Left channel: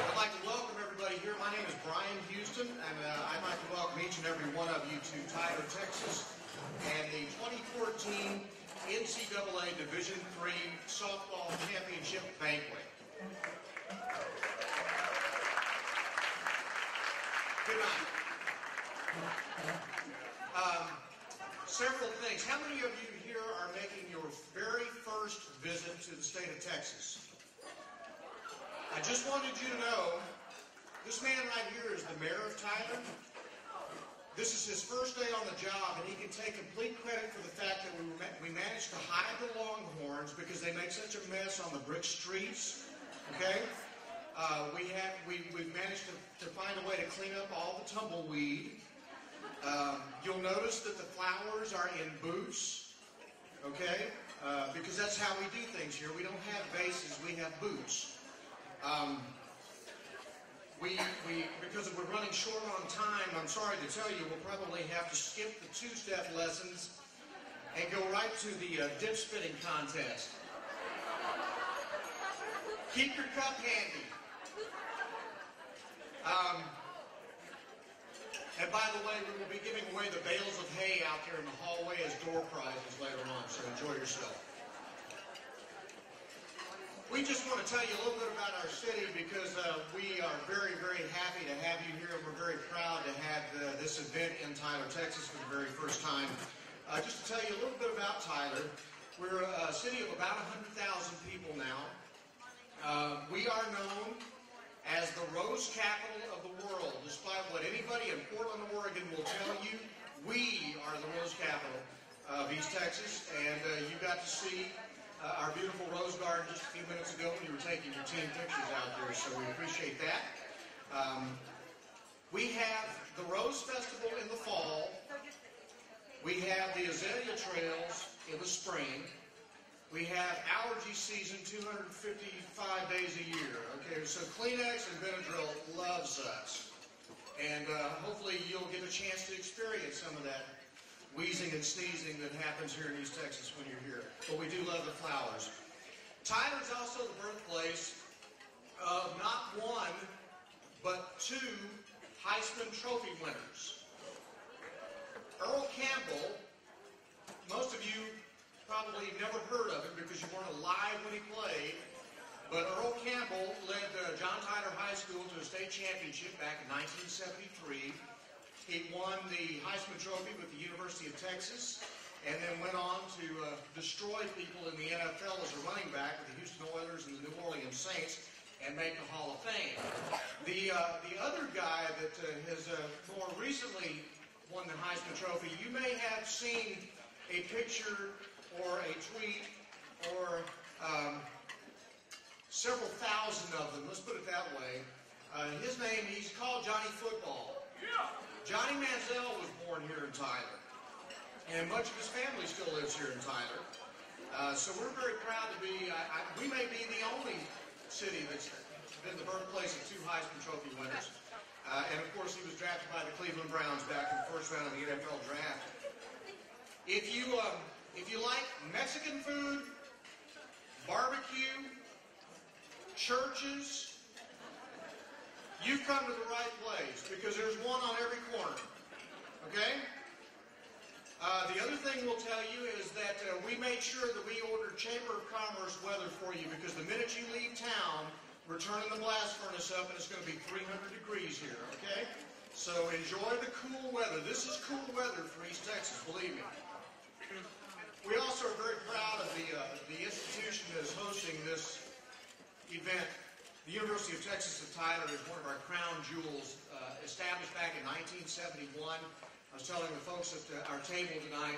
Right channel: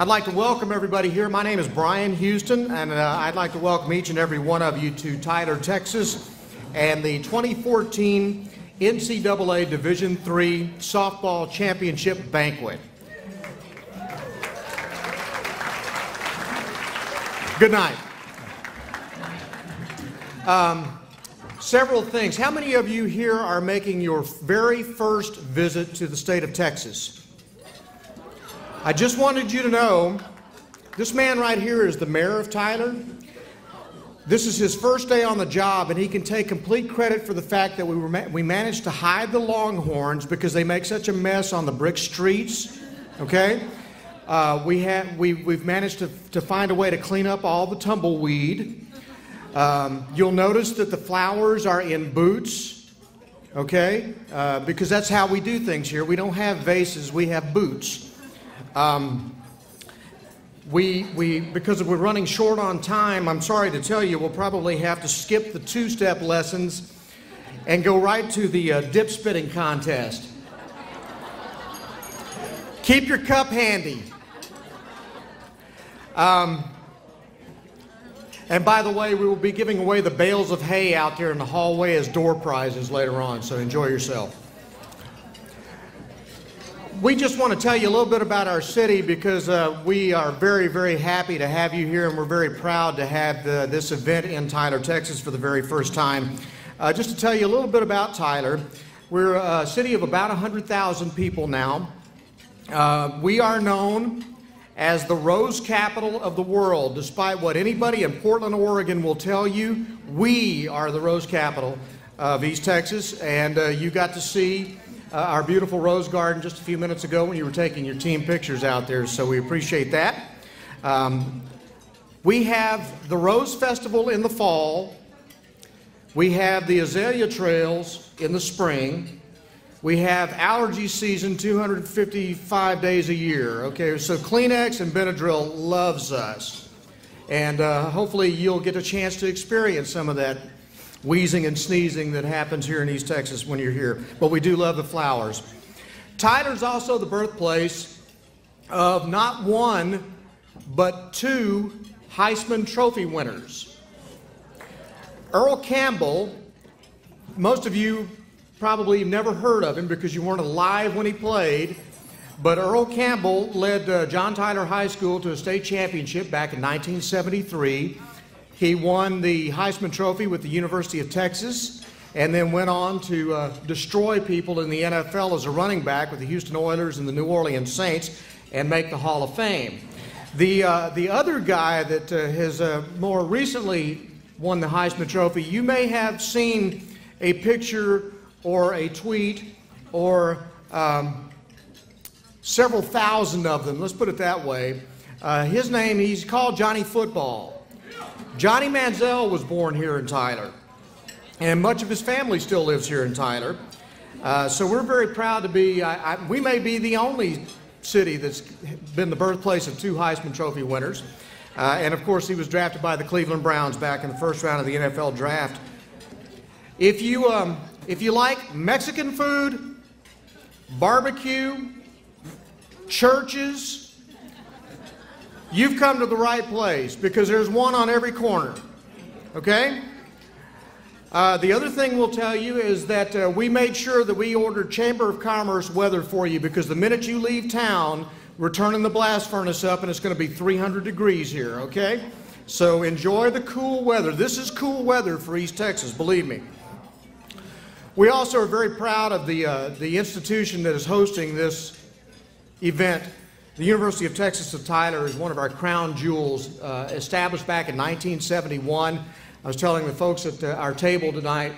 I'd like to welcome everybody here. My name is Brian Houston, and I'd like to welcome each and every one of you to Tyler, Texas, and the 2014 NCAA Division III Softball Championship Banquet. Good night. Several things. How many of you here are making your very first visit to the state of Texas? I just wanted you to know, this man right here is the mayor of Tyler. This is his first day on the job, and he can take complete credit for the fact that we managed to hide the Longhorns because they make such a mess on the brick streets, okay? We've managed to find a way to clean up all the tumbleweed. You'll notice that the flowers are in boots, okay? Because that's how we do things here. We don't have vases, we have boots. Because we're running short on time, I'm sorry to tell you, we'll probably have to skip the two-step lessons and go right to the dip spitting contest. Keep your cup handy. And by the way, we will be giving away the bales of hay out there in the hallway as door prizes later on, so enjoy yourself. We just want to tell you a little bit about our city because we are very, very happy to have you here, and we're very proud to have this event in Tyler, Texas for the very first time. Just to tell you a little bit about Tyler, we're a city of about 100,000 people now. We are known as the rose capital of the world. Despite what anybody in Portland, Oregon will tell you, we are the rose capital of East Texas, and you got to see our beautiful rose garden just a few minutes ago when you were taking your team pictures out there, so we appreciate that. We have the Rose Festival in the fall. We have the azalea trails in the spring. We have allergy season 255 days a year. Okay, so Kleenex and Benadryl loves us. And hopefully you'll get a chance to experience some of that wheezing and sneezing that happens here in East Texas when you're here. But we do love the flowers. Tyler's also the birthplace of not one, but two Heisman Trophy winners. Earl Campbell, most of you probably never heard of him because you weren't alive when he played, but Earl Campbell led John Tyler High School to a state championship back in 1973. He won the Heisman Trophy with the University of Texas and then went on to destroy people in the NFL as a running back with the Houston Oilers and the New Orleans Saints and make the Hall of Fame. The other guy that has more recently won the Heisman Trophy, you may have seen a picture or a tweet or several thousand of them, let's put it that way. His name, he's called Johnny Football. Johnny Manziel was born here in Tyler, and much of his family still lives here in Tyler. So we're very proud to be, we may be the only city that's been the birthplace of two Heisman Trophy winners. And of course, he was drafted by the Cleveland Browns back in the first round of the NFL draft. If you like Mexican food, barbecue, churches, you've come to the right place because there's one on every corner, okay? The other thing we'll tell you is that we made sure that we ordered Chamber of Commerce weather for you because the minute you leave town, we're turning the blast furnace up and it's going to be 300 degrees here, okay? So enjoy the cool weather. This is cool weather for East Texas, believe me. We also are very proud of the institution that is hosting this event. The University of Texas at Tyler is one of our crown jewels, established back in 1971. I was telling the folks at our table tonight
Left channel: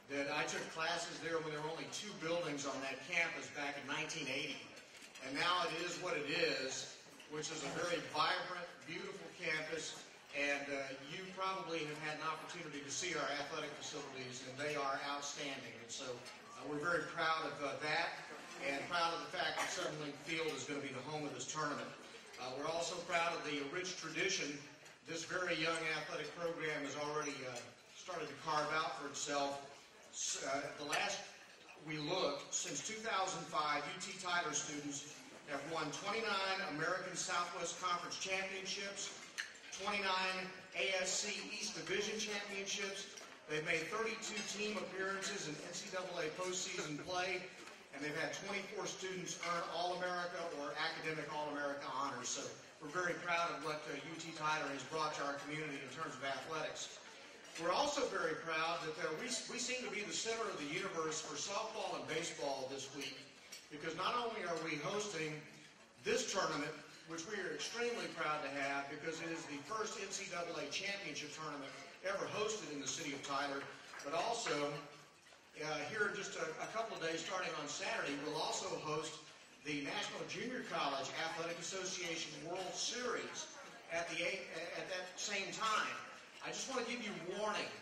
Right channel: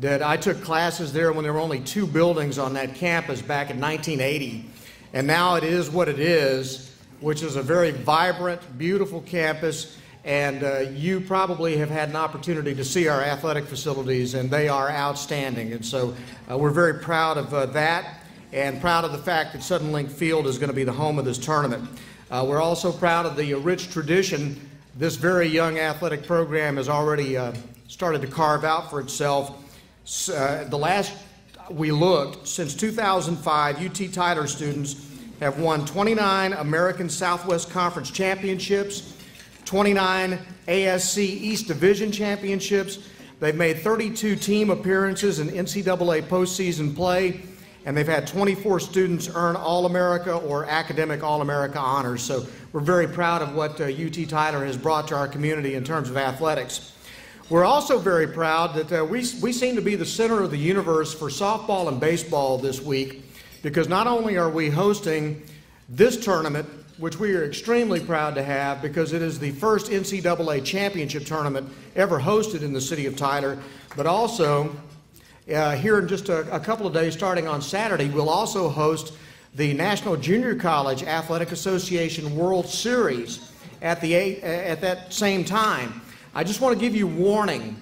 that I took classes there when there were only two buildings on that campus back in 1980. And now it is what it is, which is a very vibrant, beautiful campus. And you probably have had an opportunity to see our athletic facilities, and they are outstanding. And so we're very proud of that, and proud of the fact that Sudden Link Field is going to be the home of this tournament. We're also proud of the rich tradition this very young athletic program has already started to carve out for itself. The last we looked, since 2005, UT Tyler students have won 29 American Southwest Conference championships, 29 ASC East Division championships. They've made 32 team appearances in NCAA postseason play, and they've had 24 students earn All-America or Academic All-America honors. So we're very proud of what UT Tyler has brought to our community in terms of athletics. We're also very proud that we seem to be the center of the universe for softball and baseball this week, because not only are we hosting this tournament, which we are extremely proud to have because it is the first NCAA championship tournament ever hosted in the city of Tyler, but also here in just a couple of days, starting on Saturday, we'll also host the National Junior College Athletic Association World Series at that same time. I just want to give you warning,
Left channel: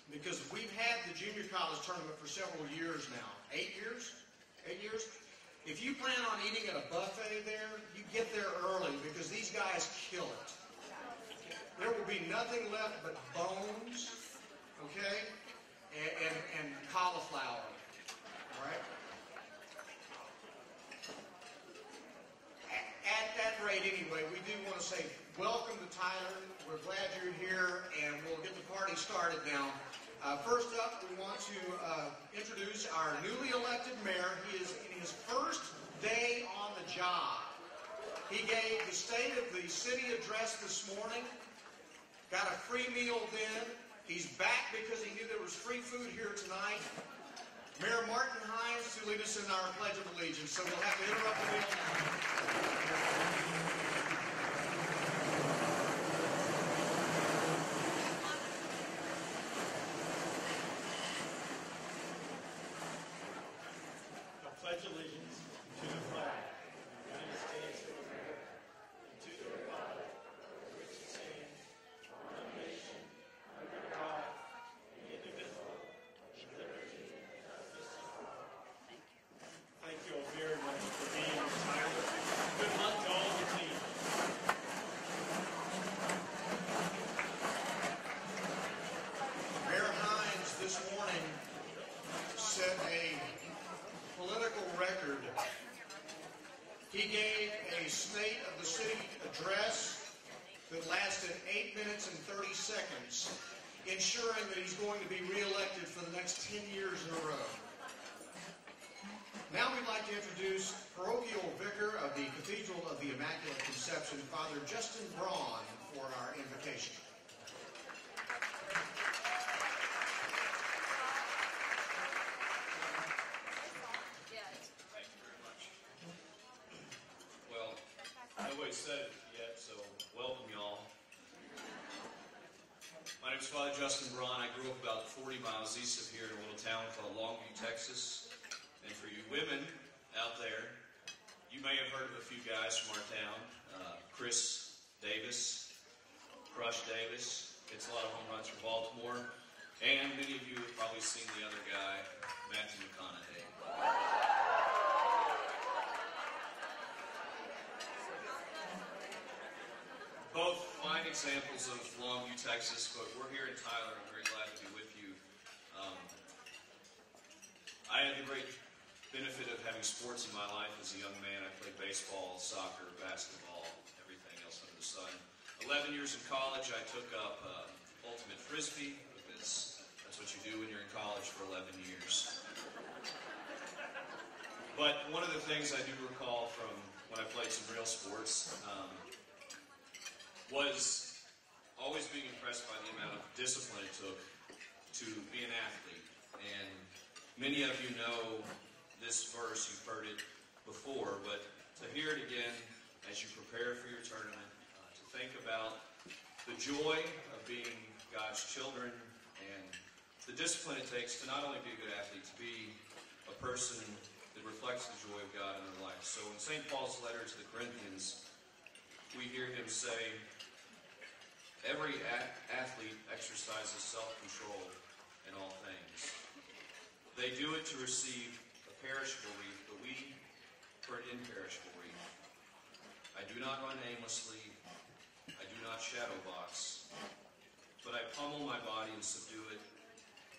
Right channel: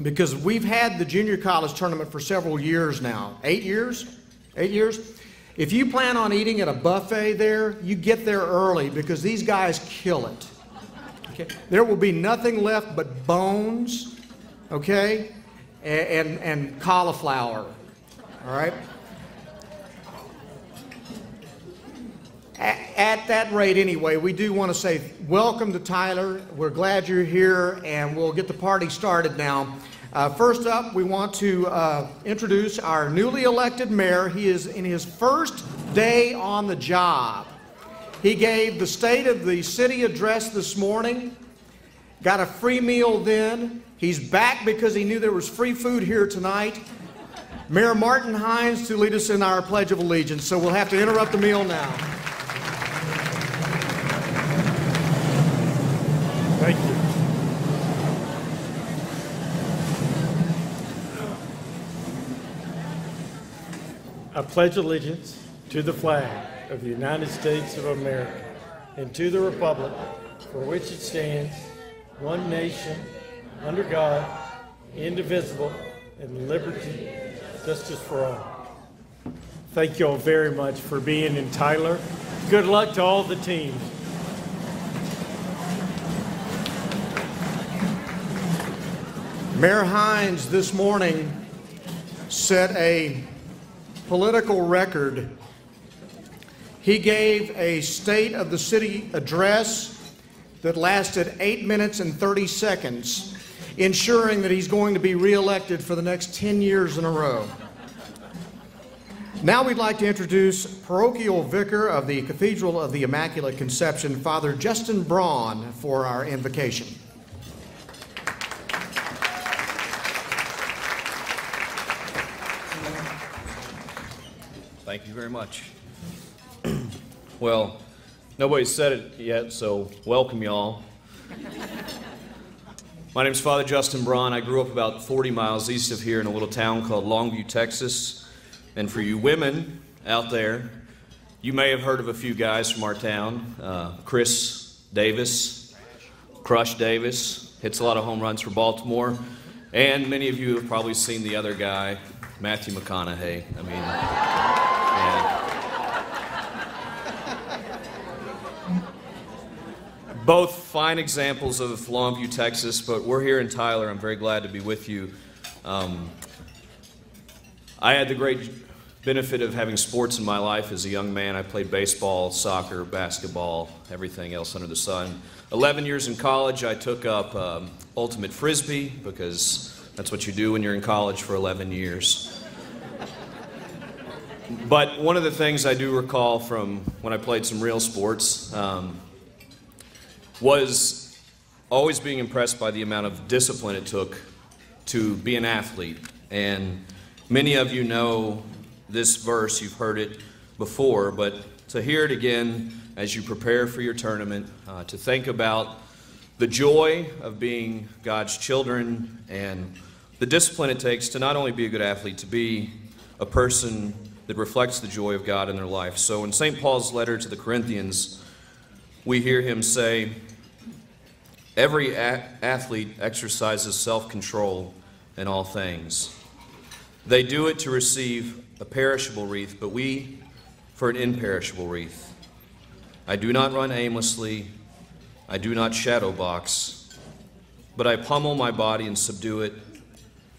because we've had the junior college tournament for several years now. 8 years? 8 years? If you plan on eating at a buffet there, you get there early, because these guys kill it. Okay? There will be nothing left but bones, okay, and cauliflower, all right? At that rate anyway, we do want to say welcome to Tyler. We're glad you're here, and we'll get the party started now. First up, we want to introduce our newly elected mayor. He is in his first day on the job. He gave the State of the City address this morning, got a free meal then. He's back because he knew there was free food here tonight. Mayor Martin Hines to lead us in our Pledge of Allegiance, so we'll have to interrupt the meal now. Thank you. I pledge allegiance to the flag of the United States of America and to the republic for which it stands, one nation, under God, indivisible, and liberty, justice for all. Thank you all very much for being in Tyler. Good luck to all the teams. Mayor Hines this morning set a political record. He gave a State of the City address that lasted 8 minutes and 30 seconds, ensuring that he's going to be reelected for the next 10 years in a row. Now we'd like to introduce Parochial Vicar of the Cathedral of the Immaculate Conception, Father Justin Braun, for our invocation. Thank you very much. Well, nobody's said it yet, so welcome y'all. My name's Father Justin Braun. I grew up about 40 miles east of here in a little town called Longview, Texas. And for you women out there, you may have heard of a few guys from our town. Chris Davis, Crush Davis, hits a lot of home runs for Baltimore. And many of you have probably seen the other guy, Matthew McConaughey. I mean, yeah. Both fine examples of Longview, Texas, but we're here in Tyler. I'm very glad to be with you. I had the great benefit of having sports in my life as a young man. I played baseball, soccer, basketball, everything else under the sun. 11 years in college, I took up ultimate frisbee, because that's what you do when you're in college for 11 years. But one of the things I do recall from when I played some real sports was always being impressed by the amount of discipline it took to be an athlete. And many of you know this verse, you've heard it before, but to hear it again as you prepare for your tournament, to think about the joy of being God's children and the discipline it takes to not only be a good athlete, to be a person that reflects the joy of God in their life. So in St. Paul's letter to the Corinthians, we hear him say, every athlete exercises self-control in all things. They do it to receive a perishable wreath, but we for an imperishable wreath. I do not run aimlessly, I do not shadow box, but I pummel my body and subdue it,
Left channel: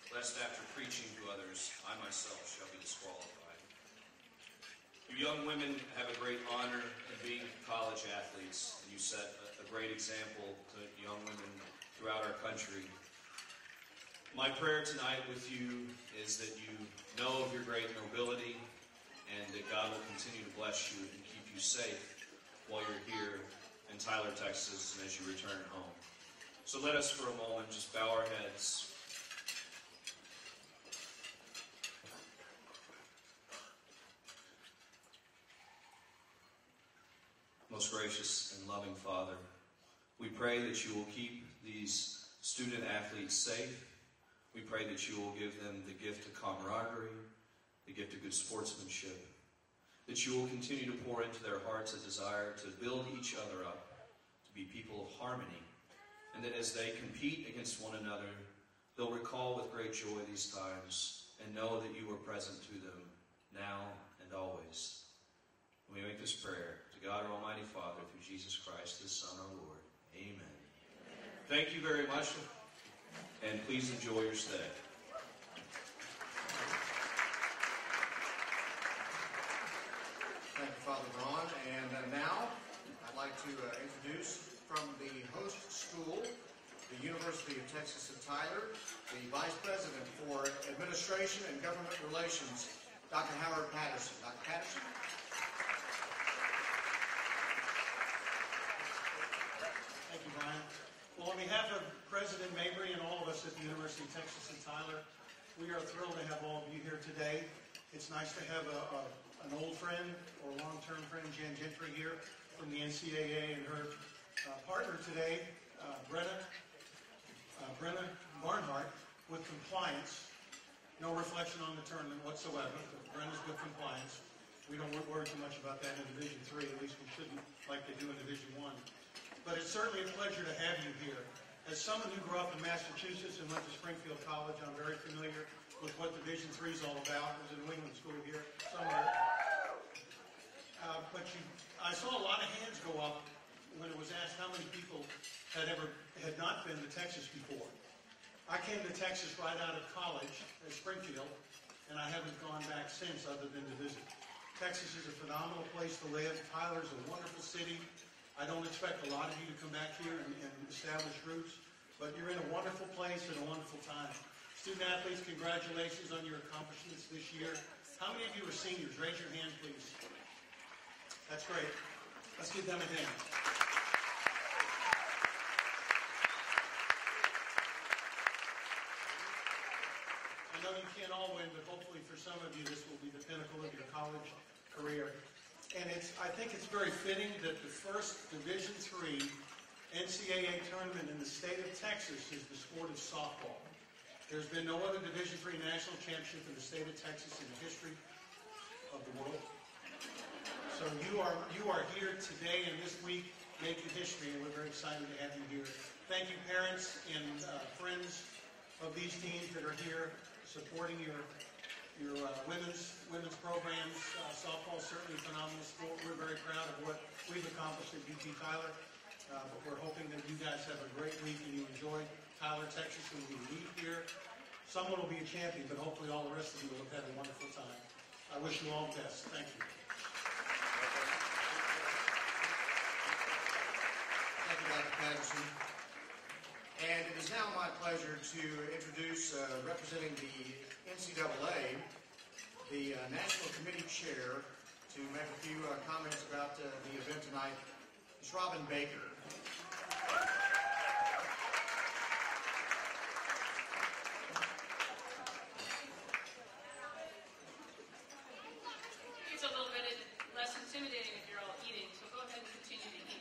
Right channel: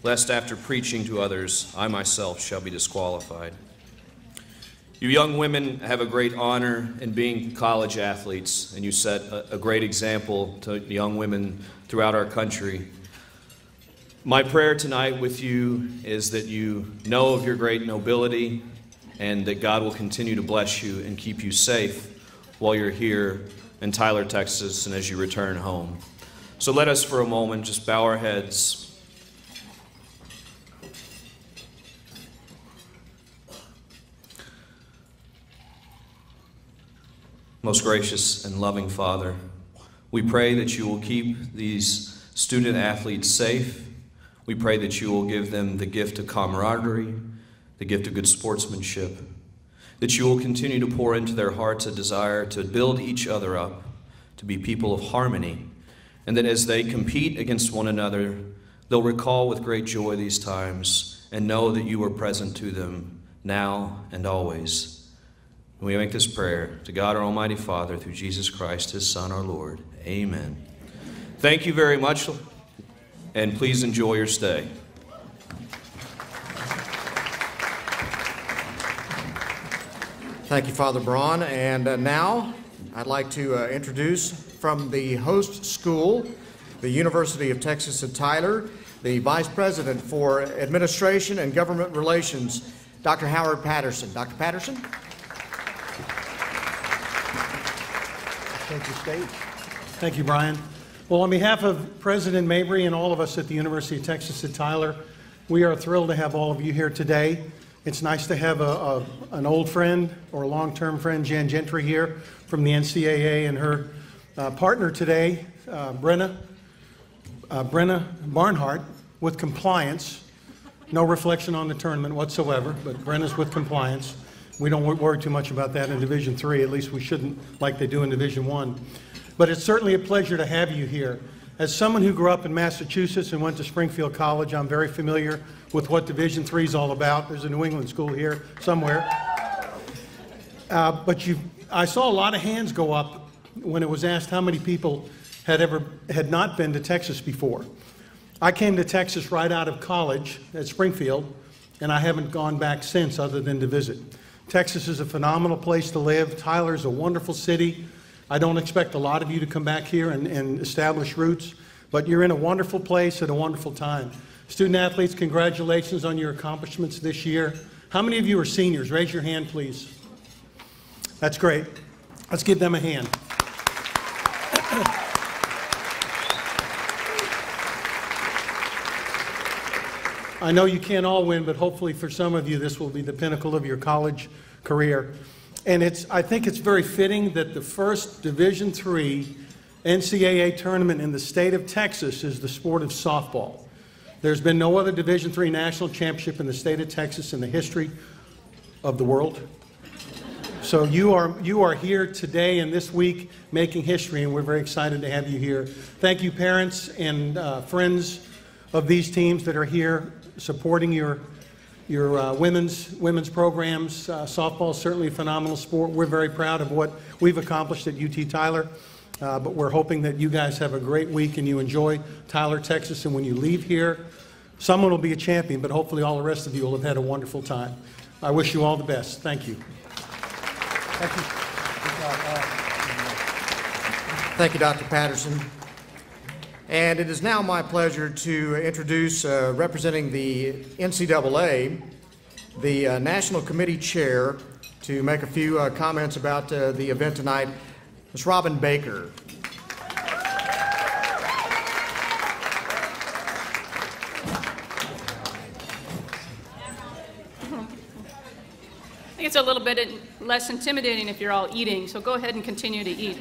lest after preaching to others, I myself shall be disqualified. You young women have a great honor in being college athletes, and you set a great example to young women throughout our country. My prayer tonight with you is that you know of your great nobility and that God will continue to bless you and keep you safe while you're here in Tyler, Texas, and as you return home. So let us for a moment just bow our heads. Most gracious and loving Father, we pray that you will keep these student athletes safe. We pray that you will give them the gift of camaraderie, the gift of good sportsmanship, that you will continue to pour into their hearts a desire to build each other up, to be people of harmony, and that as they compete against one another, they'll recall with great joy these times and know that you are present to them now and always. We make this prayer to God our Almighty Father through Jesus Christ, his Son, our Lord. Amen. Thank you very much, and please enjoy your stay. Thank you, Father Braun. And now I'd like to introduce from the host school, the University of Texas at Tyler, the Vice President for Administration and Government Relations, Dr. Howard Patterson. Dr. Patterson? Thank you, State. Thank you, Brian. Well, on behalf of President Mabry and all of us at the University of Texas at Tyler, we are thrilled to have all of you here today. It's nice to have an old friend or a long-term friend, Jan Gentry, here from the NCAA, and her partner today, Brenna Barnhart, with compliance. No reflection on the tournament whatsoever, but Brenna's with compliance. We don't worry too much about that in Division III. At least we shouldn't, like they do in Division I. But it's certainly a pleasure to have you here. As someone who grew up in Massachusetts and went to Springfield College, I'm very familiar with what Division III is all about. There's a New England school here somewhere. I saw a lot of hands go up when it was asked how many people had not been to Texas before. I came to Texas right out of college at Springfield, and I haven't gone back since other than to visit. Texas is a phenomenal place to live. Tyler's a wonderful city. I don't expect a lot of you to come back here and establish roots, but you're in a wonderful place at a wonderful time. Student athletes, congratulations on your accomplishments this year. How many of you are seniors? Raise your hand, please. That's great. Let's give them a hand. I know you can't all win, but hopefully for some of you this will be the pinnacle of your college career. And I think it's very fitting that the first Division III NCAA tournament in the state of Texas is the sport of softball. There's been no other Division III national championship in the state of Texas in the history of the world. So you are here today and this week making history, and we're very excited to have you here. Thank you, parents and friends of these teams that are here supporting your women's programs. Softball is certainly a phenomenal sport. We're very proud of what we've accomplished at UT Tyler, but we're hoping that you guys have a great week and you enjoy Tyler, Texas, and when you leave here, someone will be a champion, but hopefully all the rest of you will have had a wonderful time. I wish you all the best. Thank you. Thank you. Thank you, Dr. Patterson. And it is now my pleasure to introduce, representing the NCAA, the National Committee Chair, to make a few comments about the event tonight, Ms. Robin Baker. I think it's a little bit less intimidating if you're all eating, so go ahead and continue to eat.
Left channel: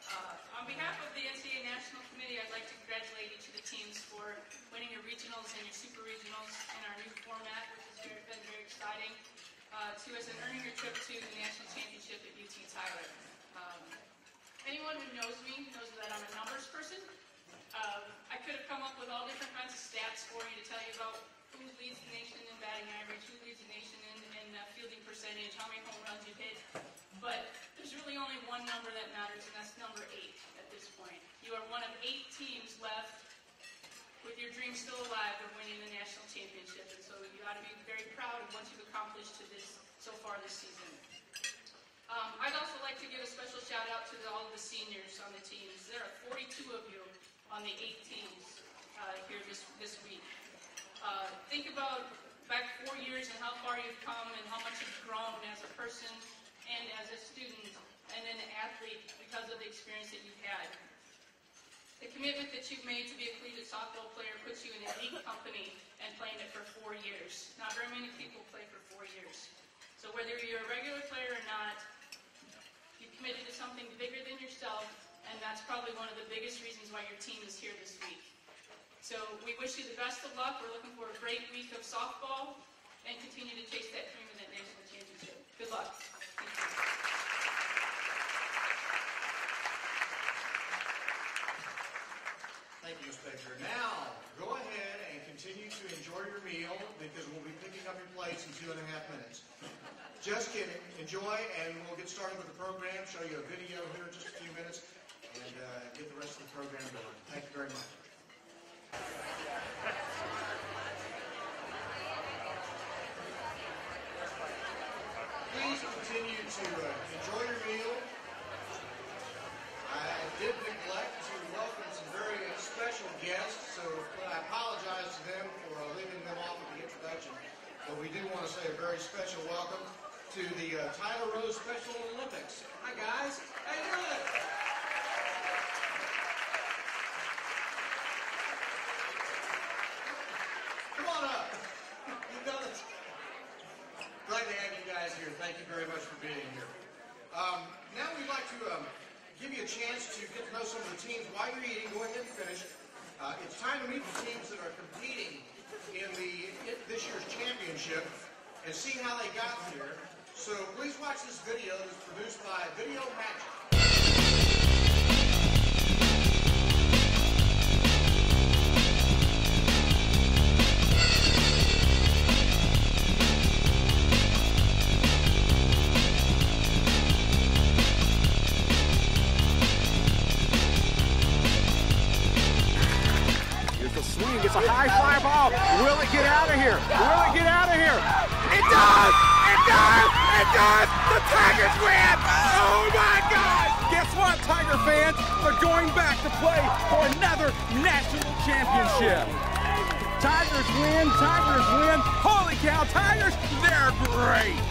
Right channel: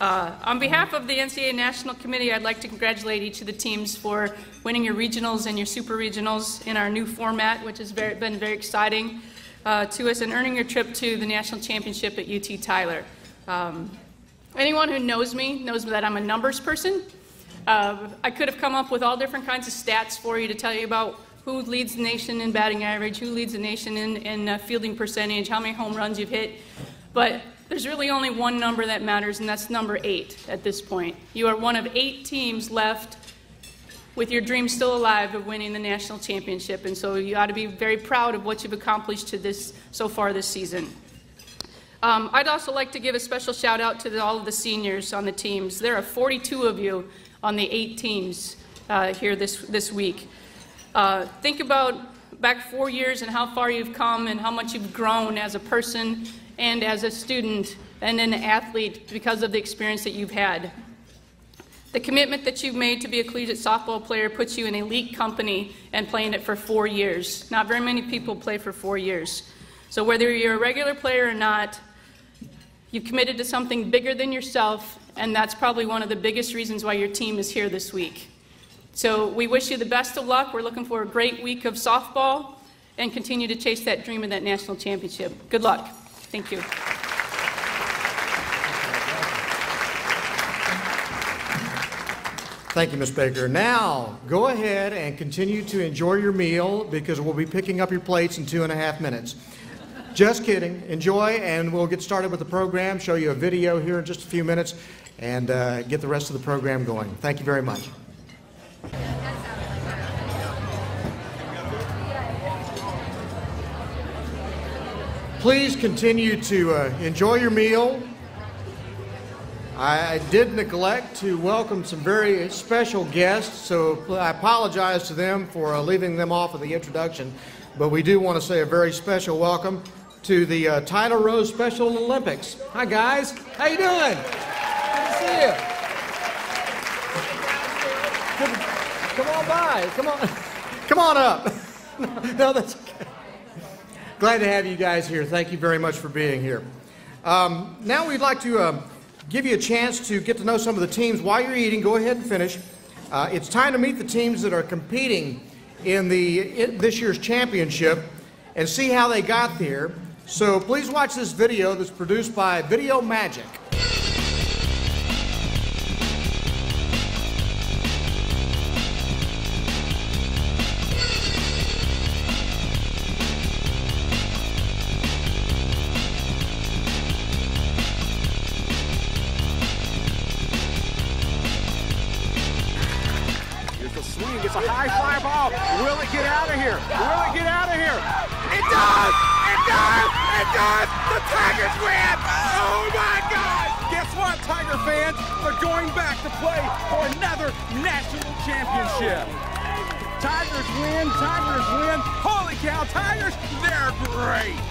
On behalf of the NCAA National Committee, I'd like to congratulate each of the teams for winning your regionals and your super regionals in our new format, which has been very exciting to us, and earning your trip to the national championship at UT Tyler. Anyone who knows me knows that I'm a numbers person. I could have come up with all different kinds of stats for you to tell you about who leads the nation in batting average, who leads the nation in fielding percentage, how many home runs you've hit, but there's really only one number that matters, and that's number 8 at this point. You are one of 8 teams left with your dream still alive of winning the national championship. And so you ought to be very proud of what you've accomplished so far this season. I'd also like to give a special shout out to all of the seniors on the teams. There are 42 of you on the 8 teams here this week. Think about back 4 years and how far you've come and how much you've grown as a person and as a student and an athlete because of the experience that you've had. The commitment that you've made to be a collegiate softball player puts you in elite company and playing it for 4 years. Not very many people play for 4 years. So whether you're a regular player or not, you've committed to something bigger than yourself, and that's probably one of the biggest reasons why your team is here this week. So we wish you the best of luck. We're looking for a great week of softball and continue to chase that dream of that national championship. Good luck. Thank you. Thank you, Ms. Baker. Now, go ahead and continue to enjoy your meal because we'll be picking up your plates in 2.5 minutes. Just kidding. Enjoy, and we'll get started with the program, show you a video here in just a few minutes, and get the rest of the program going. Thank you very much. Please continue to enjoy your meal. I did neglect to welcome some very special guests, so I apologize to them for leaving them off of the introduction, but we do want to say a very special welcome to the Title Rose Special Olympics. Hi guys, how you doing? Good to see you. Come on by, come on up. No, that's okay. Glad to have you guys here. Thank you very much for being here. Now we'd like to give you a chance to get to know some of the teams. While you're eating, go ahead and finish. It's time to meet the teams that are competing in this year's championship and see how they got there. So please watch this video that's produced by Video Magic. It's a high fly ball. Will it get out of here? Will it get out of here? It does! It does! It does! The Tigers win! Oh my God! Guess what, Tiger fans? They're going back to play for another national championship. Tigers win! Tigers win! Holy cow, Tigers! They're great!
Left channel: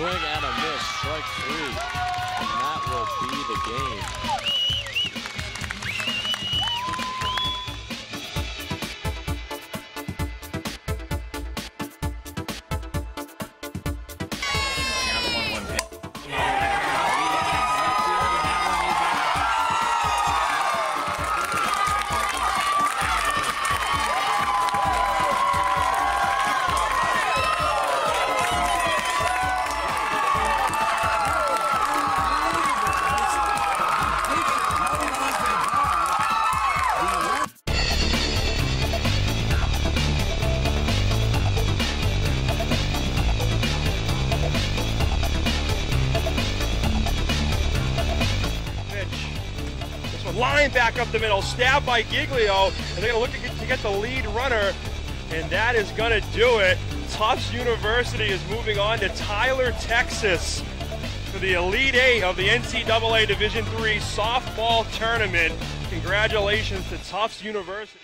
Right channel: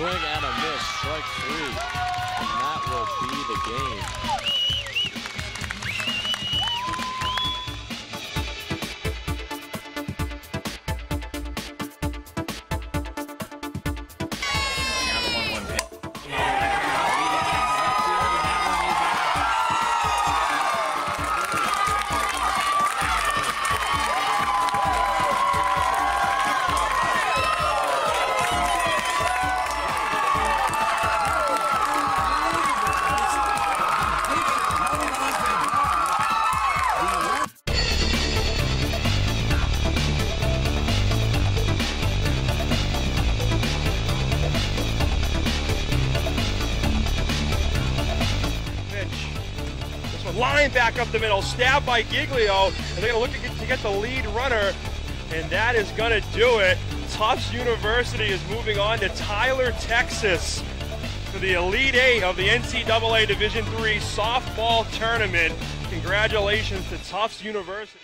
Swing and a miss, strike 3, and that will be the game. This one line back up the middle, stabbed by Giglio, and they're going to look to get the lead runner, and that is going to do it. Tufts University is moving on to Tyler, Texas for the Elite Eight of the NCAA Division III softball tournament. Congratulations to Tufts University.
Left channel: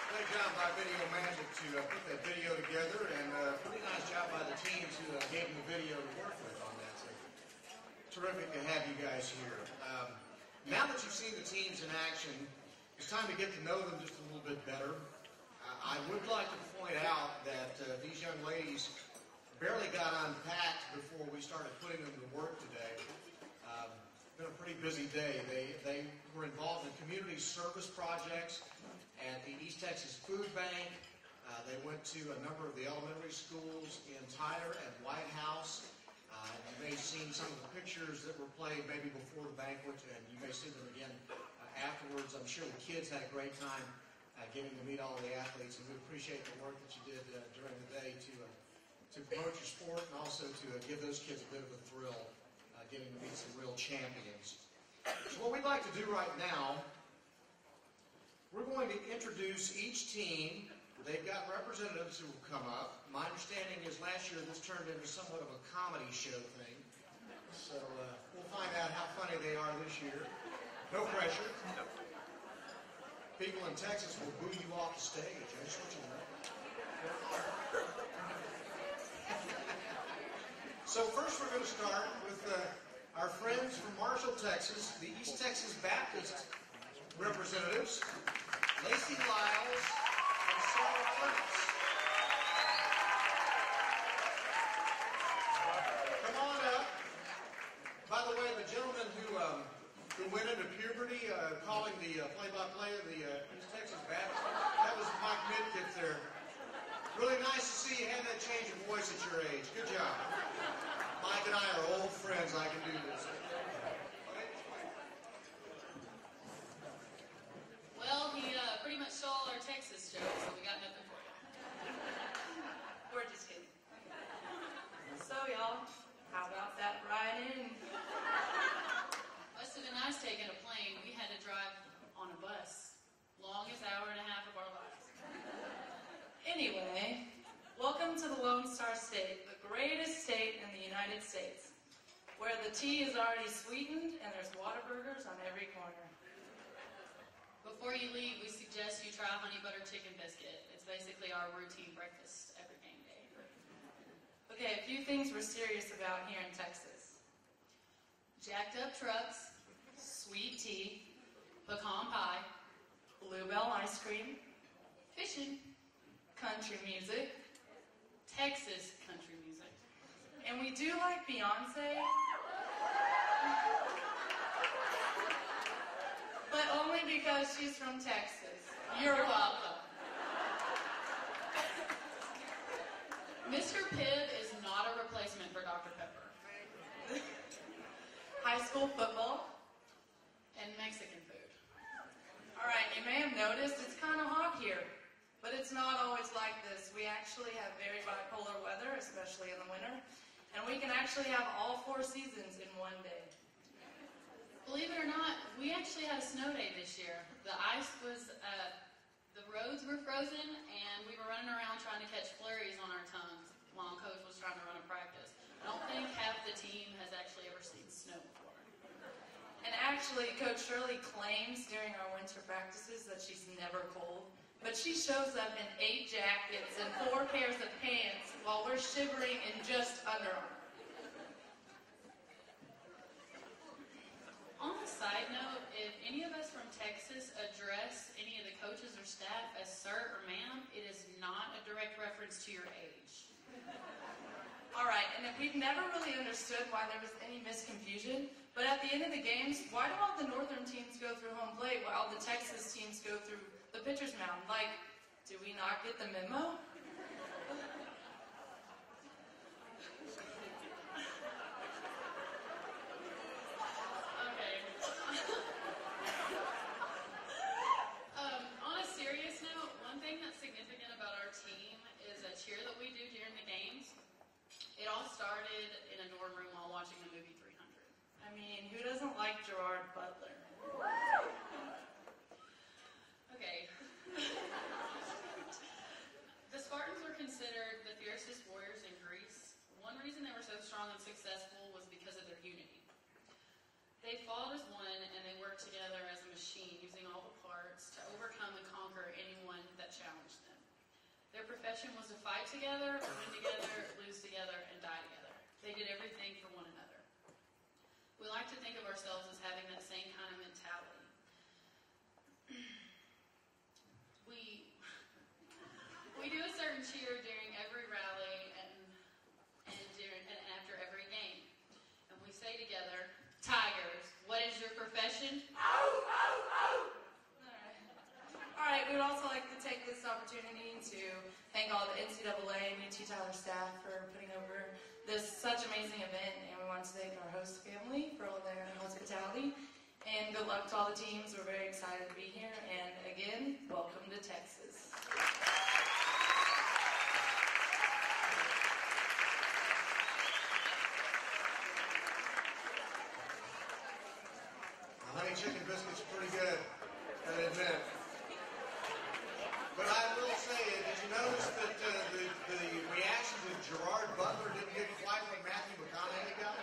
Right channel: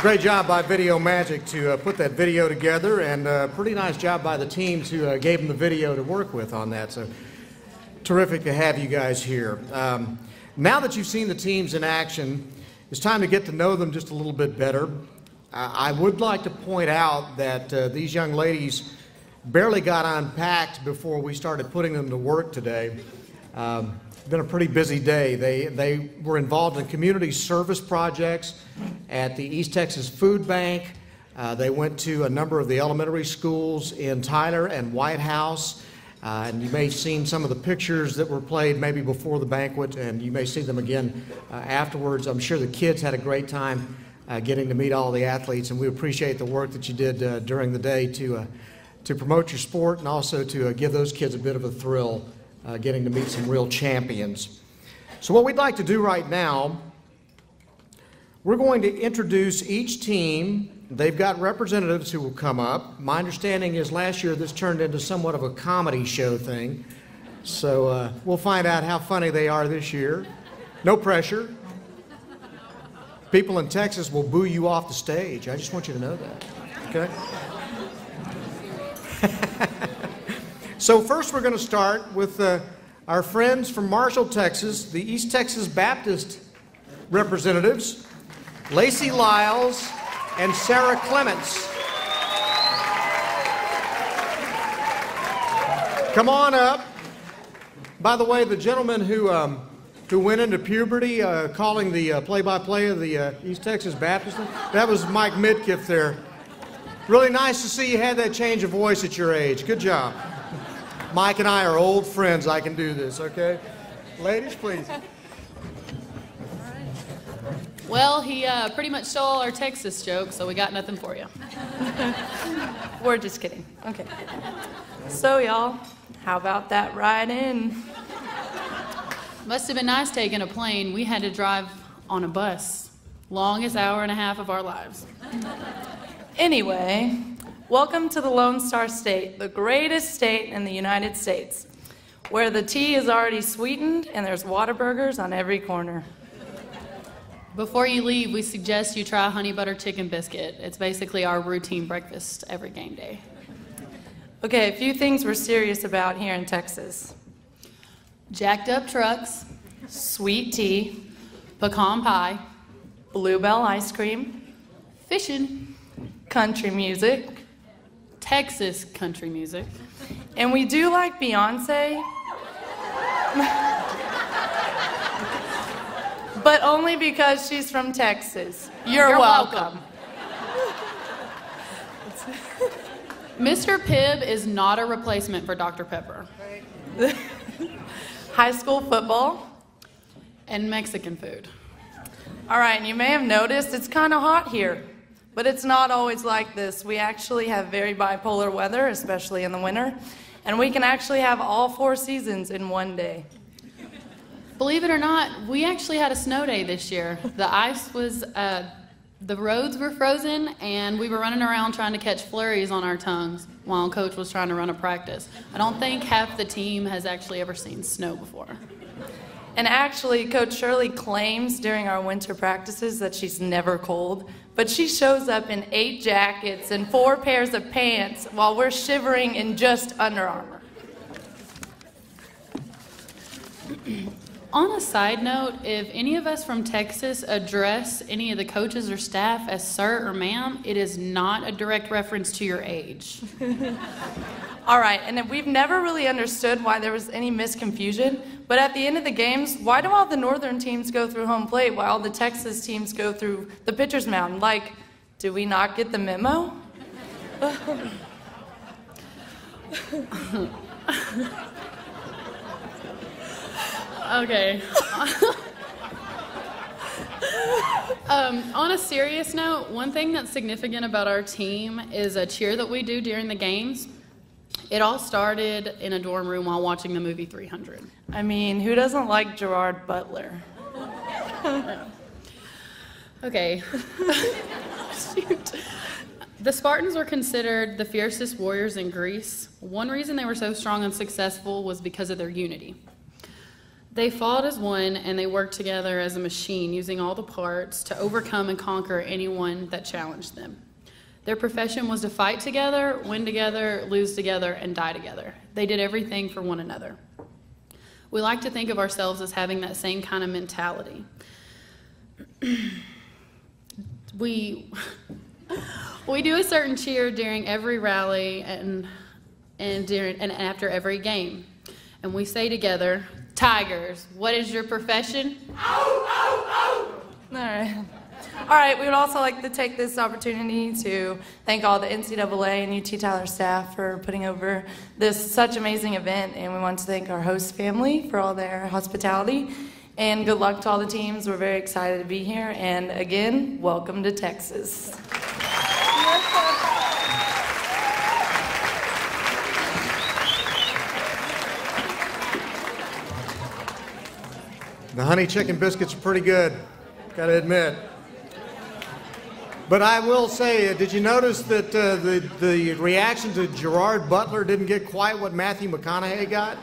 Great job by Video Magic to put that video together, and pretty nice job by the teams who gave them the video to work with on that. So terrific to have you guys here. Now that you've seen the teams in action, it's time to get to know them just a little bit better. I would like to point out that these young ladies barely got unpacked before we started putting them to work today. It's been a pretty busy day. They were involved in community service projects at the East Texas Food Bank. They went to a number of the elementary schools in Tyler and White House. And you may have seen some of the pictures that were played maybe before the banquet, and you may see them again afterwards. I'm sure the kids had a great time getting to meet all the athletes, and we appreciate the work that you did during the day to promote your sport and also to give those kids a bit of a thrill getting to meet some real champions. So what we'd like to do right now, we're going to introduce each team. They've got representatives who will come up. My understanding is last year this turned into somewhat of a comedy show thing. So we'll find out how funny they are this year. No pressure. People in Texas will boo you off the stage. I just want you to know that. Okay? So first we're going to start with our friends from Marshall, Texas, the East Texas Baptist representatives, Lacey Lyles and Sarah Clements. Come on up. By the way, the gentleman who went into puberty calling the play-by-play of the East Texas Baptist, that was Mike Midkiff there. Really nice to see you had that change of voice at your age. Good job. Mike and I are old friends. I can do this, okay? Ladies, please. Well, he pretty much stole our Texas joke, so we got nothing for you. We're just kidding. Okay. So, y'all, how about that ride in? Must have been nice taking a plane. We had to drive on a bus. Longest hour and a half of our lives. Anyway, welcome to the Lone Star State, the greatest state in the United States, where the tea is already sweetened and there's Whataburgers on every corner. Before you leave, we suggest you try honey butter chicken biscuit. It's basically our routine breakfast every game day. Okay, a few things we're serious about here in Texas. Jacked up trucks, Sweet tea, pecan pie, Bluebell ice cream, fishing, country music, Texas country music. and we do like Beyonce, but only because she's from Texas. You're welcome. Mr. Pibb is not a replacement for Dr. Pepper. High school football. And Mexican food. All right, and you may have noticed it's kind of hot here, but it's not always like this. We actually have very bipolar weather, especially in the winter, and we can actually have all 4 seasons in one day. Believe it or not, we actually had a snow day this year. The ice was, the roads were frozen, and we were running around trying to catch flurries on our tongues while Coach was trying to run a practice. I don't think half the team has actually ever seen snow before. And actually, Coach Shirley claims during our winter practices that she's never cold, but she shows up in 8 jackets and 4 pairs of pants while we're shivering in just Under Armour. On a side note, if any of us from Texas address any of the coaches or staff as sir or ma'am, it is not a direct reference to your age. All right, and we've never really understood why there was any misconfusion, but at the end of the games, why do all the northern teams go through home plate while all the Texas teams go through the pitcher's mound? Like, do we not get the memo? Okay. On a serious note, one thing that's significant about our team is a cheer that we do during the games. It all started in a dorm room while watching the movie 300. I mean, who doesn't like Gerard Butler? Okay. Shoot. The Spartans were considered the fiercest warriors in Greece. One reason they were so strong and successful was because of their unity. They fought as one, and they worked together as a machine, using all the parts to overcome and conquer anyone that challenged them. Their profession was to fight together, win together, lose together, and die together. They did everything for one another. We like to think of ourselves as having that same kind of mentality. We do a certain cheer during every rally and after every game. And we say together, Tigers, what is your profession? Ow, ow, ow. All right, we would also like to take this opportunity to thank all the NCAA and UT Tyler staff for putting over this such amazing event, and we want to thank our host family for all their hospitality, and good luck to all the teams. We're very excited to be here, and again, welcome to Texas. The honey chicken biscuits are pretty good, gotta admit. But I will say, did you notice that the reaction to Gerard Butler didn't get quite what Matthew McConaughey got?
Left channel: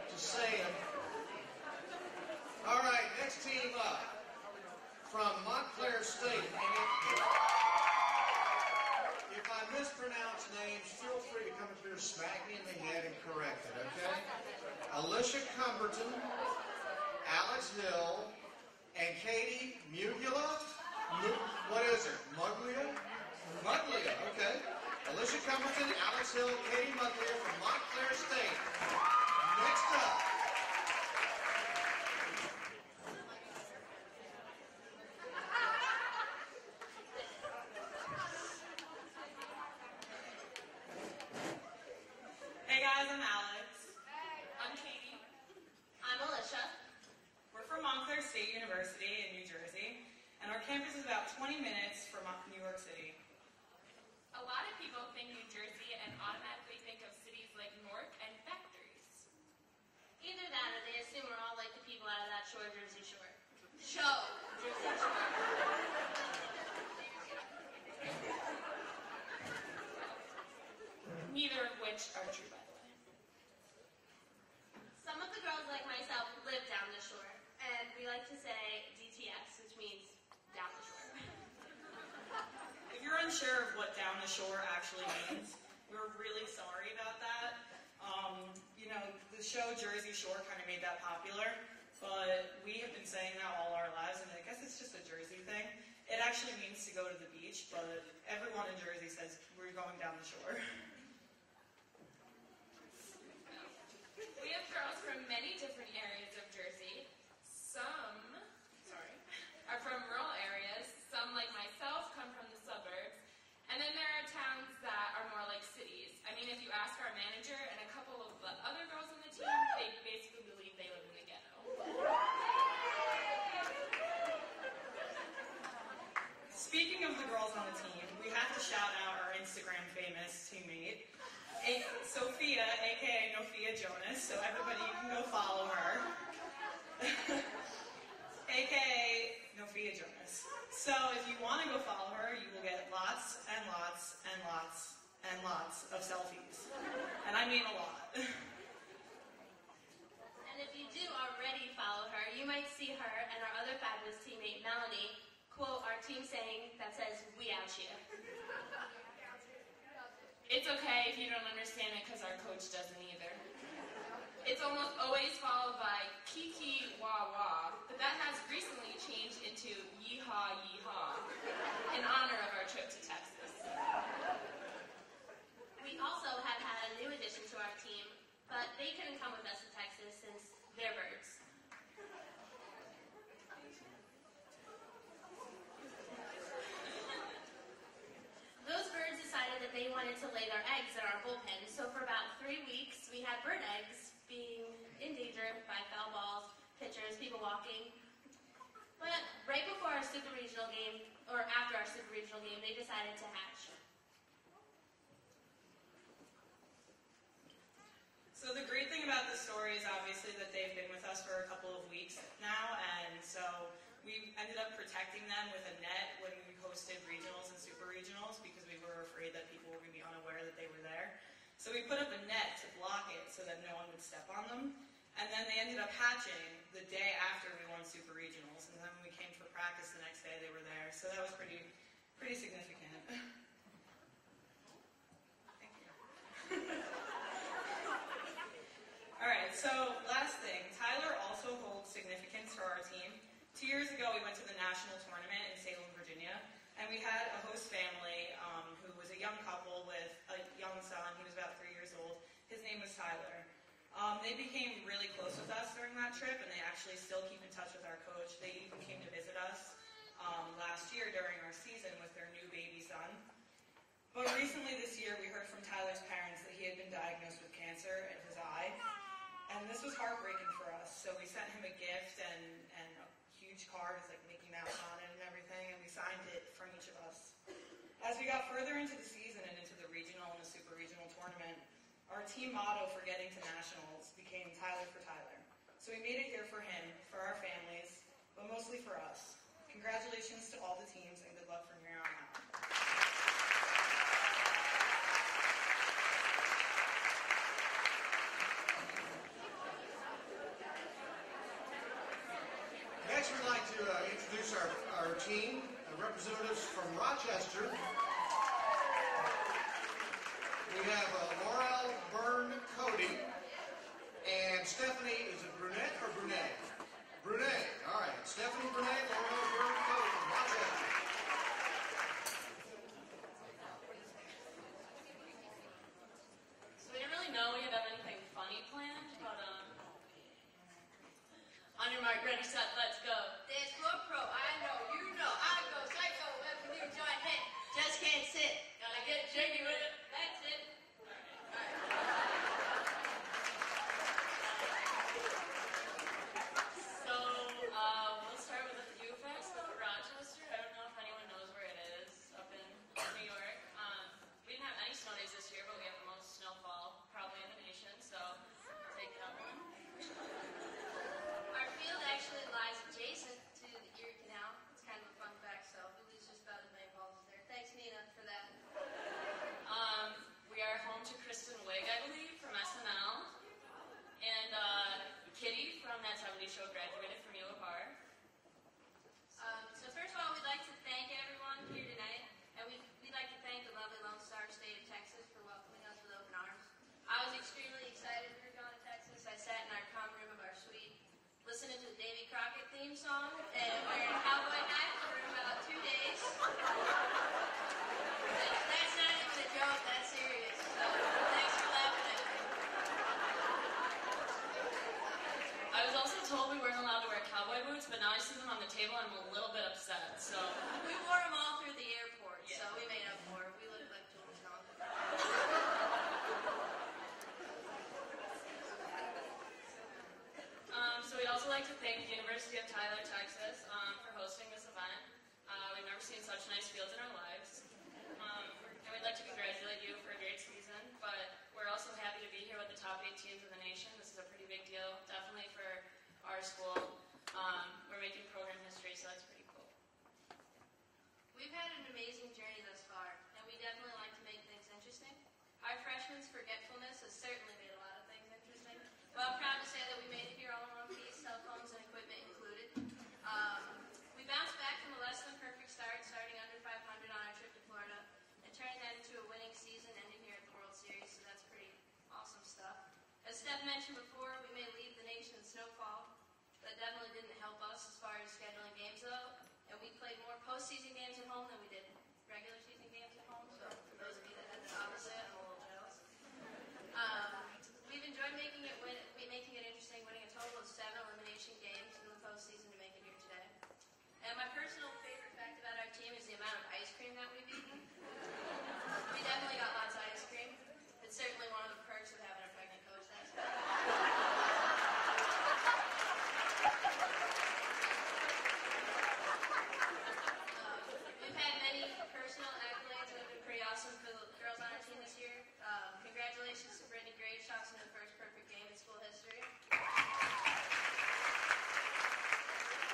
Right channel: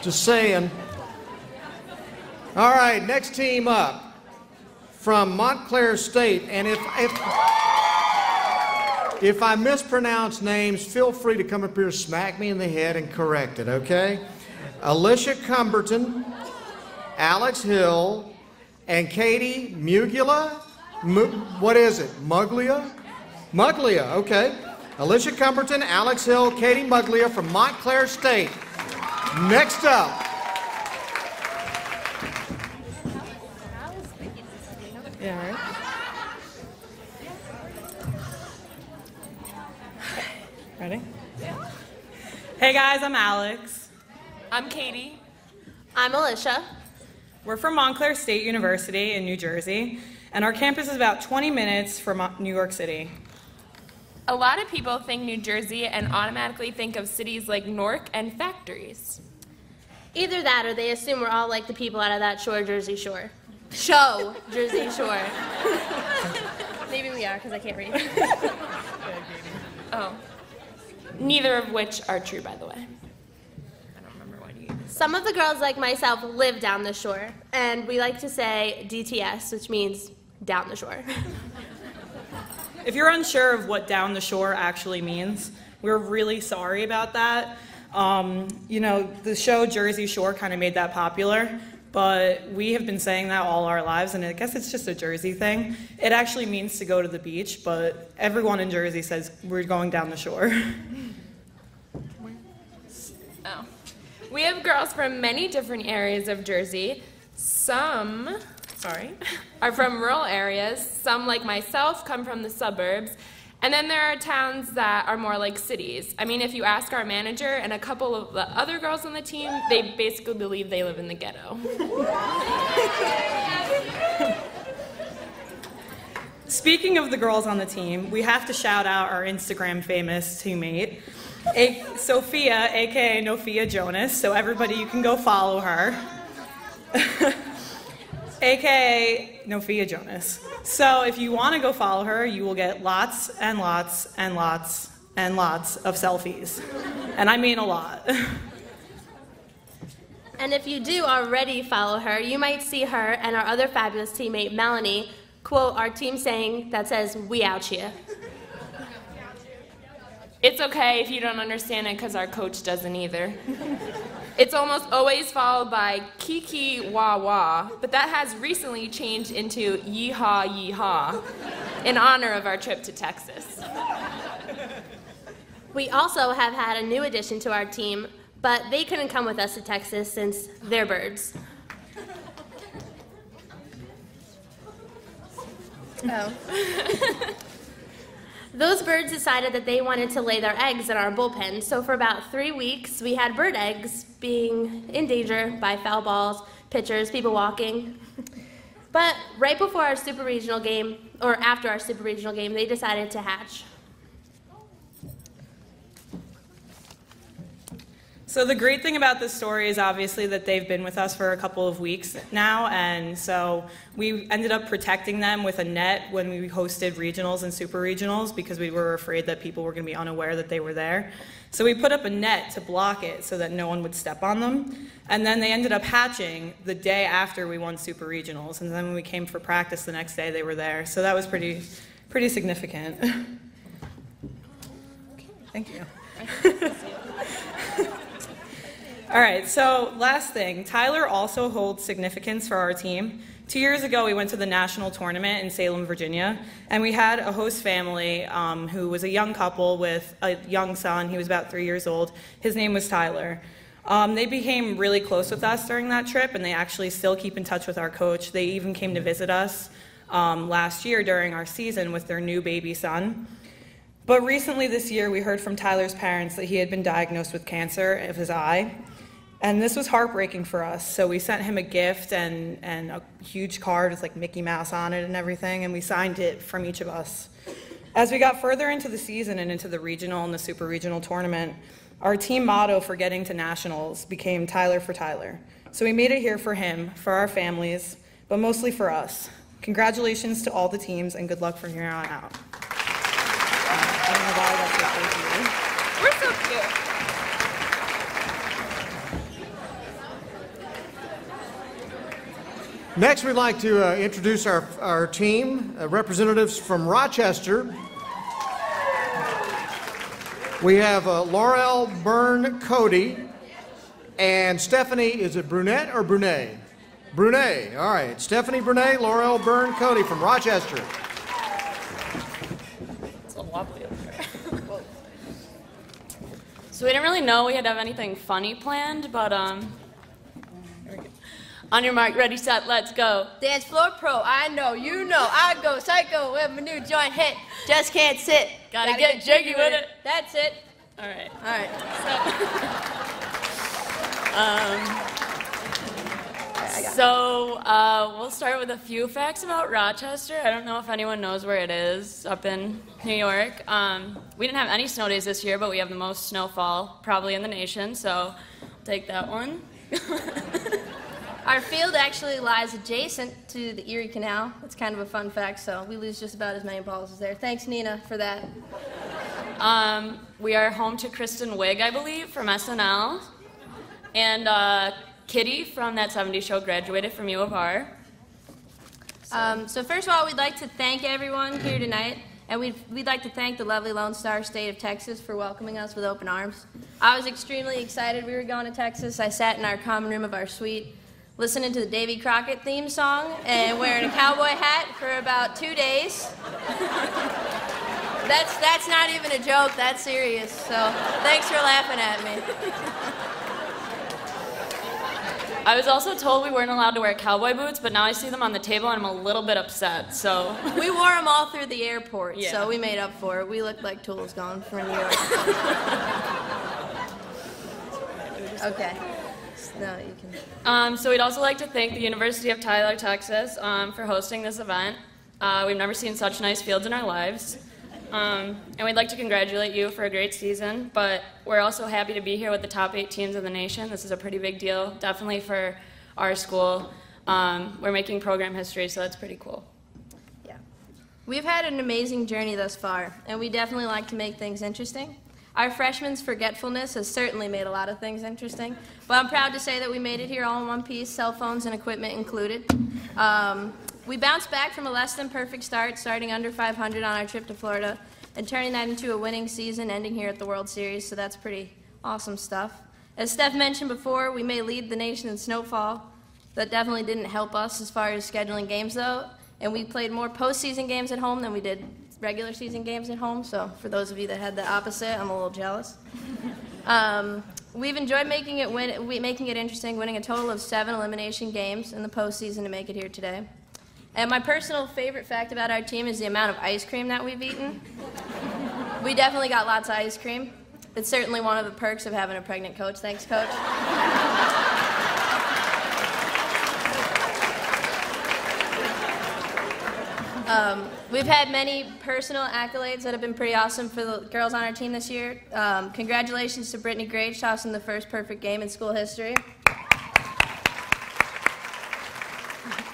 Just saying. All right, next team up from Montclair State, and if I mispronounce names, feel free to come up here, smack me in the head, and correct it, okay? Alicia Cumberton, Alex Hill, and Katie Muglia. What is it? Muglia? Muglia, okay. Alicia Cumberton, Alex Hill, Katie Muglia from Montclair State. Next up. Yeah, right. Ready? Yeah. Hey guys, I'm Alex. I'm Katie. I'm Alicia. We're from Montclair State University in New Jersey, and our campus is about 20 minutes from New York City. A lot of people think New Jersey and automatically think of cities like Newark and factories. Either that or they assume we're all like the people out of that Jersey Shore. Show, Jersey Shore. Maybe we are, because I can't read. Oh. Neither of which are true, by the way. Some of the girls, like myself, live down the shore, and we like to say DTS, which means down the shore. If you're unsure of what down the shore actually means, we're really sorry about that. You know, the show Jersey Shore kind of made that popular, but we have been saying that all our lives, and I guess it's just a Jersey thing. It actually means to go to the beach, but everyone in Jersey says we're going down the shore. Oh. We have girls from many different areas of Jersey. Some, are from rural areas. Some, like myself, come from the suburbs. And then there are towns that are more like cities. I mean, if you ask our manager and a couple of the other girls on the team, they basically believe they live in the ghetto. Speaking of the girls on the team, we have to shout out our Instagram famous teammate, Sophia, aka Nofia Jonas, so everybody, you can go follow her. AKA Nofia Jonas. So if you want to go follow her, you will get lots and lots and lots and lots of selfies. And I mean a lot. And if you do already follow her, you might see her and our other fabulous teammate, Melanie, quote our team saying that says, "We out here." It's okay if you don't understand it because our coach doesn't either. It's almost always followed by kiki wah wah, but that has recently changed into yeehaw yeehaw in honor of our trip to Texas. We also have had a new addition to our team, but they couldn't come with us to Texas since they're birds. Oh. Those birds decided that they wanted to lay their eggs in our bullpen, so for about 3 weeks, we had bird eggs being in danger by foul balls, pitchers, people walking. But right before our super regional game, or after our super regional game, they decided to hatch. So the great thing about this story is obviously that they've been with us for a couple of weeks now, and so we ended up protecting them with a net when we hosted regionals and super regionals because we were afraid that people were going to be unaware that they were there. So we put up a net to block it so that no one would step on them, and then they ended up hatching the day after we won super regionals, and then when we came for practice the next day, they were there. So that was pretty significant. Thank you. All right, so last thing, Tyler also holds significance for our team. 2 years ago, we went to the national tournament in Salem, Virginia, and we had a host family who was a young couple with a young son. He was about 3 years old. His name was Tyler. They became really close with us during that trip, and they actually still keep in touch with our coach. They even came to visit us last year during our season with their new baby son. But recently this year, we heard from Tyler's parents that he had been diagnosed with cancer of his eye. And this was heartbreaking for us, so we sent him a gift and a huge card with like Mickey Mouse on it and everything, and we signed it from each of us. As we got further into the season and into the regional and the super regional tournament, our team motto for getting to nationals became Tyler for Tyler. So we made it here for him, for our families, but mostly for us. Congratulations to all the teams and good luck from here on out. I don't know why that's so crazy. We're so cute. Next, we'd like to introduce our team, representatives from Rochester. We have Laurel Byrne Cody and Stephanie, is it Brunette or Brunet? Brunet, all right. Stephanie Brunet, Laurel Byrne Cody from Rochester. It's a wobbly up there. So we didn't really know we had to have anything funny planned, but on your mark, ready, set, let's go. Dance floor pro, I know, you know, I go psycho when my new joint hit. Just can't sit. Gotta get jiggy with it. That's it. All right. All right. So we'll start with a few facts about Rochester. I don't know if anyone knows where it is, up in New York. We didn't have any snow days this year, but we have the most snowfall probably in the nation, so take that one. Our field actually lies adjacent to the Erie Canal. It's kind of a fun fact, so we lose just about as many balls as there. Thanks, Nina, for that. We are home to Kristen Wiig, I believe, from SNL. And Kitty from That 70s Show graduated from U of R. So first of all, we'd like to thank everyone here tonight, and we'd like to thank the lovely Lone Star State of Texas for welcoming us with open arms. I was extremely excited we were going to Texas. I sat in our common room of our suite, listening to the Davy Crockett theme song and wearing a cowboy hat for about 2 days. That's not even a joke, that's serious, so thanks for laughing at me. I was also told we weren't allowed to wear cowboy boots, but now I see them on the table and I'm a little bit upset, so. We wore them all through the airport, Yeah. so we made up for it. We looked like tools going for New York. Okay. No, you can. So we'd also like to thank the University of Tyler, Texas, for hosting this event. We've never seen such nice fields in our lives. And we'd like to congratulate you for a great season, but we're also happy to be here with the top 8 teams in the nation. This is a pretty big deal, definitely for our school. We're making program history, so that's pretty cool. Yeah. We've had an amazing journey thus far, and we definitely like to make things interesting. Our freshmen's forgetfulness has certainly made a lot of things interesting, but I'm proud to say that we made it here all in one piece, cell phones and equipment included. We bounced back from a less than perfect start, starting under 500 on our trip to Florida, and turning that into a winning season, ending here at the World Series, so that's pretty awesome stuff. As Steph mentioned before, we may lead the nation in snowfall. That definitely didn't help us as far as scheduling games, though, and we played more postseason games at home than we did regular season games at home, so for those of you that had the opposite, I'm a little jealous. We've enjoyed making it interesting, winning a total of 7 elimination games in the postseason to make it here today. And my personal favorite fact about our team is the amount of ice cream that we've eaten. We definitely got lots of ice cream. It's certainly one of the perks of having a pregnant coach. Thanks, Coach. We've had many personal accolades that have been pretty awesome for the girls on our team this year. Congratulations to Brittany Grage tossing the first perfect game in school history.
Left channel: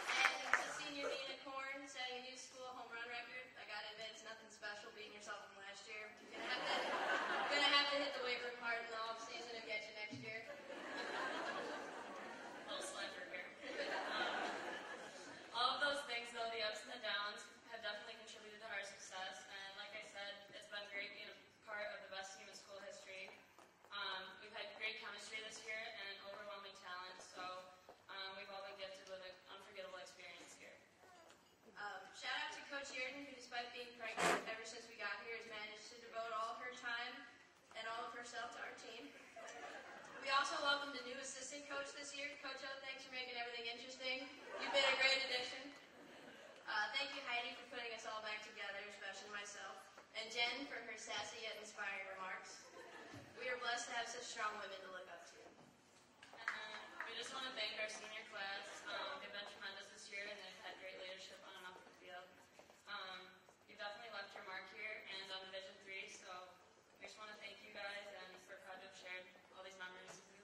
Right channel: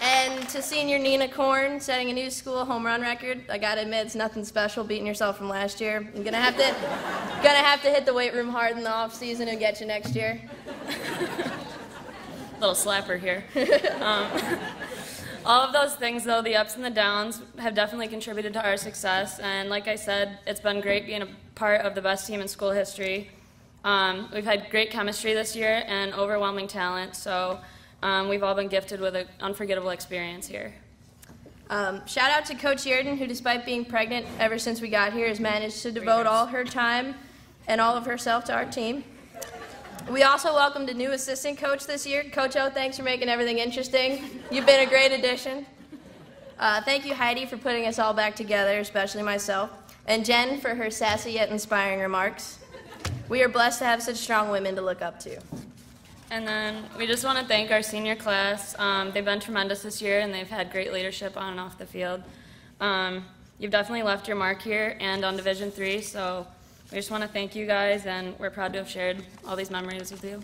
And to senior Nina Korn setting a new school home run record. I gotta admit, it's nothing special beating yourself from last year. I'm gonna have to hit the weight room hard in the off season and get you next year. Little slapper here. All of those things, though, the ups and the downs, have definitely contributed to our success. And like I said, it's been great being a part of the best team in school history. We've had great chemistry this year and overwhelming talent, so we've all been gifted with an unforgettable experience here. Shout out to Coach Yerden, who, despite being pregnant ever since we got here, has managed to devote all her time and all of herself to our team. We also welcomed a new assistant coach this year. Coach O, thanks for making everything interesting. You've been a great addition. Thank you, Heidi, for putting us all back together, especially myself, and Jen for her sassy yet inspiring remarks. We are blessed to have such strong women to look up to. And then we just want to thank our senior class. They've been tremendous this year, and they've had great leadership on and off the field. You've definitely left your mark here and on Division III, so we just want to thank you guys, and we're proud to have shared all these memories with you.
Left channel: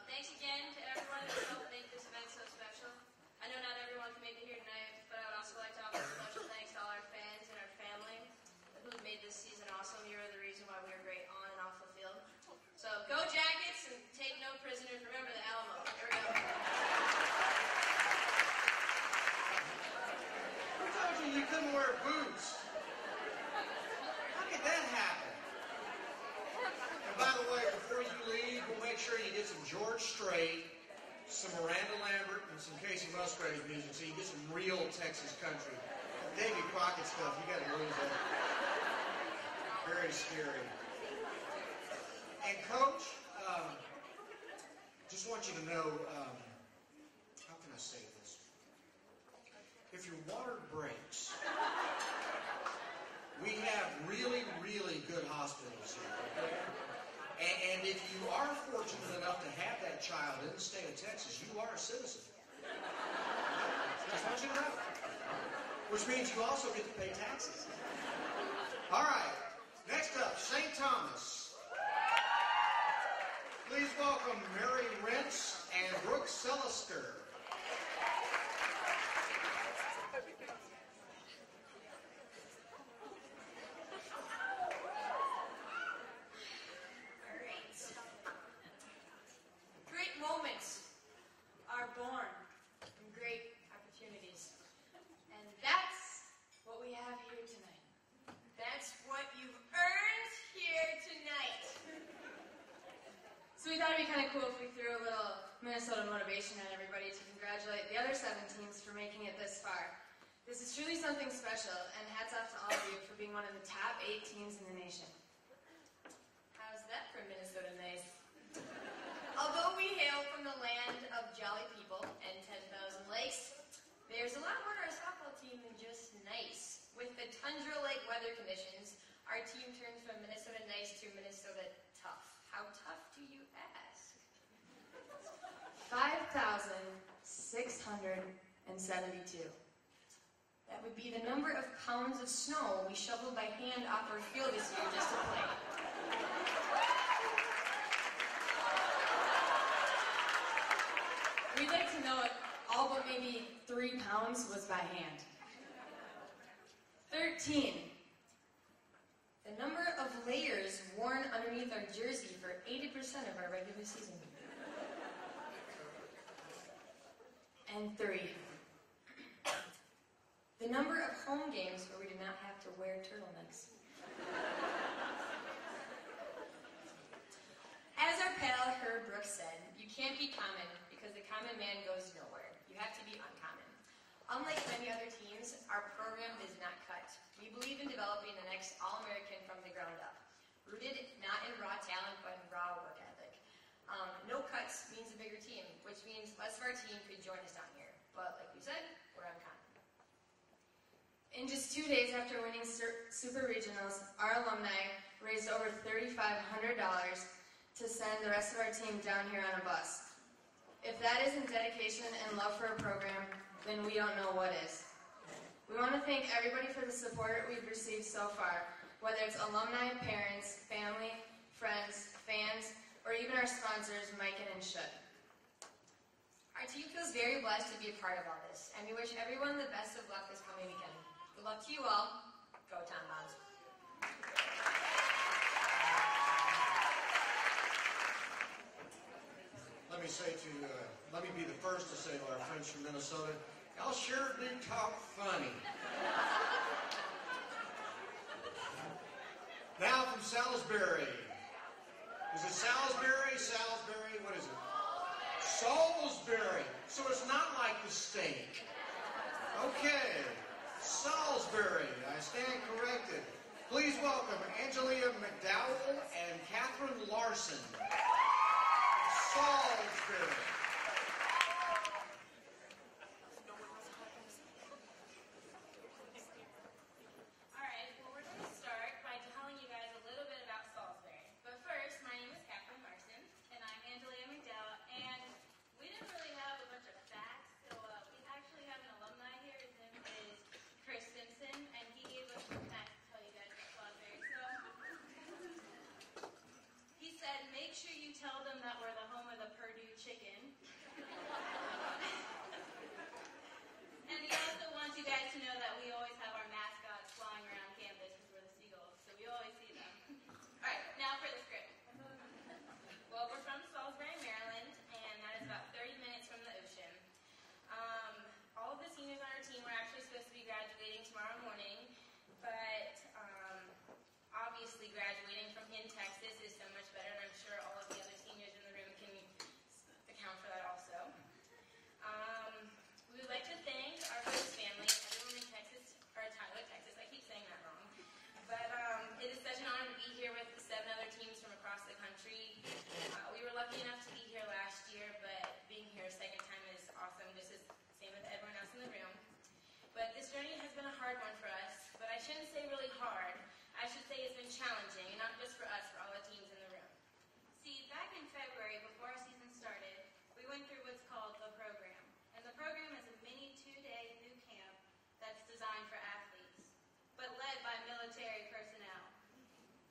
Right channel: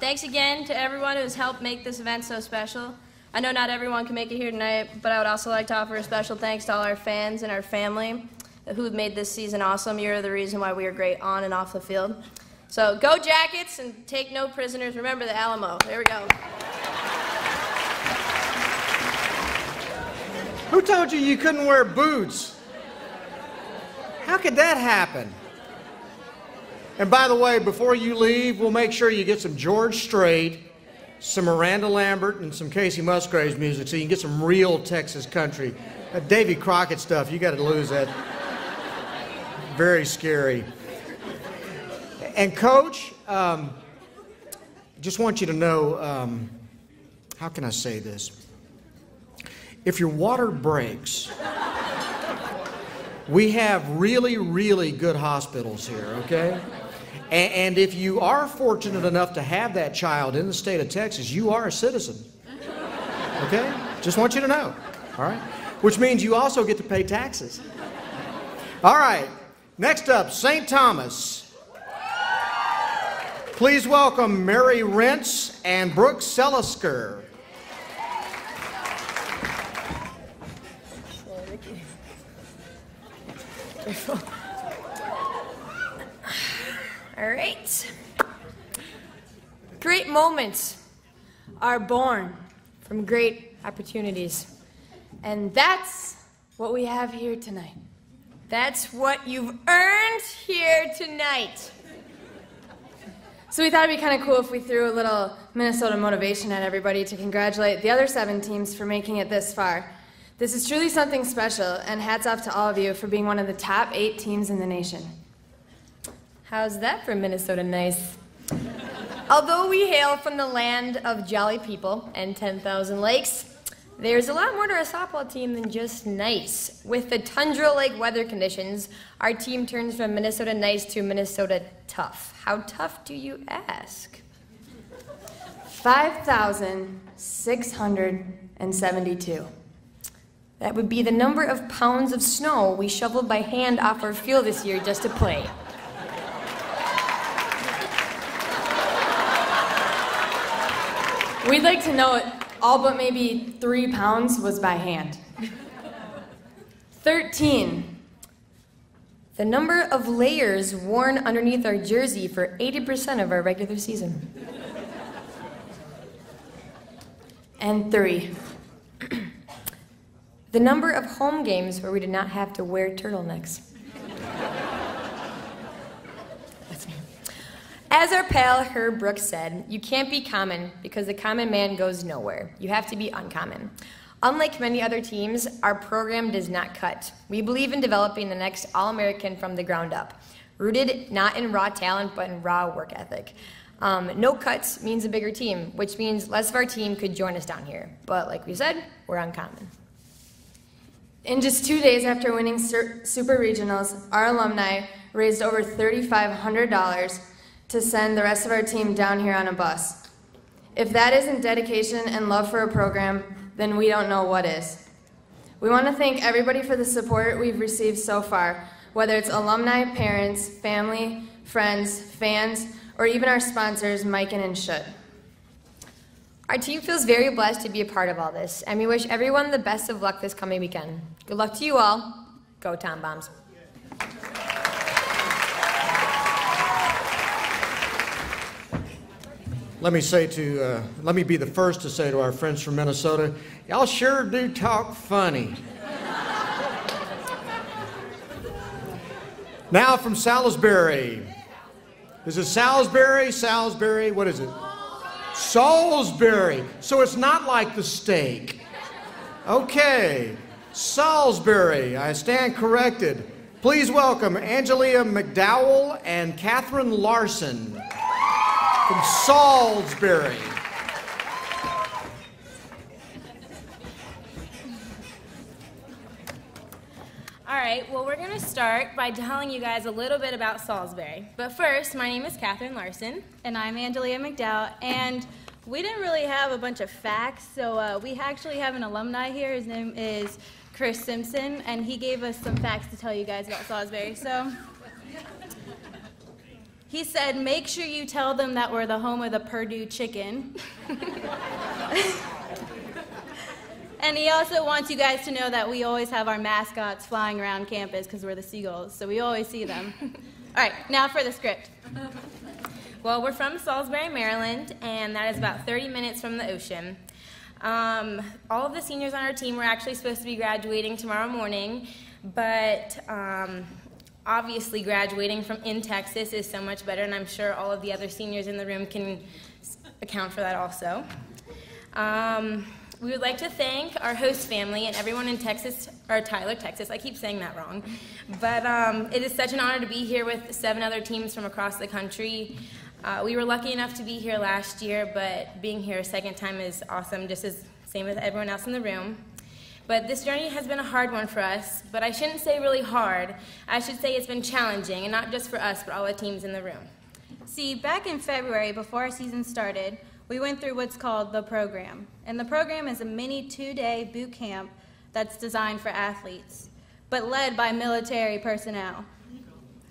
Thanks again to everyone who has helped make this event so special. I know not everyone can make it here tonight, but I would also like to offer a special thanks to all our fans and our family who have made this season awesome. You're the reason why we are great on and off the field. So go Jackets and take no prisoners. Remember the Alamo. There we go. Who told you you couldn't wear boots? How could that happen? And by the way, before you leave, we'll make sure you get some George Strait, some Miranda Lambert, and some Casey Musgraves music so you can get some real Texas country. That Davy Crockett stuff, you got to lose that. Very scary. And Coach, just want you to know, how can I say this? If your water breaks, we have really, really good hospitals here, okay? And if you are fortunate enough to have that child in the state of Texas, you are a citizen, okay? Just want you to know, all right? Which means you also get to pay taxes. All right, next up, St. Thomas. Please welcome Mary Rentz and Brooke Selisker. All right. Great moments are born from great opportunities. And that's what we have here tonight. That's what you've earned here tonight. So we thought it'd be kind of cool if we threw a little Minnesota motivation at everybody to congratulate the other 7 teams for making it this far. This is truly something special, and hats off to all of you for being one of the top 8 teams in the nation. How's that for Minnesota nice? Although we hail from the land of jolly people and 10,000 lakes, there's a lot more to our softball team than just nice. With the tundra-like weather conditions, our team turns from Minnesota nice to Minnesota tough. How tough do you ask? 5,672. That would be the number of pounds of snow we shoveled by hand off our field this year just to play. We'd like to know it, all but maybe 3 pounds was by hand. 13. The number of layers worn underneath our jersey for 80% of our regular season. And 3. The number of home games where we did not have to wear turtlenecks. That's me. As our pal Herb Brooks said, you can't be common because the common man goes nowhere. You have to be uncommon. Unlike many other teams, our program does not cut. We believe in developing the next All-American from the ground up, rooted not in raw talent but in raw work ethic. No cuts means a bigger team, which means less of our team could join us down here. But like we said, we're uncommon. In just 2 days after winning Super Regionals, our alumni raised over $3,500 to send the rest of our team down here on a bus. If that isn't dedication and love for a program, then we don't know what is. We want to thank everybody for the support we've received so far, whether it's alumni, parents, family, friends, fans, or even our sponsors, Mike and Shut. Our team feels very blessed to be a part of all this, and we wish everyone the best of luck this coming weekend. Good luck to you all. Go Tom Bombs. Let me be the first to say to our friends from Minnesota, y'all sure do talk funny. Now from Salisbury. Is it Salisbury? Salisbury? What is it? Salisbury. So it's not like the steak. Okay. Salisbury. I stand corrected. Please welcome Angelia McDowell and Catherine Larson from Salisbury. All right, well, we're going to start by telling you guys a little bit about Salisbury. But first, my name is Catherine Larson. And I'm Angelia McDowell. And we didn't really have a bunch of facts, so we actually have an alumni here. His name is Chris Simpson, and he gave us some facts to tell you guys about Salisbury. So he said, make sure you tell them that we're the home of the Purdue chicken. And he also wants you guys to know that we always have our mascots flying around campus because we're the Seagulls, so we always see them. All right, now for the script. Well, we're from Salisbury, Maryland, and that is about 30 minutes from the ocean. All of the seniors on our team were actually supposed to be graduating tomorrow morning, but obviously graduating in Texas is so much better, and I'm sure all of the other seniors in the room can account for that also. We would like to thank our host family and everyone in Texas, or Tyler, Texas. I keep saying that wrong. But it is such an honor to be here with 7 other teams from across the country. We were lucky enough to be here last year, but being here a second time is awesome, just as same as everyone else in the room. But this journey has been a hard one for us, but I shouldn't say really hard. I should say it's been challenging, and not just for us, but all the teams in the room. See, back in February, before our season started, we went through what's called the program. And the program is a mini 2-day boot camp that's designed for athletes, but led by military personnel.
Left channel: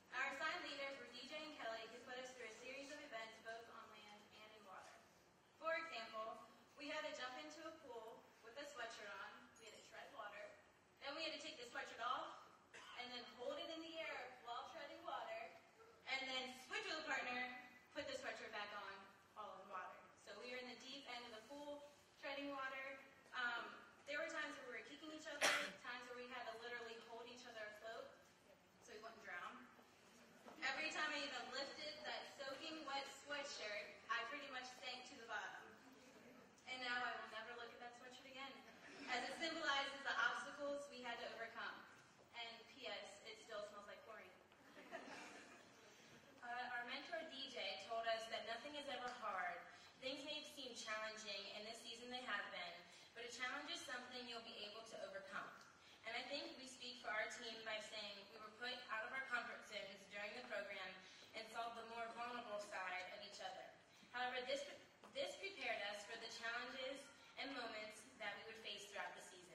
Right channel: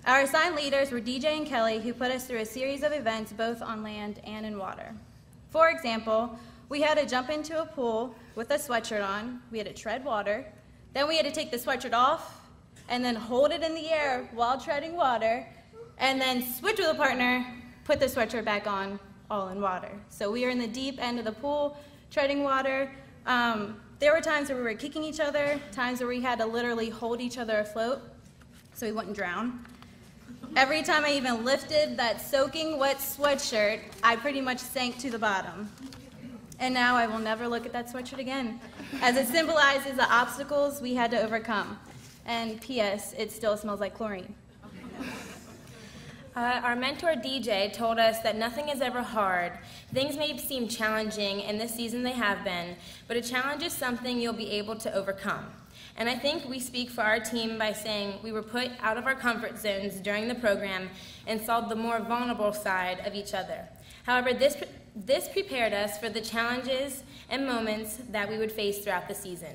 Our assigned leaders were DJ and Kelly, who put us through a series of events both on land and in water. For example, we had to jump into a pool with a sweatshirt on, we had to tread water, then we had to take the sweatshirt off, and then hold it in the air while treading water, and then switch with a partner, put the sweatshirt back on, all in water. So we were in the deep end of the pool, treading water. There were times where we were kicking each other, times where we had to literally hold each other afloat so we wouldn't drown. Every time I even lifted that soaking wet sweatshirt, I pretty much sank to the bottom. And now I will never look at that sweatshirt again, as it symbolizes the obstacles we had to overcome. And P.S., it still smells like chlorine. Our mentor DJ told us that nothing is ever hard. Things may seem challenging, and this season they have been, but a challenge is something you'll be able to overcome. And I think we speak for our team by saying we were put out of our comfort zones during the program and saw the more vulnerable side of each other. However, this prepared us for the challenges and moments that we would face throughout the season.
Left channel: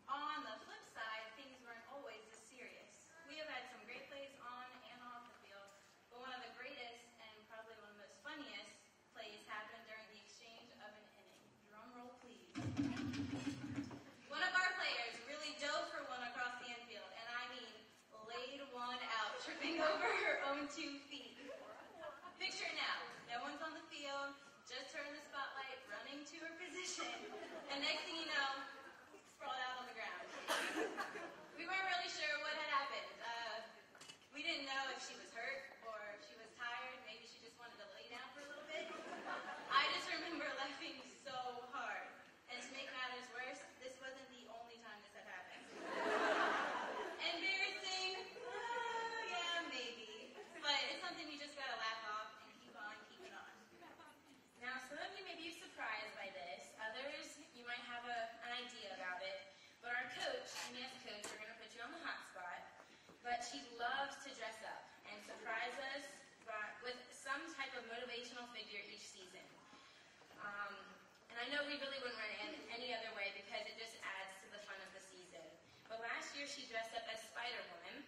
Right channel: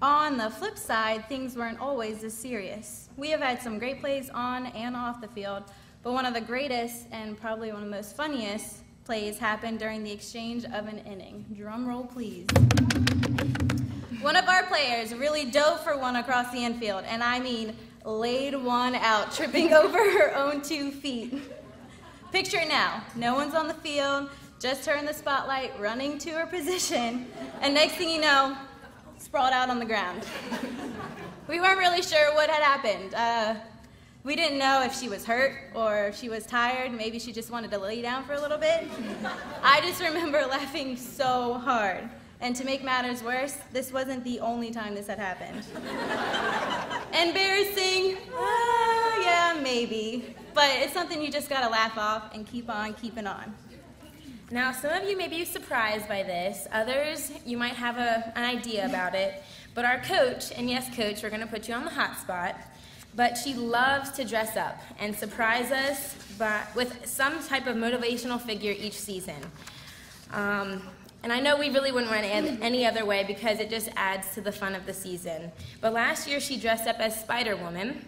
On the flip side, things weren't always this serious. We have had some great plays on and off the field, but one of the greatest and probably one of the most funniest plays happened during the exchange of an inning. Drum roll, please. One of our players really dove for one across the infield, and I mean laid one out, tripping over her own 2 feet. Picture it now. No one's on the field, just her in the spotlight, running to her position, and next thing you know, sprawled out on the ground. We weren't really sure what had happened. We didn't know if she was hurt or if she was tired. Maybe she just wanted to lay down for a little bit. I just remember laughing so hard. And to make matters worse, this wasn't the only time this had happened. Embarrassing? Yeah, maybe. But it's something you just gotta laugh off and keep on keeping on. Now, some of you may be surprised by this. Others, you might have an idea about it. But our coach, and yes, coach, we're gonna put you on the hot spot, but she loves to dress up and surprise us with some type of motivational figure each season. And I know we really wouldn't run it any other way because it just adds to the fun of the season. But last year she dressed up as Spider-Woman,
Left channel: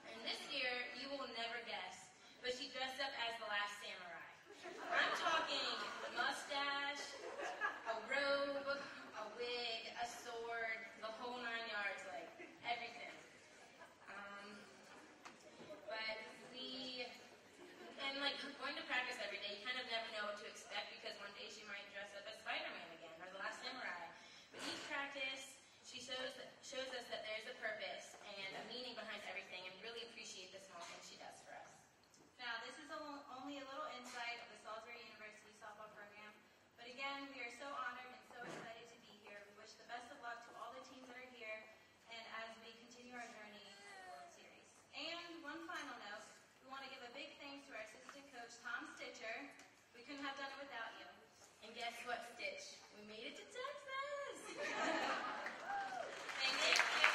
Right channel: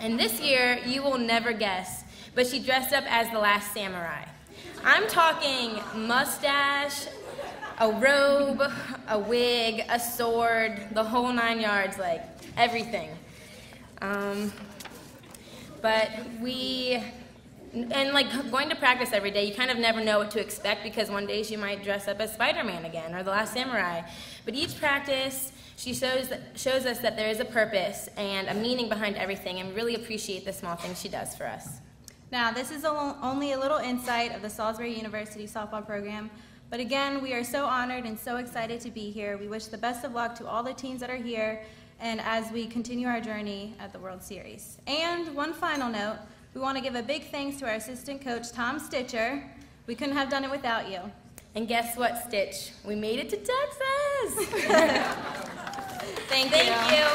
and this year you will never guess, but she dressed up as the Last Samurai. I'm talking mustache, a robe, a wig, a sword, the whole 9 yards, like everything. And like going to practice every day, you kind of never know what to expect because one day she might dress up as Spider-Man again or the Last Samurai. But each practice, she shows us that there is a purpose and a meaning behind everything, and we really appreciate the small things she does for us. Now, this is only a little insight of the Salisbury University softball program, but again, we are so honored and so excited to be here. We wish the best of luck to all the teams that are here and as we continue our journey at the World Series. And one final note, we want to give a big thanks to our assistant coach, Tom Stitcher. We couldn't have done it without you. And guess what, Stitch? We made it to Texas! Thank you.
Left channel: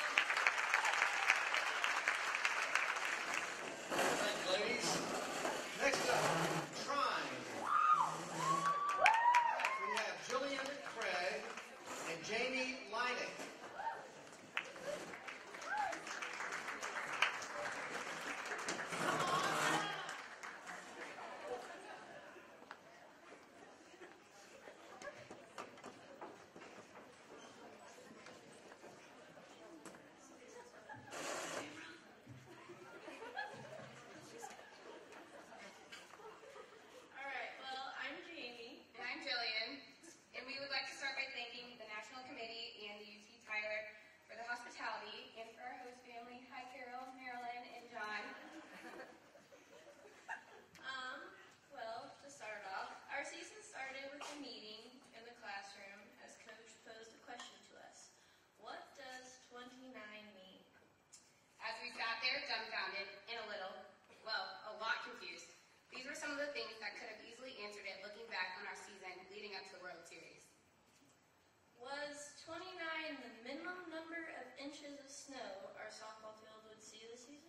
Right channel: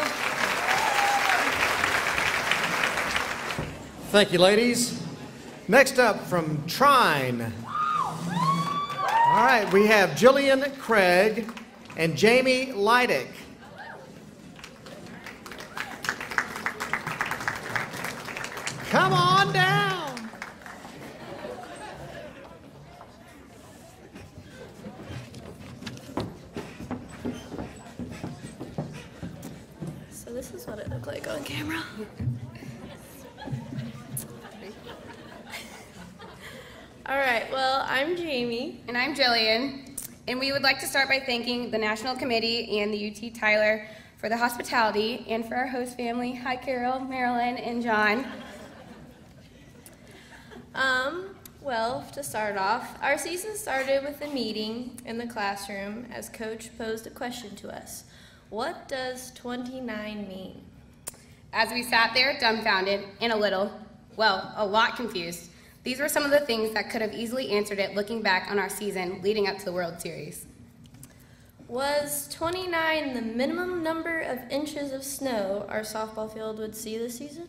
Thank you, ladies. Next up from Trine. All right, we have Jillian Craig and Jamie Leidick. Come on down. So this is what it looked like on camera. All right, well, I'm Jamie. And I'm Jillian. And we would like to start by thanking the National Committee and the UT Tyler for the hospitality and for our host family. Hi, Carol, Marilyn, and John. Well, to start off, our season started with a meeting in the classroom as Coach posed a question to us. What does 29 mean? As we sat there dumbfounded and a lot confused, these were some of the things that could have easily answered it looking back on our season leading up to the World Series. Was 29 the minimum number of inches of snow our softball field would see this season?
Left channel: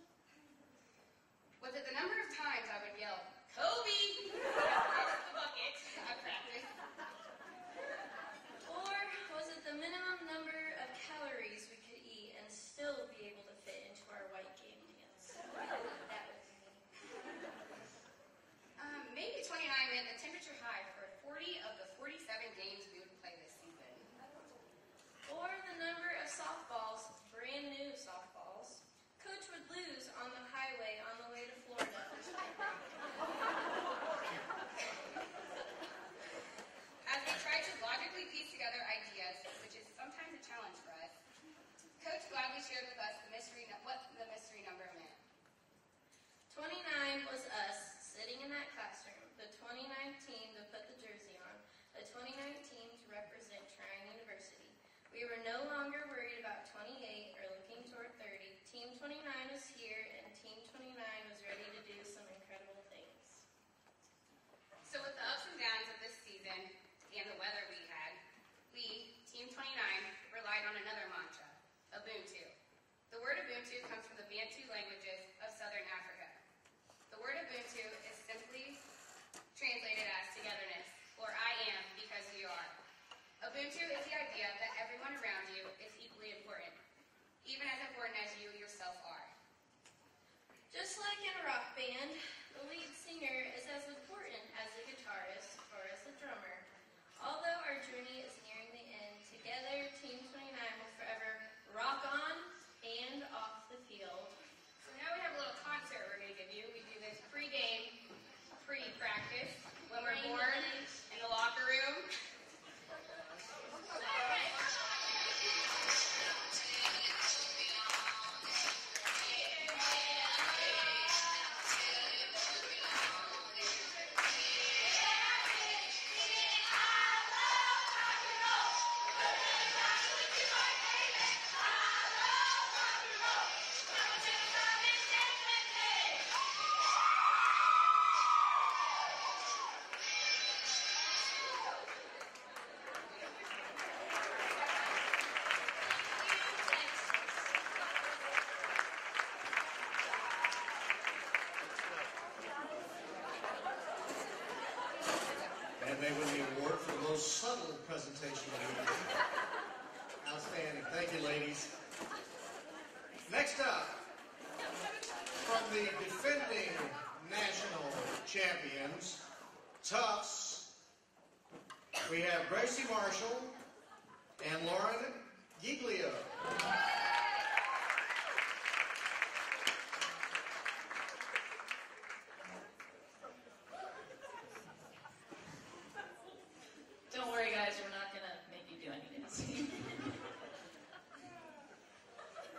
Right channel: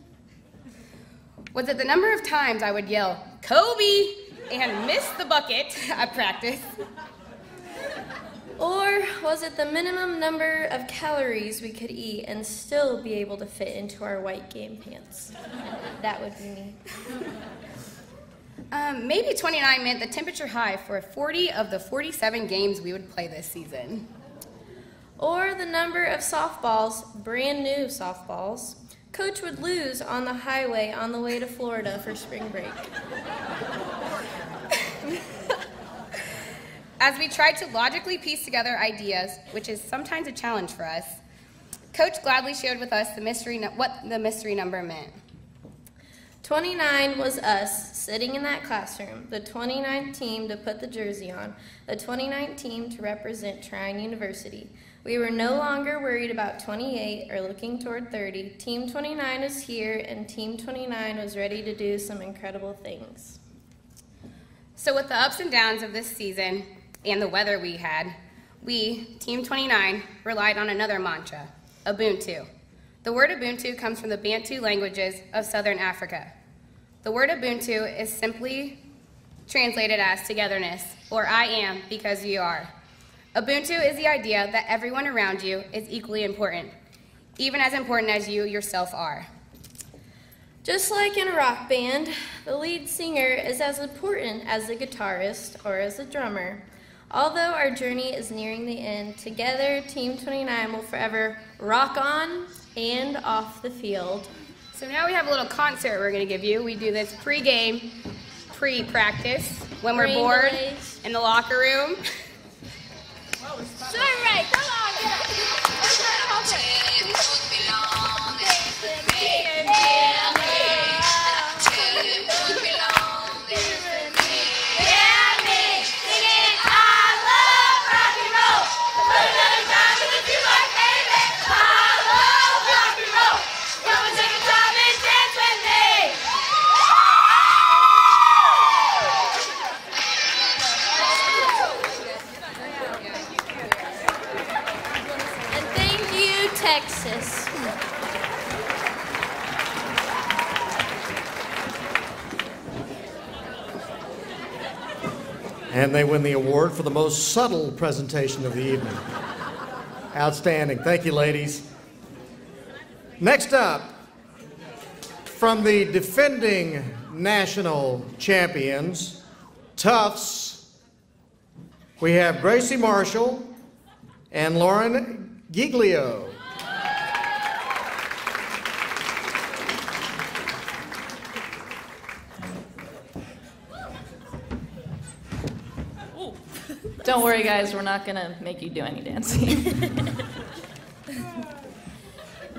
Was it the number of times I would yell, "Kobe!" and miss the bucket at practice? Or was Was it the minimum number of calories we could eat and still be able to fit into our white game pants? That would be me. Maybe 29 meant the temperature high for 40 of the 47 games we would play this season. Or the number of softballs, brand new softballs, Coach would lose on the highway on the way to Florida for spring break. As we tried to logically piece together ideas, which is sometimes a challenge for us, Coach gladly shared with us what the mystery number meant. 29 was us sitting in that classroom, the 29th team to put the jersey on, the 29th team to represent Trine University. We were no longer worried about 28 or looking toward 30. Team 29 is here, and Team 29 was ready to do some incredible things. So with the ups and downs of this season and the weather we had, we, Team 29, relied on another mantra, Ubuntu. The word Ubuntu comes from the Bantu languages of Southern Africa. The word Ubuntu is simply translated as togetherness, or I am because you are. Ubuntu is the idea that everyone around you is equally important, even as important as you yourself are. Just like in a rock band, the lead singer is as important as the guitarist or as the drummer. Although our journey is nearing the end, together Team 29 will forever rock on and off the field. So now we have a little concert we're going to give you. We do this pre-game, pre-practice, when we're bored in the locker room. Sure, right, come on. Texas. And they win the award for the most subtle presentation of the evening. Outstanding. Thank you, ladies. Next up, from the defending national champions, Tufts, we have Gracie Marshall and Lauren Giglio. Don't worry, guys, we're not going to make you do any dancing.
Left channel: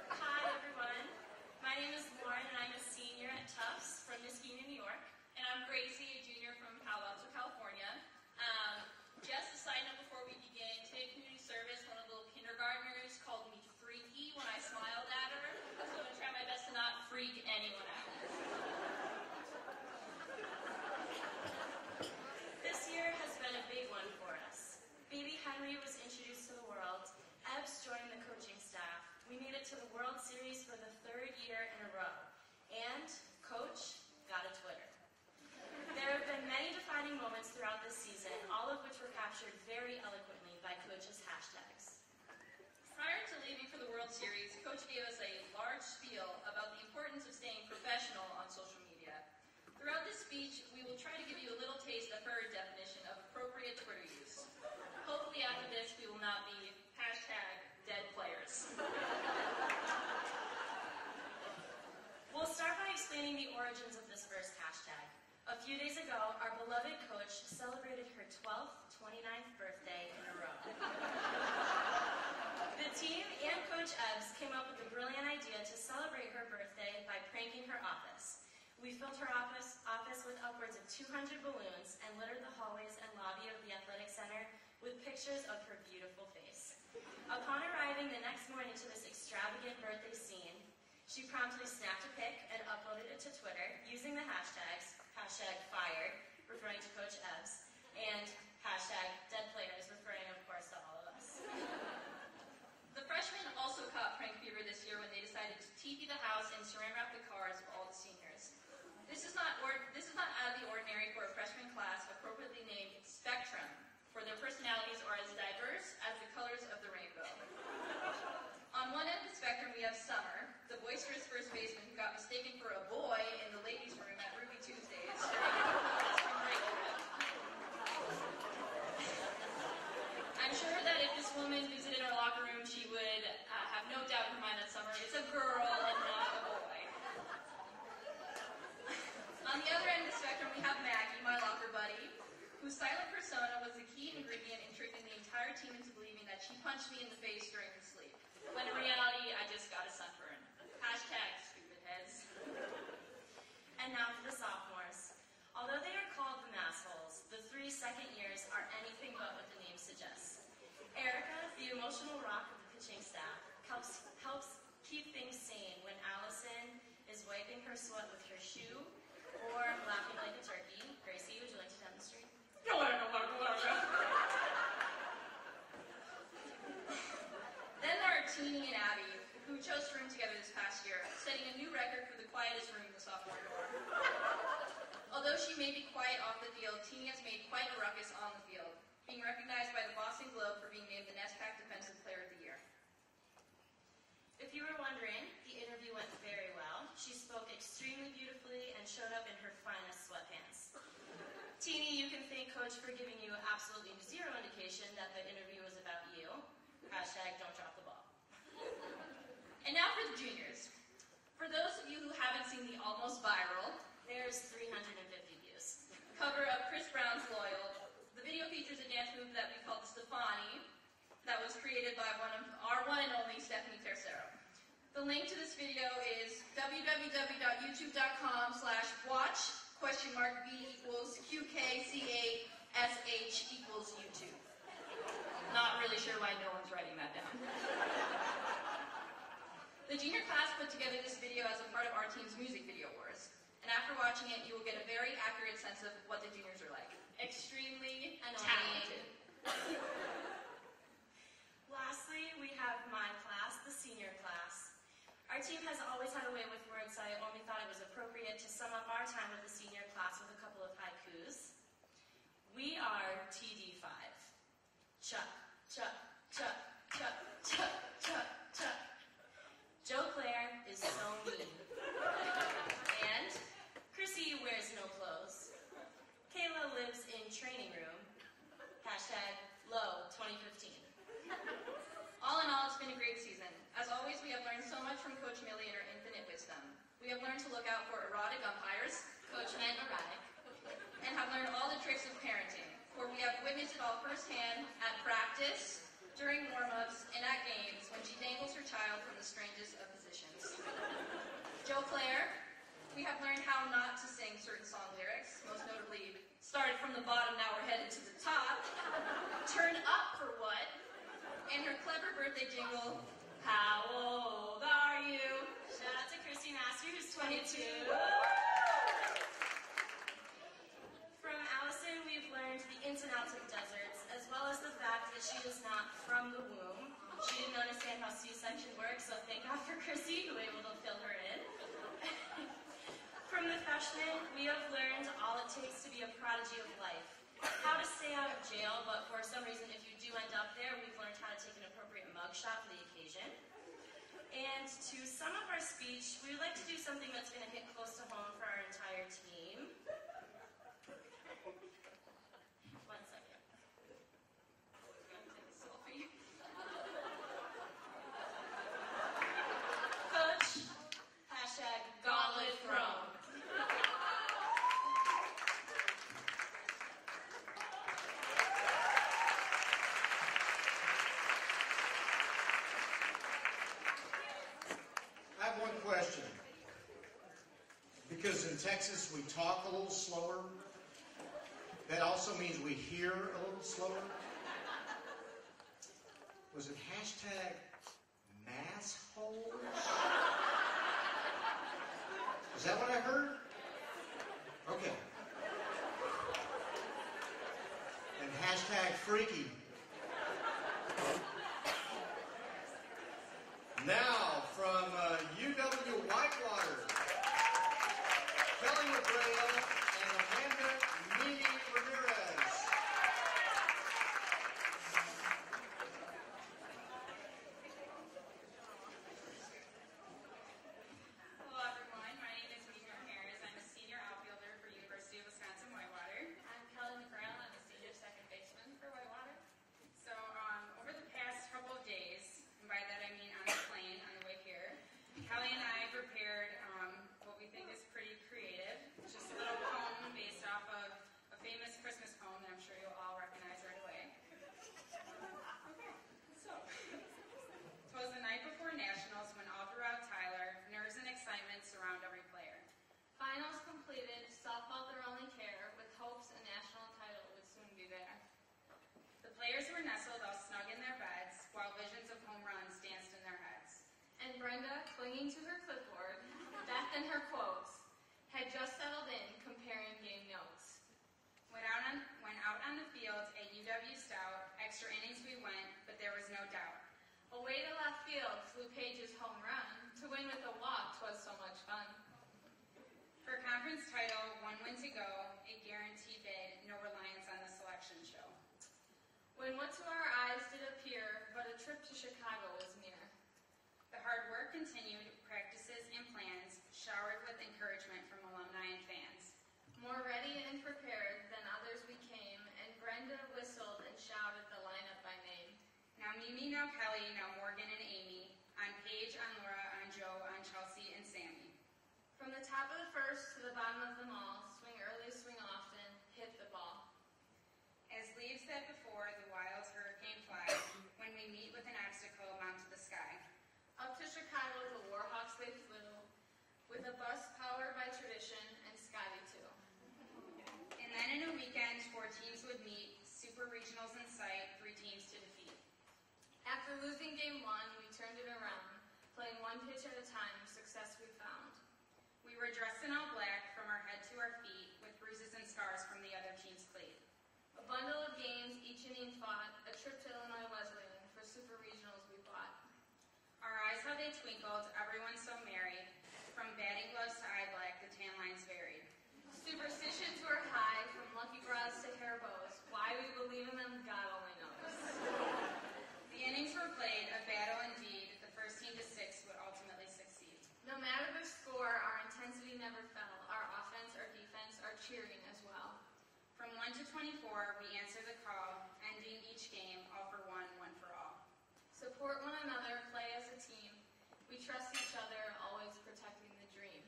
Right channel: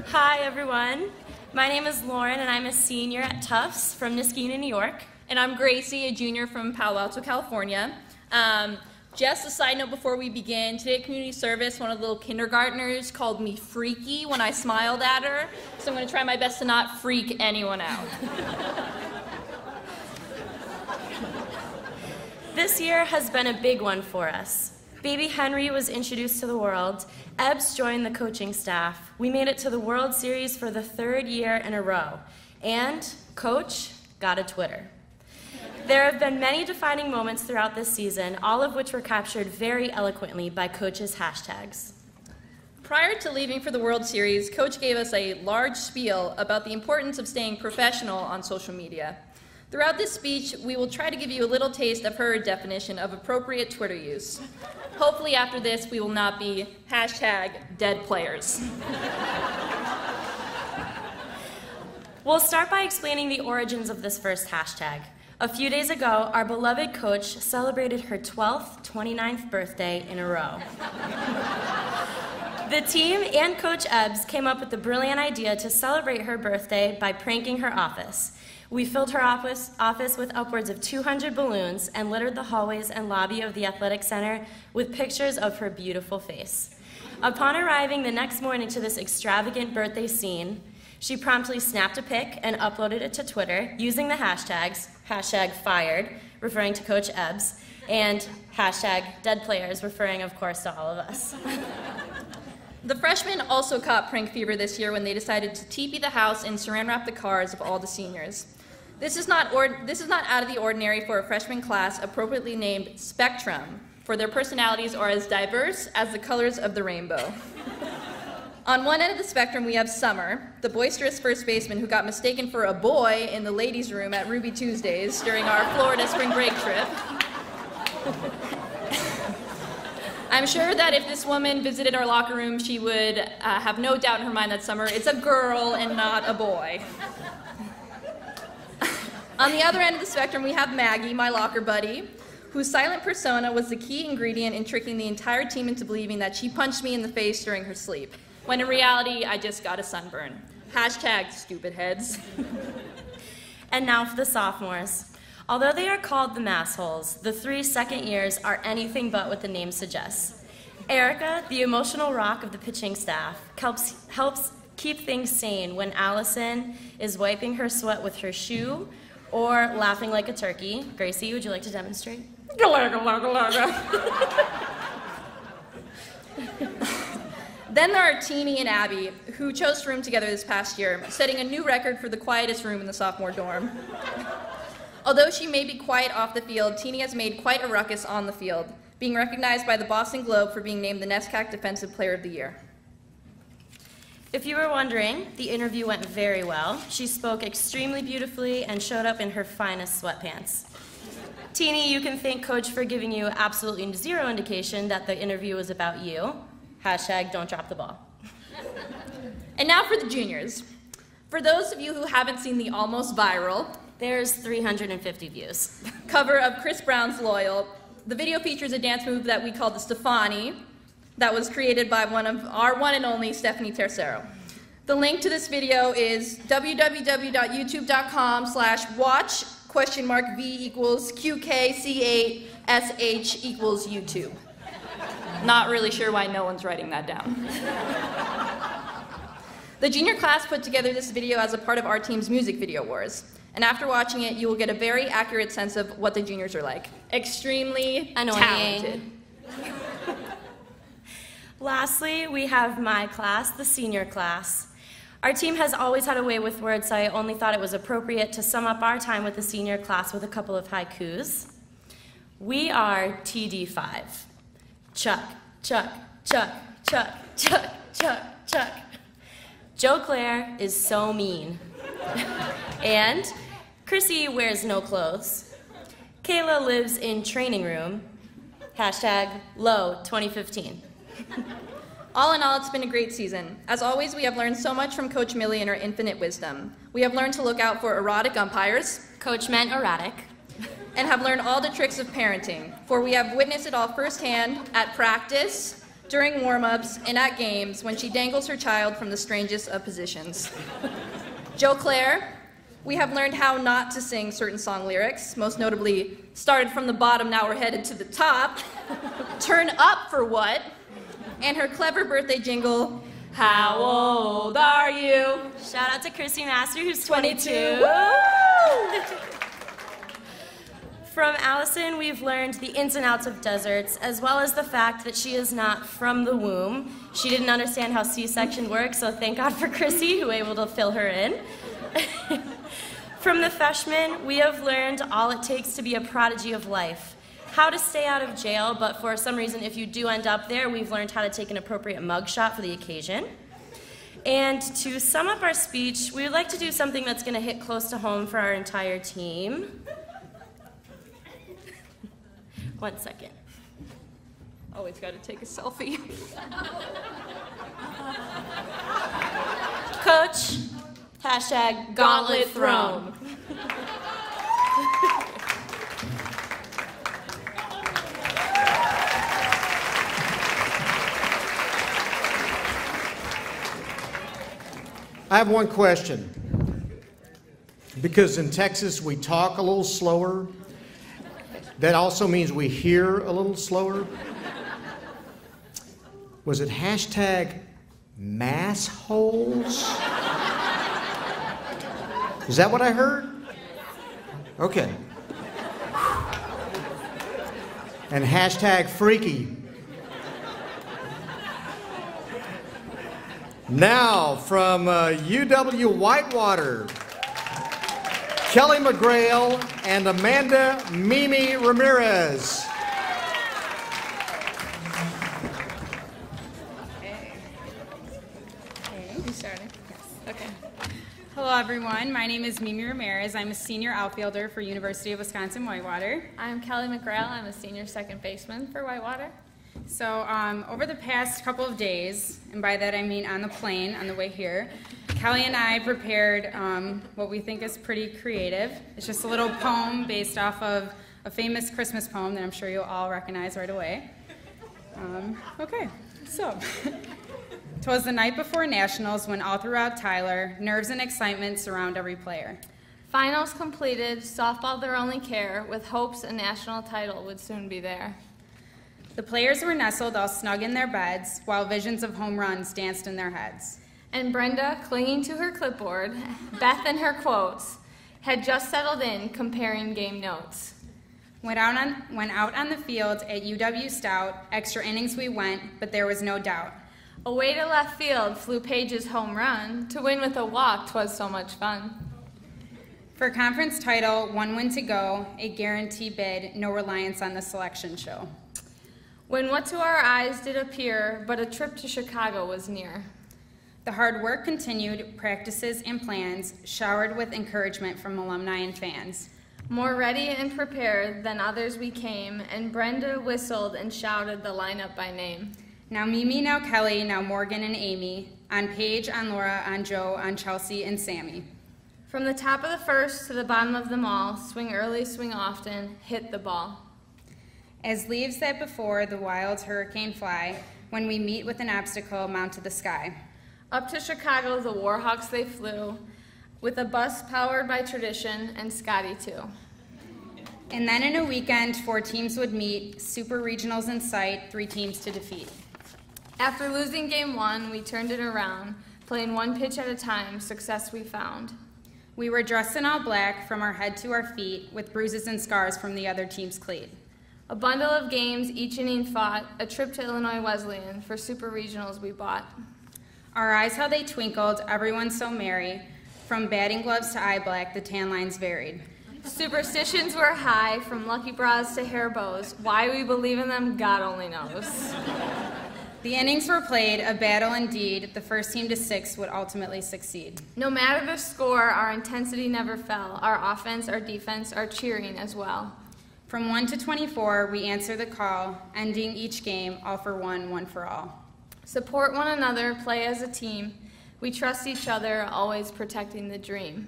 Hi, everyone. My name is Lauren, and I'm a senior at Tufts from Niskayuna, New York. And I'm Gracie, a junior from Palo Alto, California. Just a side note before we begin, today at community service, one of the little kindergartners called me freaky when I smiled at her, so I'm going to try my best to not freak anyone out. This year has been a big one for us. Baby Henry was introduced to the world. Ebbs joined the coaching staff. We made it to the World Series for the 3rd year in a row. And Coach got a Twitter. There have been many defining moments throughout this season, all of which were captured very eloquently by Coach's hashtags. Prior to leaving for the World Series, Coach gave us a large spiel about the importance of staying professional on social media. Throughout this speech, we will try to give you a little taste of her definition of appropriate Twitter use. Hopefully after this, we will not be #deadplayers. We'll start by explaining the origins of this first hashtag. A few days ago, our beloved Coach celebrated her 12th, 29th birthday in a row. The team and Coach Ebbs came up with the brilliant idea to celebrate her birthday by pranking her office. We filled her office with upwards of 200 balloons and littered the hallways and lobby of the athletic center with pictures of her beautiful face. Upon arriving the next morning to this extravagant birthday scene, she promptly snapped a pic and uploaded it to Twitter using the hashtags, #fired, referring to Coach Ebbs, and #deadplayers, referring, of course, to all of us. The freshmen also caught prank fever this year when they decided to teepee the house and saran wrap the cars of all the seniors. This is not out of the ordinary for a freshman class appropriately named Spectrum. for their personalities are as diverse as the colors of the rainbow. On one end of the spectrum, we have Summer, the boisterous first baseman who got mistaken for a boy in the ladies' room at Ruby Tuesdays during our Florida spring break trip. I'm sure that if this woman visited our locker room, she would have no doubt in her mind that Summer is a girl and not a boy. On the other end of the spectrum, we have Maggie, my locker buddy, whose silent persona was the key ingredient in tricking the entire team into believing that she punched me in the face during her sleep, when in reality, I just got a sunburn. Hashtag stupid heads. And now for the sophomores. Although they are called the massholes, the 3 second years are anything but what the name suggests. Erica, the emotional rock of the pitching staff, helps keep things sane when Allison is wiping her sweat with her shoe or laughing like a turkey. Gracie, would you like to demonstrate? Then there are Teenie and Abby, who chose to room together this past year, setting a new record for the quietest room in the sophomore dorm. Although she may be quiet off the field, Teenie has made quite a ruckus on the field, being recognized by the Boston Globe for being named the NESCAC Defensive Player of the Year. If you were wondering, the interview went very well. She spoke extremely beautifully and showed up in her finest sweatpants. Teenie, you can thank Coach for giving you absolutely zero indication that the interview was about you. Hashtag don't drop the ball. And now for the juniors. For those of you who haven't seen the almost viral, there's 350 views, cover of Chris Brown's Loyal, the video features a dance move that we call the Stefani, that was created by our one and only Stephanie Tercero. The link to this video is www.youtube.com/watch?v=QKC8SH=YouTube. Not really sure why no one's writing that down. The junior class put together this video as a part of our team's music video wars. And after watching it, you will get a very accurate sense of what the juniors are like. Extremely talented. Lastly, we have my class, the senior class. Our team has always had a way with words, so I only thought it was appropriate to sum up our time with the senior class with a couple of haikus. We are TD5. Chuck, Chuck, Chuck, Chuck, Chuck, Chuck, Chuck. Joe Claire is so mean. And Chrissy wears no clothes. Kayla lives in training room. Hashtag low 2015. All in all, it's been a great season. As always, we have learned so much from Coach Millie and her infinite wisdom. We have learned to look out for erratic umpires. Coach meant erratic. And have learned all the tricks of parenting, for we have witnessed it all firsthand at practice, during warm-ups, and at games when she dangles her child from the strangest of positions. Joe Claire, we have learned how not to sing certain song lyrics, most notably, started from the bottom, now we're headed to the top, turn up for what, and her clever birthday jingle, how old are you? Shout out to Chrissy Master, who's 22. From Allison, we've learned the ins and outs of deserts, as well as the fact that she is not from the womb. She didn't understand how C-section works, so thank God for Chrissy, who was able to fill her in. From the freshmen, we have learned all it takes to be a prodigy of life. How to stay out of jail, but for some reason, if you do end up there, we've learned how to take an appropriate mugshot for the occasion. And to sum up our speech, we would like to do something that's going to hit close to home for our entire team. 1 second. Always got to take a selfie. Coach, hashtag gauntlet thrown. I have one question. Because in Texas we talk a little slower, that also means we hear a little slower. Was it hashtag massholes? Is that what I heard? Okay. And hashtag freaky. Now from UW Whitewater, Kelly McGrail and Amanda Mimi Ramirez. everyone. My name is Mimi Ramirez. I'm a senior outfielder for University of Wisconsin-Whitewater. I'm Kelly McGrail. I'm a senior second baseman for Whitewater. So over the past couple of days, and by that I mean on the plane on the way here, Kelly and I prepared what we think is pretty creative. It's just a little poem based off of a famous Christmas poem that I'm sure you'll all recognize right away. Okay, so. 'Twas the night before Nationals when all throughout Tyler, nerves and excitement surround every player. Finals completed, softball their only care, with hopes a national title would soon be there. The players were nestled all snug in their beds, while visions of home runs danced in their heads. And Brenda, clinging to her clipboard, Beth and her quotes, had just settled in, comparing game notes. Went out on the field at UW Stout, extra innings we went, but there was no doubt. Away to left field flew Paige's home run. To win with a walk, 'twas so much fun. For conference title, 1 win to go, a guarantee bid, no reliance on the selection show. When what to our eyes did appear, but a trip to Chicago was near. The hard work continued, practices and plans, showered with encouragement from alumni and fans. More ready and prepared than others we came, and Brenda whistled and shouted the lineup by name. Now Mimi, now Kelly, now Morgan and Amy, on Paige, on Laura, on Joe, on Chelsea, and Sammy. From the top of the first to the bottom of them all, swing early, swing often, hit the ball. As leaves that before the wild hurricane fly, when we meet with an obstacle, mount to the sky. Up to Chicago the Warhawks they flew, with a bus powered by tradition, and Scotty too. And then in a weekend, 4 teams would meet, super regionals in sight, 3 teams to defeat. After losing game 1, we turned it around, playing 1 pitch at a time, success we found. We were dressed in all black from our head to our feet, with bruises and scars from the other team's cleat. A bundle of games, each inning fought, a trip to Illinois Wesleyan, for super regionals we bought. Our eyes, how they twinkled, everyone so merry, from batting gloves to eye black, the tan lines varied. Superstitions were high, from lucky bras to hair bows. Why we believe in them, God only knows. The innings were played, a battle indeed. The first team to 6 would ultimately succeed. No matter the score, our intensity never fell. Our offense, our defense, our cheering as well. From 1 to 24, we answer the call, ending each game, all for one, one for all. Support one another, play as a team. We trust each other, always protecting the dream.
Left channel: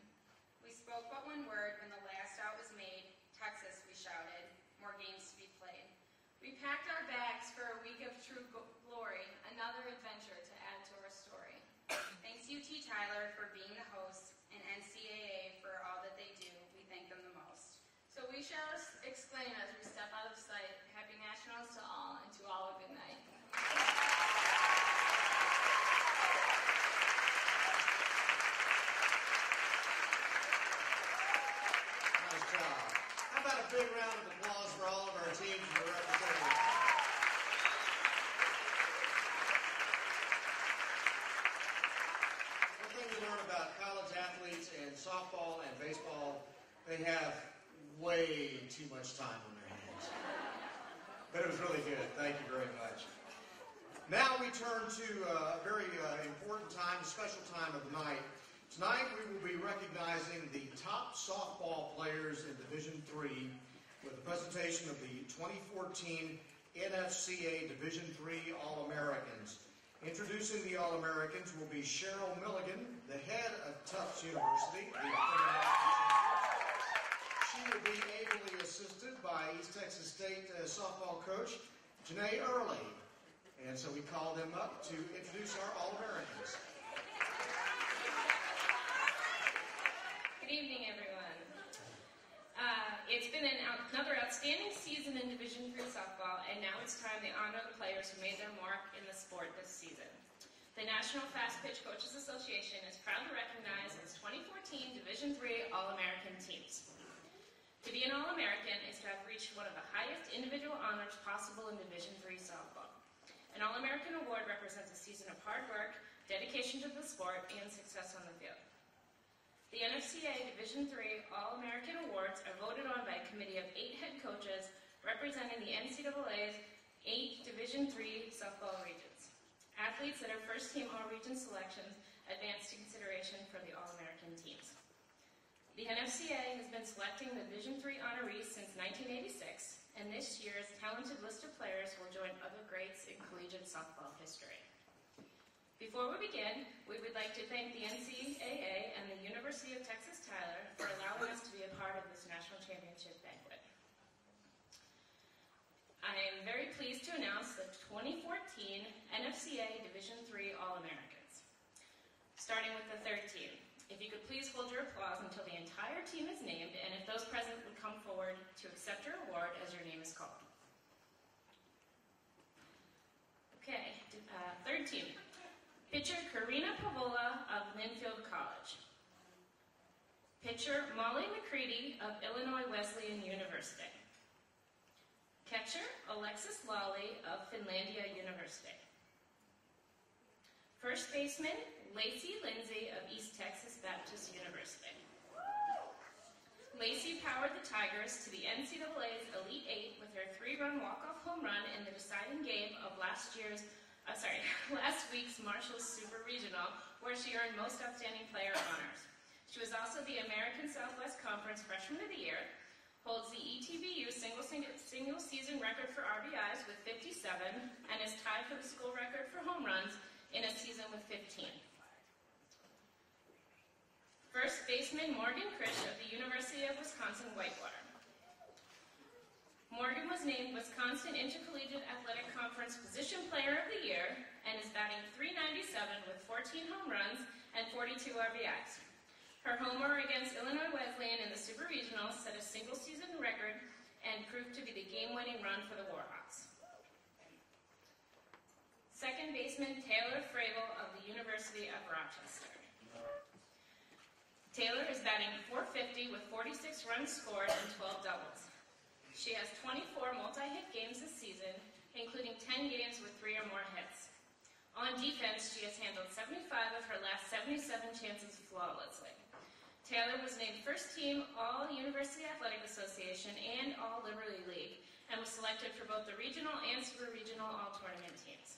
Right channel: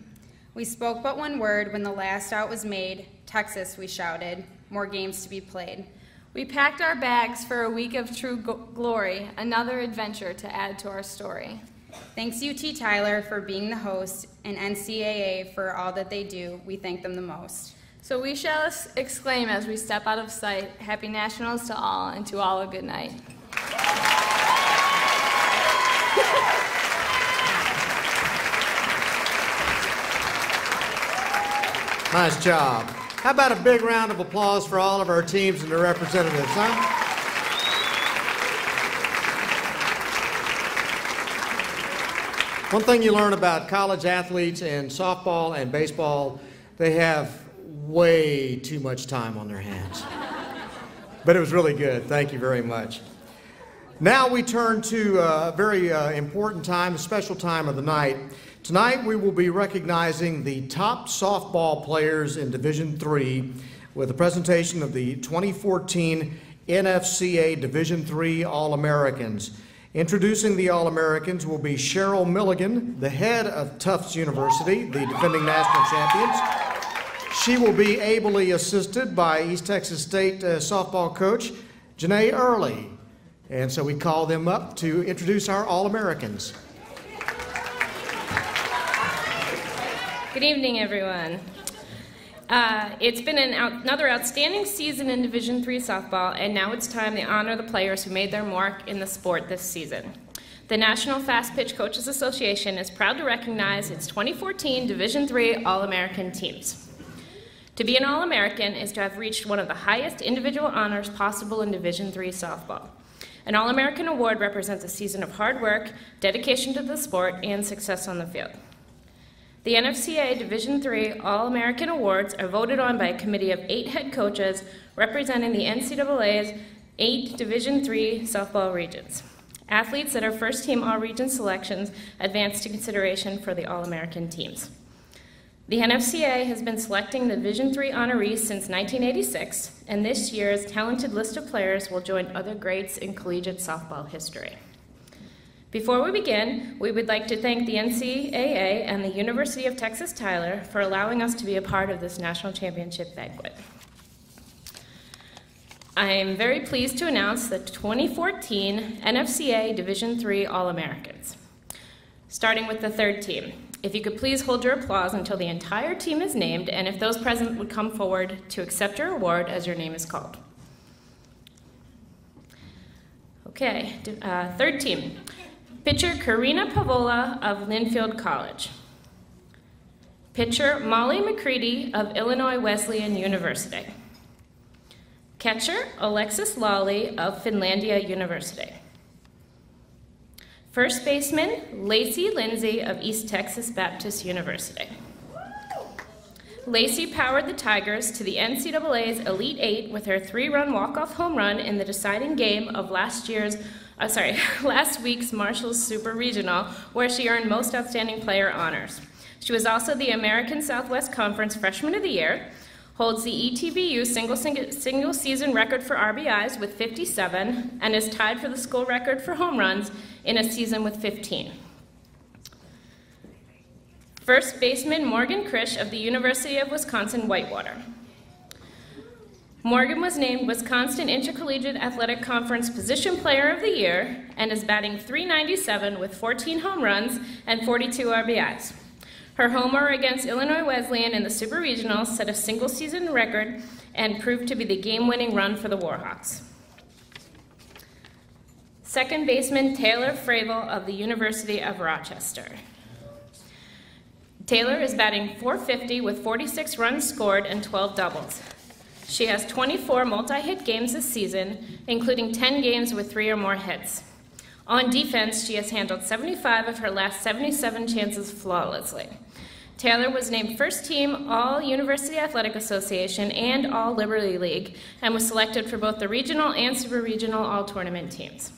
We spoke but one word when the last out was made. Texas, we shouted, more games to be played. We packed our bags for a week of true glory, another adventure to add to our story. Thanks UT Tyler for being the host, and NCAA for all that they do. We thank them the most. So we shall exclaim as we step out of sight, Happy Nationals to all, and to all a good night. Nice job. How about a big round of applause for all of our teams and their representatives, huh? One thing you learn about college athletes in softball and baseball, they have way too much time on their hands. But it was really good. Thank you very much. Now we turn to a very important time, a special time of the night. Tonight we will be recognizing the top softball players in Division III with a presentation of the 2014 NFCA Division III All-Americans. Introducing the All-Americans will be Cheryl Milligan, the head of Tufts University, the defending national champions. She will be ably assisted by East Texas State softball coach Janae Early. And so we call them up to introduce our All-Americans. Good evening, everyone. It's been another outstanding season in Division III softball, and now it's time to honor the players who made their mark in the sport this season. The National Fast Pitch Coaches Association is proud to recognize its 2014 Division III All-American teams. To be an All-American is to have reached one of the highest individual honors possible in Division III softball. An All-American award represents a season of hard work, dedication to the sport, and success on the field. The NFCA Division III All-American Awards are voted on by a committee of 8 head coaches representing the NCAA's 8 Division III softball regions. Athletes that are first-team All-Region selections advance to consideration for the All-American teams. The NFCA has been selecting the Division III honorees since 1986, and this year's talented list of players will join other greats in collegiate softball history. Before we begin, we would like to thank the NCAA and the University of Texas Tyler for allowing us to be a part of this national championship banquet. I am very pleased to announce the 2014 NFCA Division III All-Americans. Starting with the third team. If you could please hold your applause until the entire team is named, and if those present would come forward to accept your award as your name is called. Okay, third team. Pitcher Karina Pavola of Linfield College. Pitcher Molly McCready of Illinois Wesleyan University. Catcher Alexis Lawley of Finlandia University. First baseman Lacey Lindsay of East Texas Baptist University. Lacey powered the Tigers to the NCAA's Elite Eight with her 3-run walk-off home run in the deciding game of last week's Marshall's Super Regional, where she earned Most Outstanding Player honors. She was also the American Southwest Conference Freshman of the Year, holds the ETBU single season record for RBIs with 57, and is tied for the school record for home runs in a season with 15. First baseman Morgan Krish of the University of Wisconsin-Whitewater. Morgan was named Wisconsin Intercollegiate Athletic Conference Position Player of the Year and is batting .397 with 14 home runs and 42 RBIs. Her homer against Illinois Wesleyan in the Super Regionals set a single-season record and proved to be the game-winning run for the Warhawks. Second baseman Taylor Fravel of the University of Rochester. Taylor is batting .450 with 46 runs scored and 12 doubles. She has 24 multi-hit games this season, including 10 games with 3 or more hits. On defense, she has handled 75 of her last 77 chances flawlessly. Taylor was named first team All-University Athletic Association and All-Liberty League and was selected for both the regional and super regional all-tournament teams.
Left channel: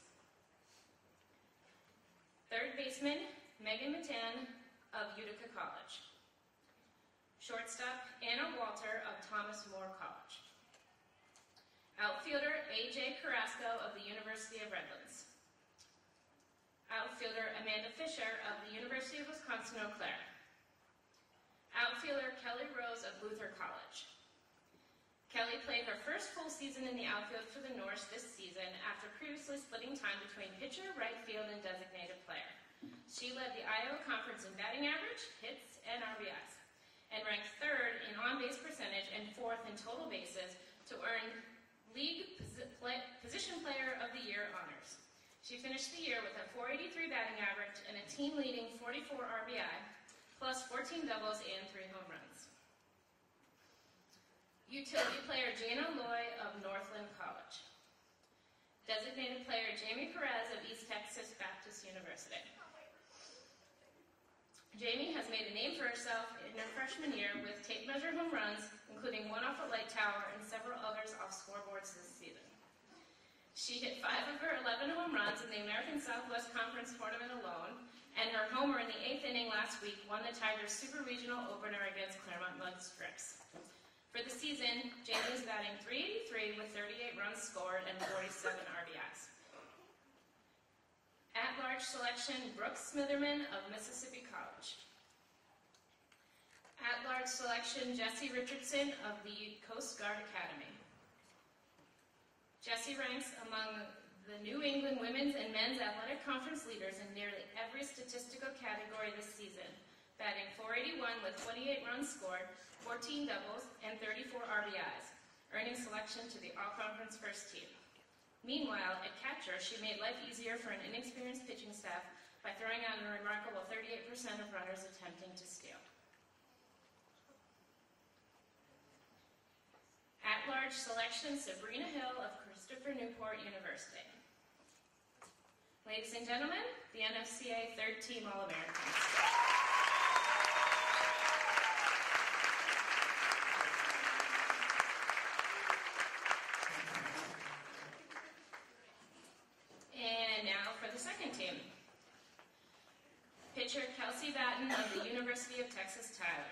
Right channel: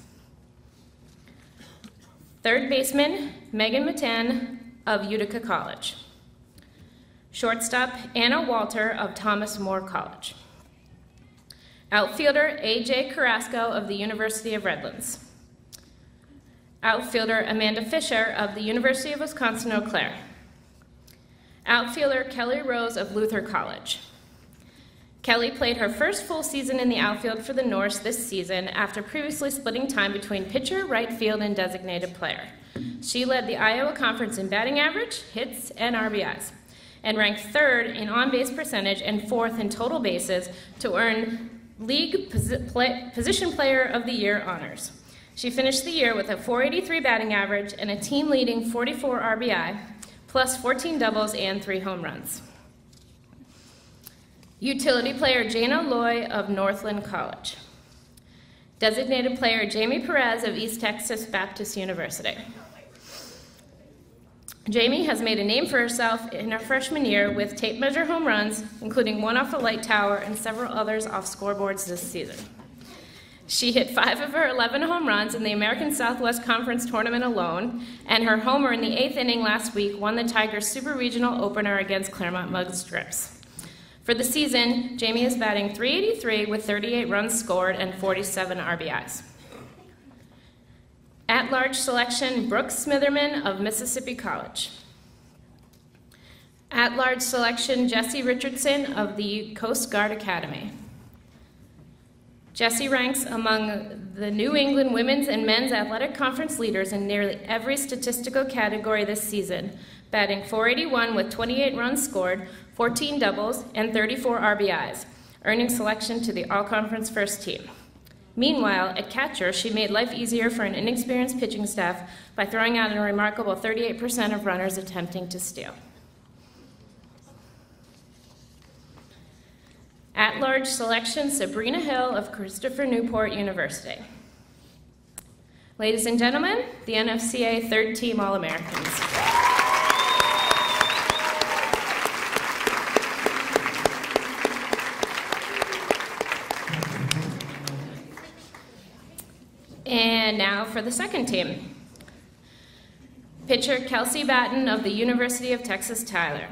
Third baseman, Megan Matan of Utica College. Shortstop, Anna Walter of Thomas More College. Outfielder, A.J. Carrasco of the University of Redlands. Outfielder, Amanda Fisher of the University of Wisconsin-Eau Claire. Outfielder, Kelly Rose of Luther College. Kelly played her first full season in the outfield for the Norse this season after previously splitting time between pitcher, right field, and designated player. She led the Iowa Conference in batting average, hits, and RBIs, and ranked third in on-base percentage and fourth in total bases to earn League Position Player of the Year honors. She finished the year with a .483 batting average and a team-leading 44 RBI, plus 14 doubles and 3 home runs. Utility player Jana Loy of Northland College. Designated player Jamie Perez of East Texas Baptist University. Jamie has made a name for herself in her freshman year with tape measure home runs, including one off a light tower and several others off scoreboards this season. She hit 5 of her 11 home runs in the American Southwest Conference tournament alone, and her homer in the 8th inning last week won the Tigers' Super Regional opener against Claremont Mug Strips. For the season, Jamie is batting .383 with 38 runs scored and 47 RBIs. At-large selection, Brooks Smitherman of Mississippi College. At-large selection, Jesse Richardson of the Coast Guard Academy. Jesse ranks among the New England Women's and Men's Athletic Conference leaders in nearly every statistical category this season, batting .481 with 28 runs scored, 14 doubles, and 34 RBIs, earning selection to the All-Conference First Team. Meanwhile, at catcher, she made life easier for an inexperienced pitching staff by throwing out a remarkable 38% of runners attempting to steal. At-large selection, Sabrina Hill of Christopher Newport University. Ladies and gentlemen, the NFCA Third Team All-Americans. And now for the second team. Pitcher Kelsey Batten of the University of Texas Tyler.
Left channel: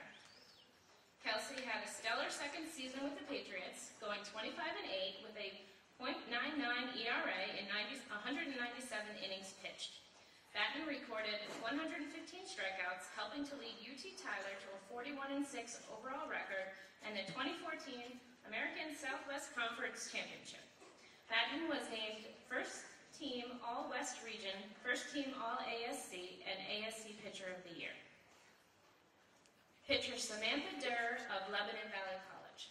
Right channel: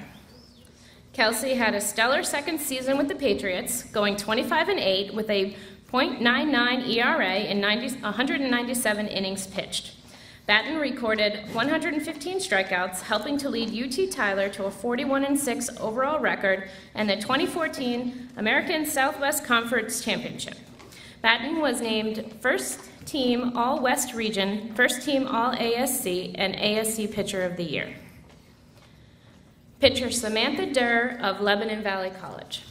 Kelsey had a stellar second season with the Patriots, going 25-8 with a .99 ERA in 197 innings pitched. Batten recorded 115 strikeouts, helping to lead UT Tyler to a 41-6 overall record and the 2014 American Southwest Conference Championship. Batten was named First Team All-West Region, First Team All-ASC, and ASC Pitcher of the Year. Pitcher Samantha Durr of Lebanon Valley College.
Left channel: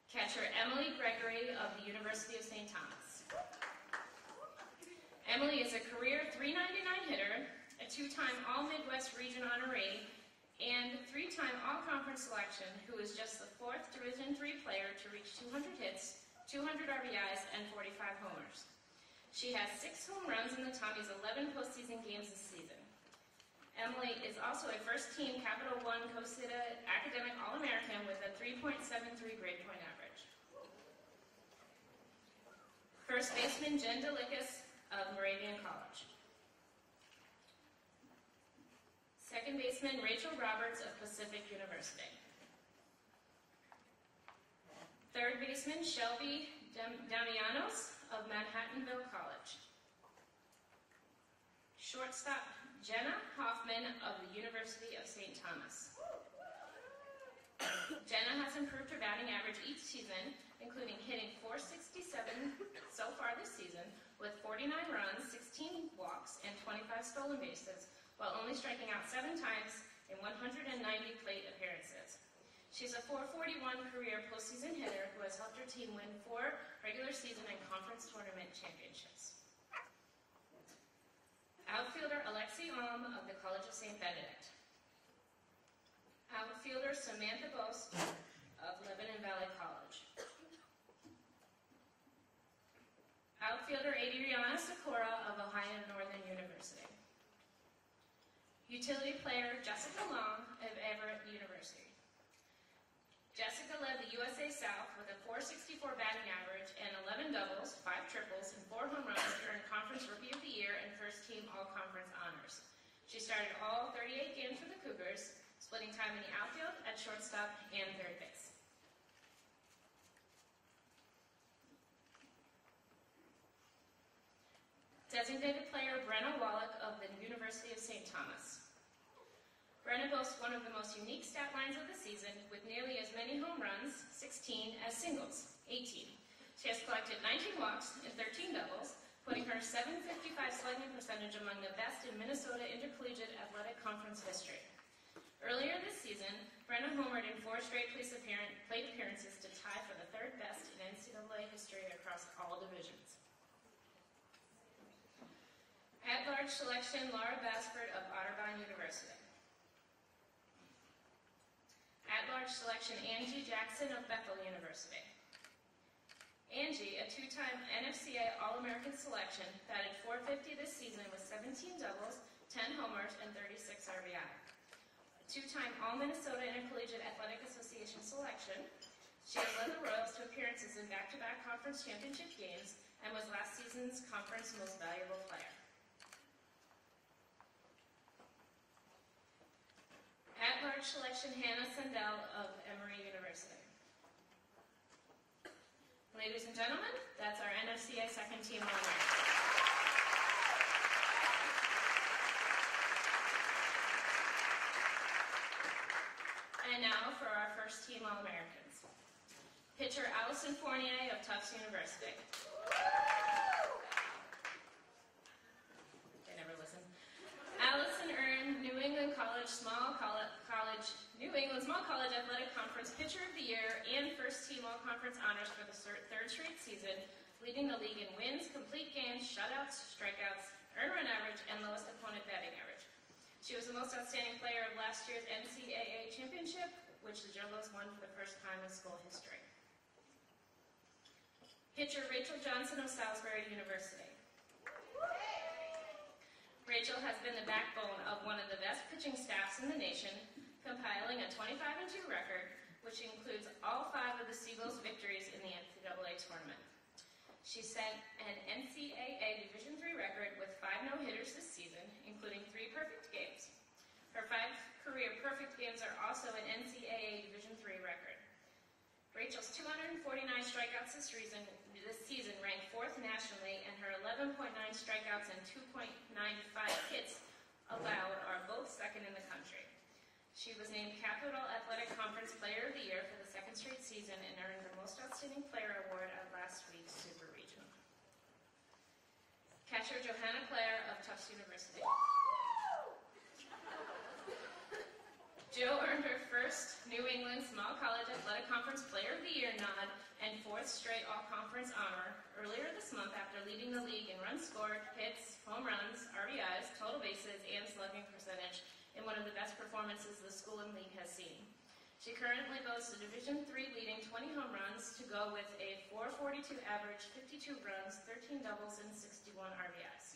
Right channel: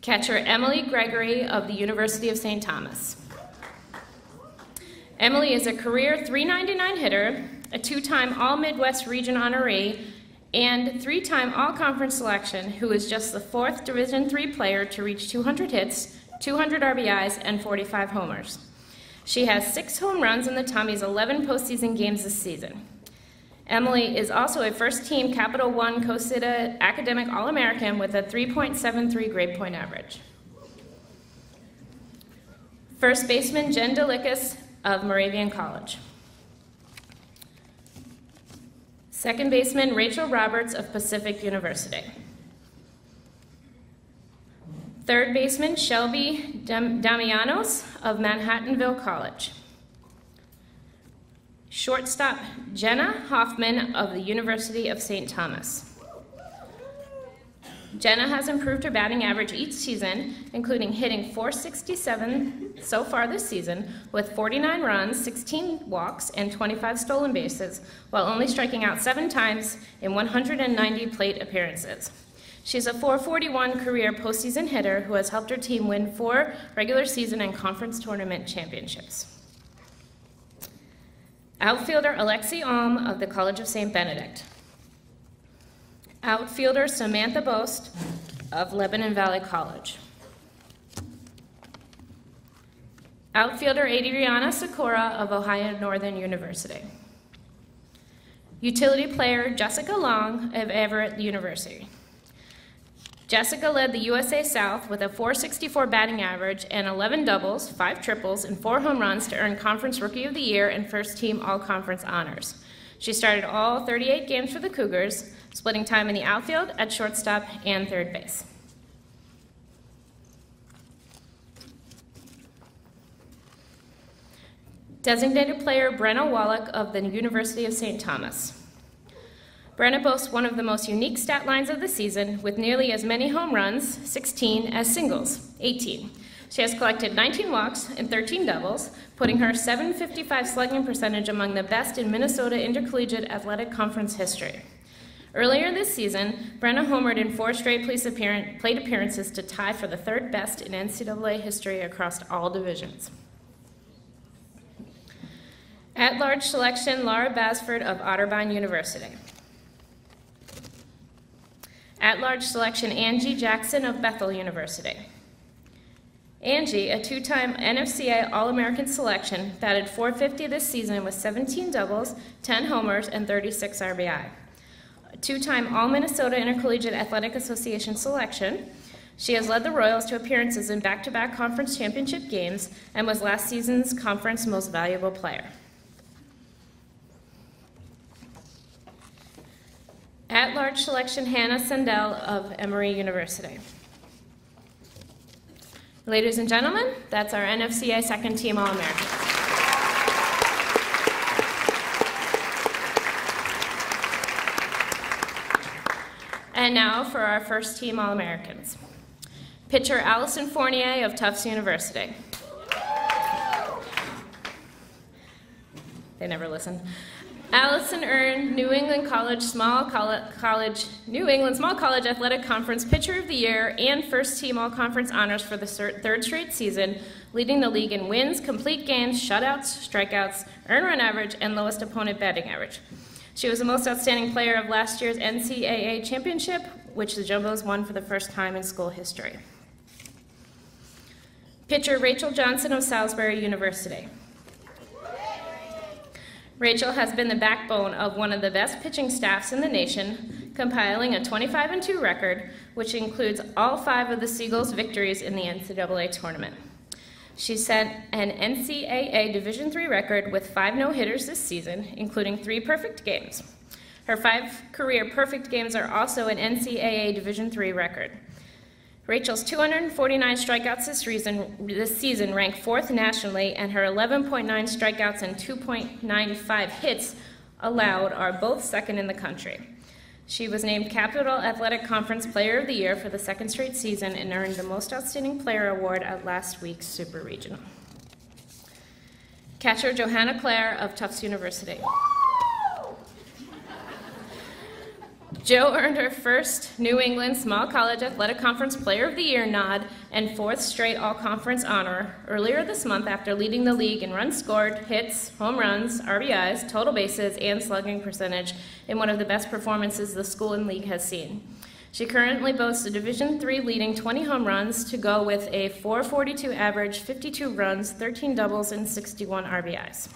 Catcher Emily Gregory of the University of St. Thomas. Emily is a career .399 hitter, a two-time All-Midwest Region honoree, and three-time All-Conference selection, who is just the fourth Division III player to reach 200 hits, 200 RBIs, and 45 homers. She has 6 home runs in the Tommies' 11 postseason games this season. Emily is also a first-team Capital One COSIDA Academic All-American with a 3.73 grade point average. First baseman Jen Delikas of Moravian College. Second baseman Rachel Roberts of Pacific University. Third baseman Shelby Damianos of Manhattanville College. Shortstop Jenna Hoffman of the University of St. Thomas. Jenna has improved her batting average each season, including hitting .467 so far this season with 49 runs, 16 walks, and 25 stolen bases, while only striking out 7 times in 190 plate appearances. She's a .441 career postseason hitter who has helped her team win 4 regular season and conference tournament championships. Outfielder Alexi Alm of the College of St. Benedict. Outfielder Samantha Bost of Lebanon Valley College. Outfielder Adriana Sakura of Ohio Northern University. Utility player Jessica Long of Everett University. Jessica led the USA South with a .464 batting average and 11 doubles, 5 triples, and 4 home runs to earn Conference Rookie of the Year and First Team All-Conference honors. She started all 38 games for the Cougars, splitting time in the outfield, at shortstop, and third base. Designated player Brenna Wallach of the University of St. Thomas. Brenna boasts one of the most unique stat lines of the season, with nearly as many home runs, 16, as singles, 18. She has collected 19 walks and 13 doubles, putting her .755 slugging percentage among the best in Minnesota Intercollegiate Athletic Conference history. Earlier this season, Brenna homered in 4 straight plate appearances to tie for the 3rd best in NCAA history across all divisions. At-large selection, Laura Basford of Otterbein University. At-large selection, Angie Jackson of Bethel University. Angie, a 2-time NFCA All-American selection, batted .450 this season with 17 doubles, 10 homers, and 36 RBI. A 2-time All-Minnesota Intercollegiate Athletic Association selection, she has led the Royals to appearances in back-to-back conference championship games and was last season's conference most valuable player. At-large selection, Hannah Sandell of Emory University. Ladies and gentlemen, that's our NFCA second team All-American. And now for our first team All-Americans. Pitcher Allison Fournier of Tufts University. They never listen. Allison earned New England Small College Athletic Conference Pitcher of the Year and First Team All-Conference honors for the 3rd straight season, leading the league in wins, complete games, shutouts, strikeouts, earned run average, and lowest opponent batting average. She was the most outstanding player of last year's NCAA championship, which the Jumbos won for the first time in school history. Pitcher Rachel Johnson of Salisbury University. Rachel has been the backbone of one of the best pitching staffs in the nation, compiling a 25-2 record, which includes all 5 of the Seagulls' victories in the NCAA tournament. She set an NCAA Division III record with 5 no-hitters this season, including 3 perfect games. Her 5 career perfect games are also an NCAA Division III record. Rachel's 249 strikeouts this season rank 4th nationally, and her 11.9 strikeouts and 2.95 hits allowed are both 2nd in the country. She was named Capital Athletic Conference Player of the Year for the 2nd straight season and earned the Most Outstanding Player Award at last week's Super Regional. Catcher Johanna Clare of Tufts University. Jo earned her first New England Small College Athletic Conference Player of the Year nod and 4th straight All-Conference honor earlier this month after leading the league in runs scored, hits, home runs, RBIs, total bases, and slugging percentage in one of the best performances the school and league has seen. She currently boasts a Division III leading 20 home runs to go with a .442 average, 52 runs, 13 doubles, and 61 RBIs.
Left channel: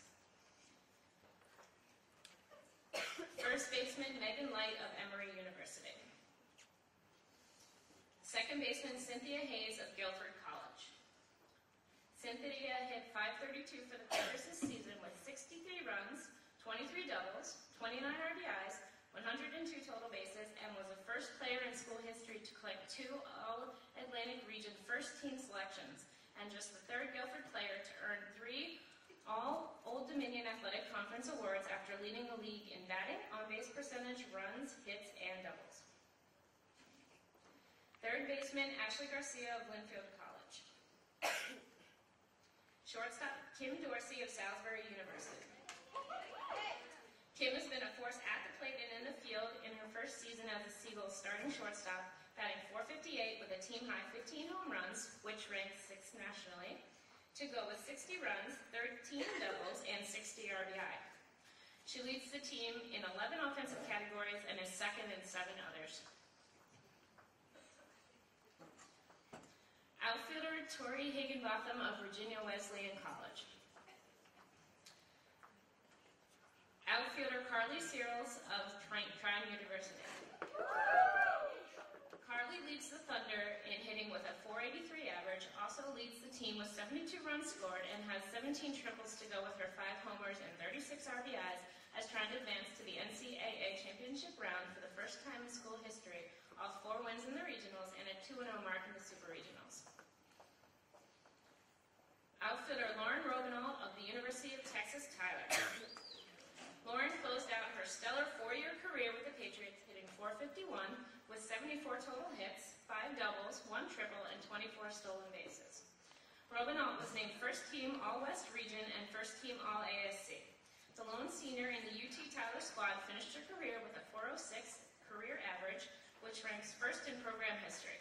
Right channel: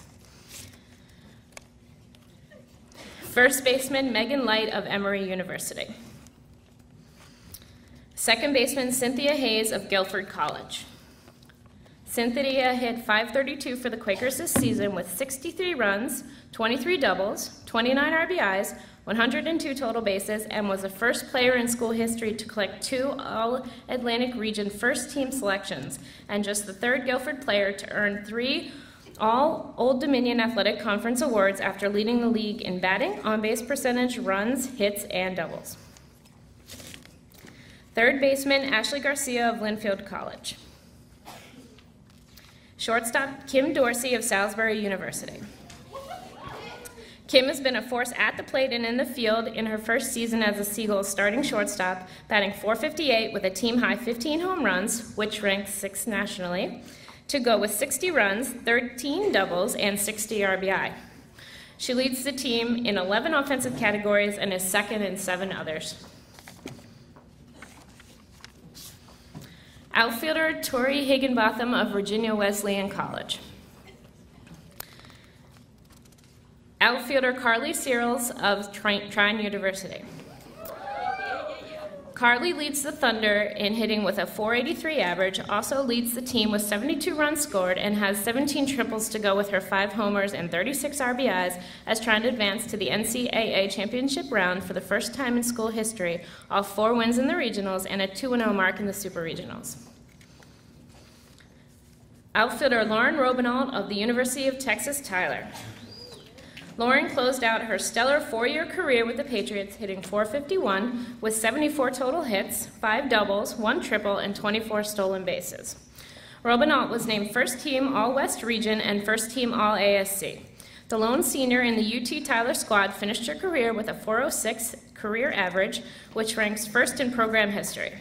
First baseman Megan Light of Emory University. Second baseman Cynthia Hayes of Guilford College. Cynthia hit .532 for the Quakers this season with 63 runs, 23 doubles, 29 RBIs, 102 total bases, and was the first player in school history to collect 2 All-Atlantic Region first-team selections, and just the 3rd Guilford player to earn 3 all Old Dominion Athletic Conference awards after leading the league in batting, on-base percentage, runs, hits, and doubles. Third baseman Ashley Garcia of Linfield College. Shortstop Kim Dorsey of Salisbury University. Kim has been a force at the plate and in the field in her first season as a Seagulls starting shortstop, batting .458 with a team-high 15 home runs, which ranks 6th nationally, to go with 60 runs, 13 doubles, and 60 RBI. She leads the team in 11 offensive categories and is 2nd in 7 others. Outfielder Tori Higginbotham of Virginia Wesleyan College. Outfielder Carly Searles of Trine University. Carly leads the Thunder in hitting with a .483 average, also leads the team with 72 runs scored, and has 17 triples to go with her 5 homers and 36 RBIs as trying to advance to the NCAA championship round for the first time in school history, all 4 wins in the regionals and a 2-0 mark in the super regionals. Outfielder Lauren Robinault of the University of Texas Tyler. Lauren closed out her stellar 4-year career with the Patriots, hitting .451 with 74 total hits, 5 doubles, 1 triple, and 24 stolen bases. Robinault was named First Team All-West Region and First Team All-ASC. The lone senior in the UT Tyler squad finished her career with a .406 career average, which ranks 1st in program history.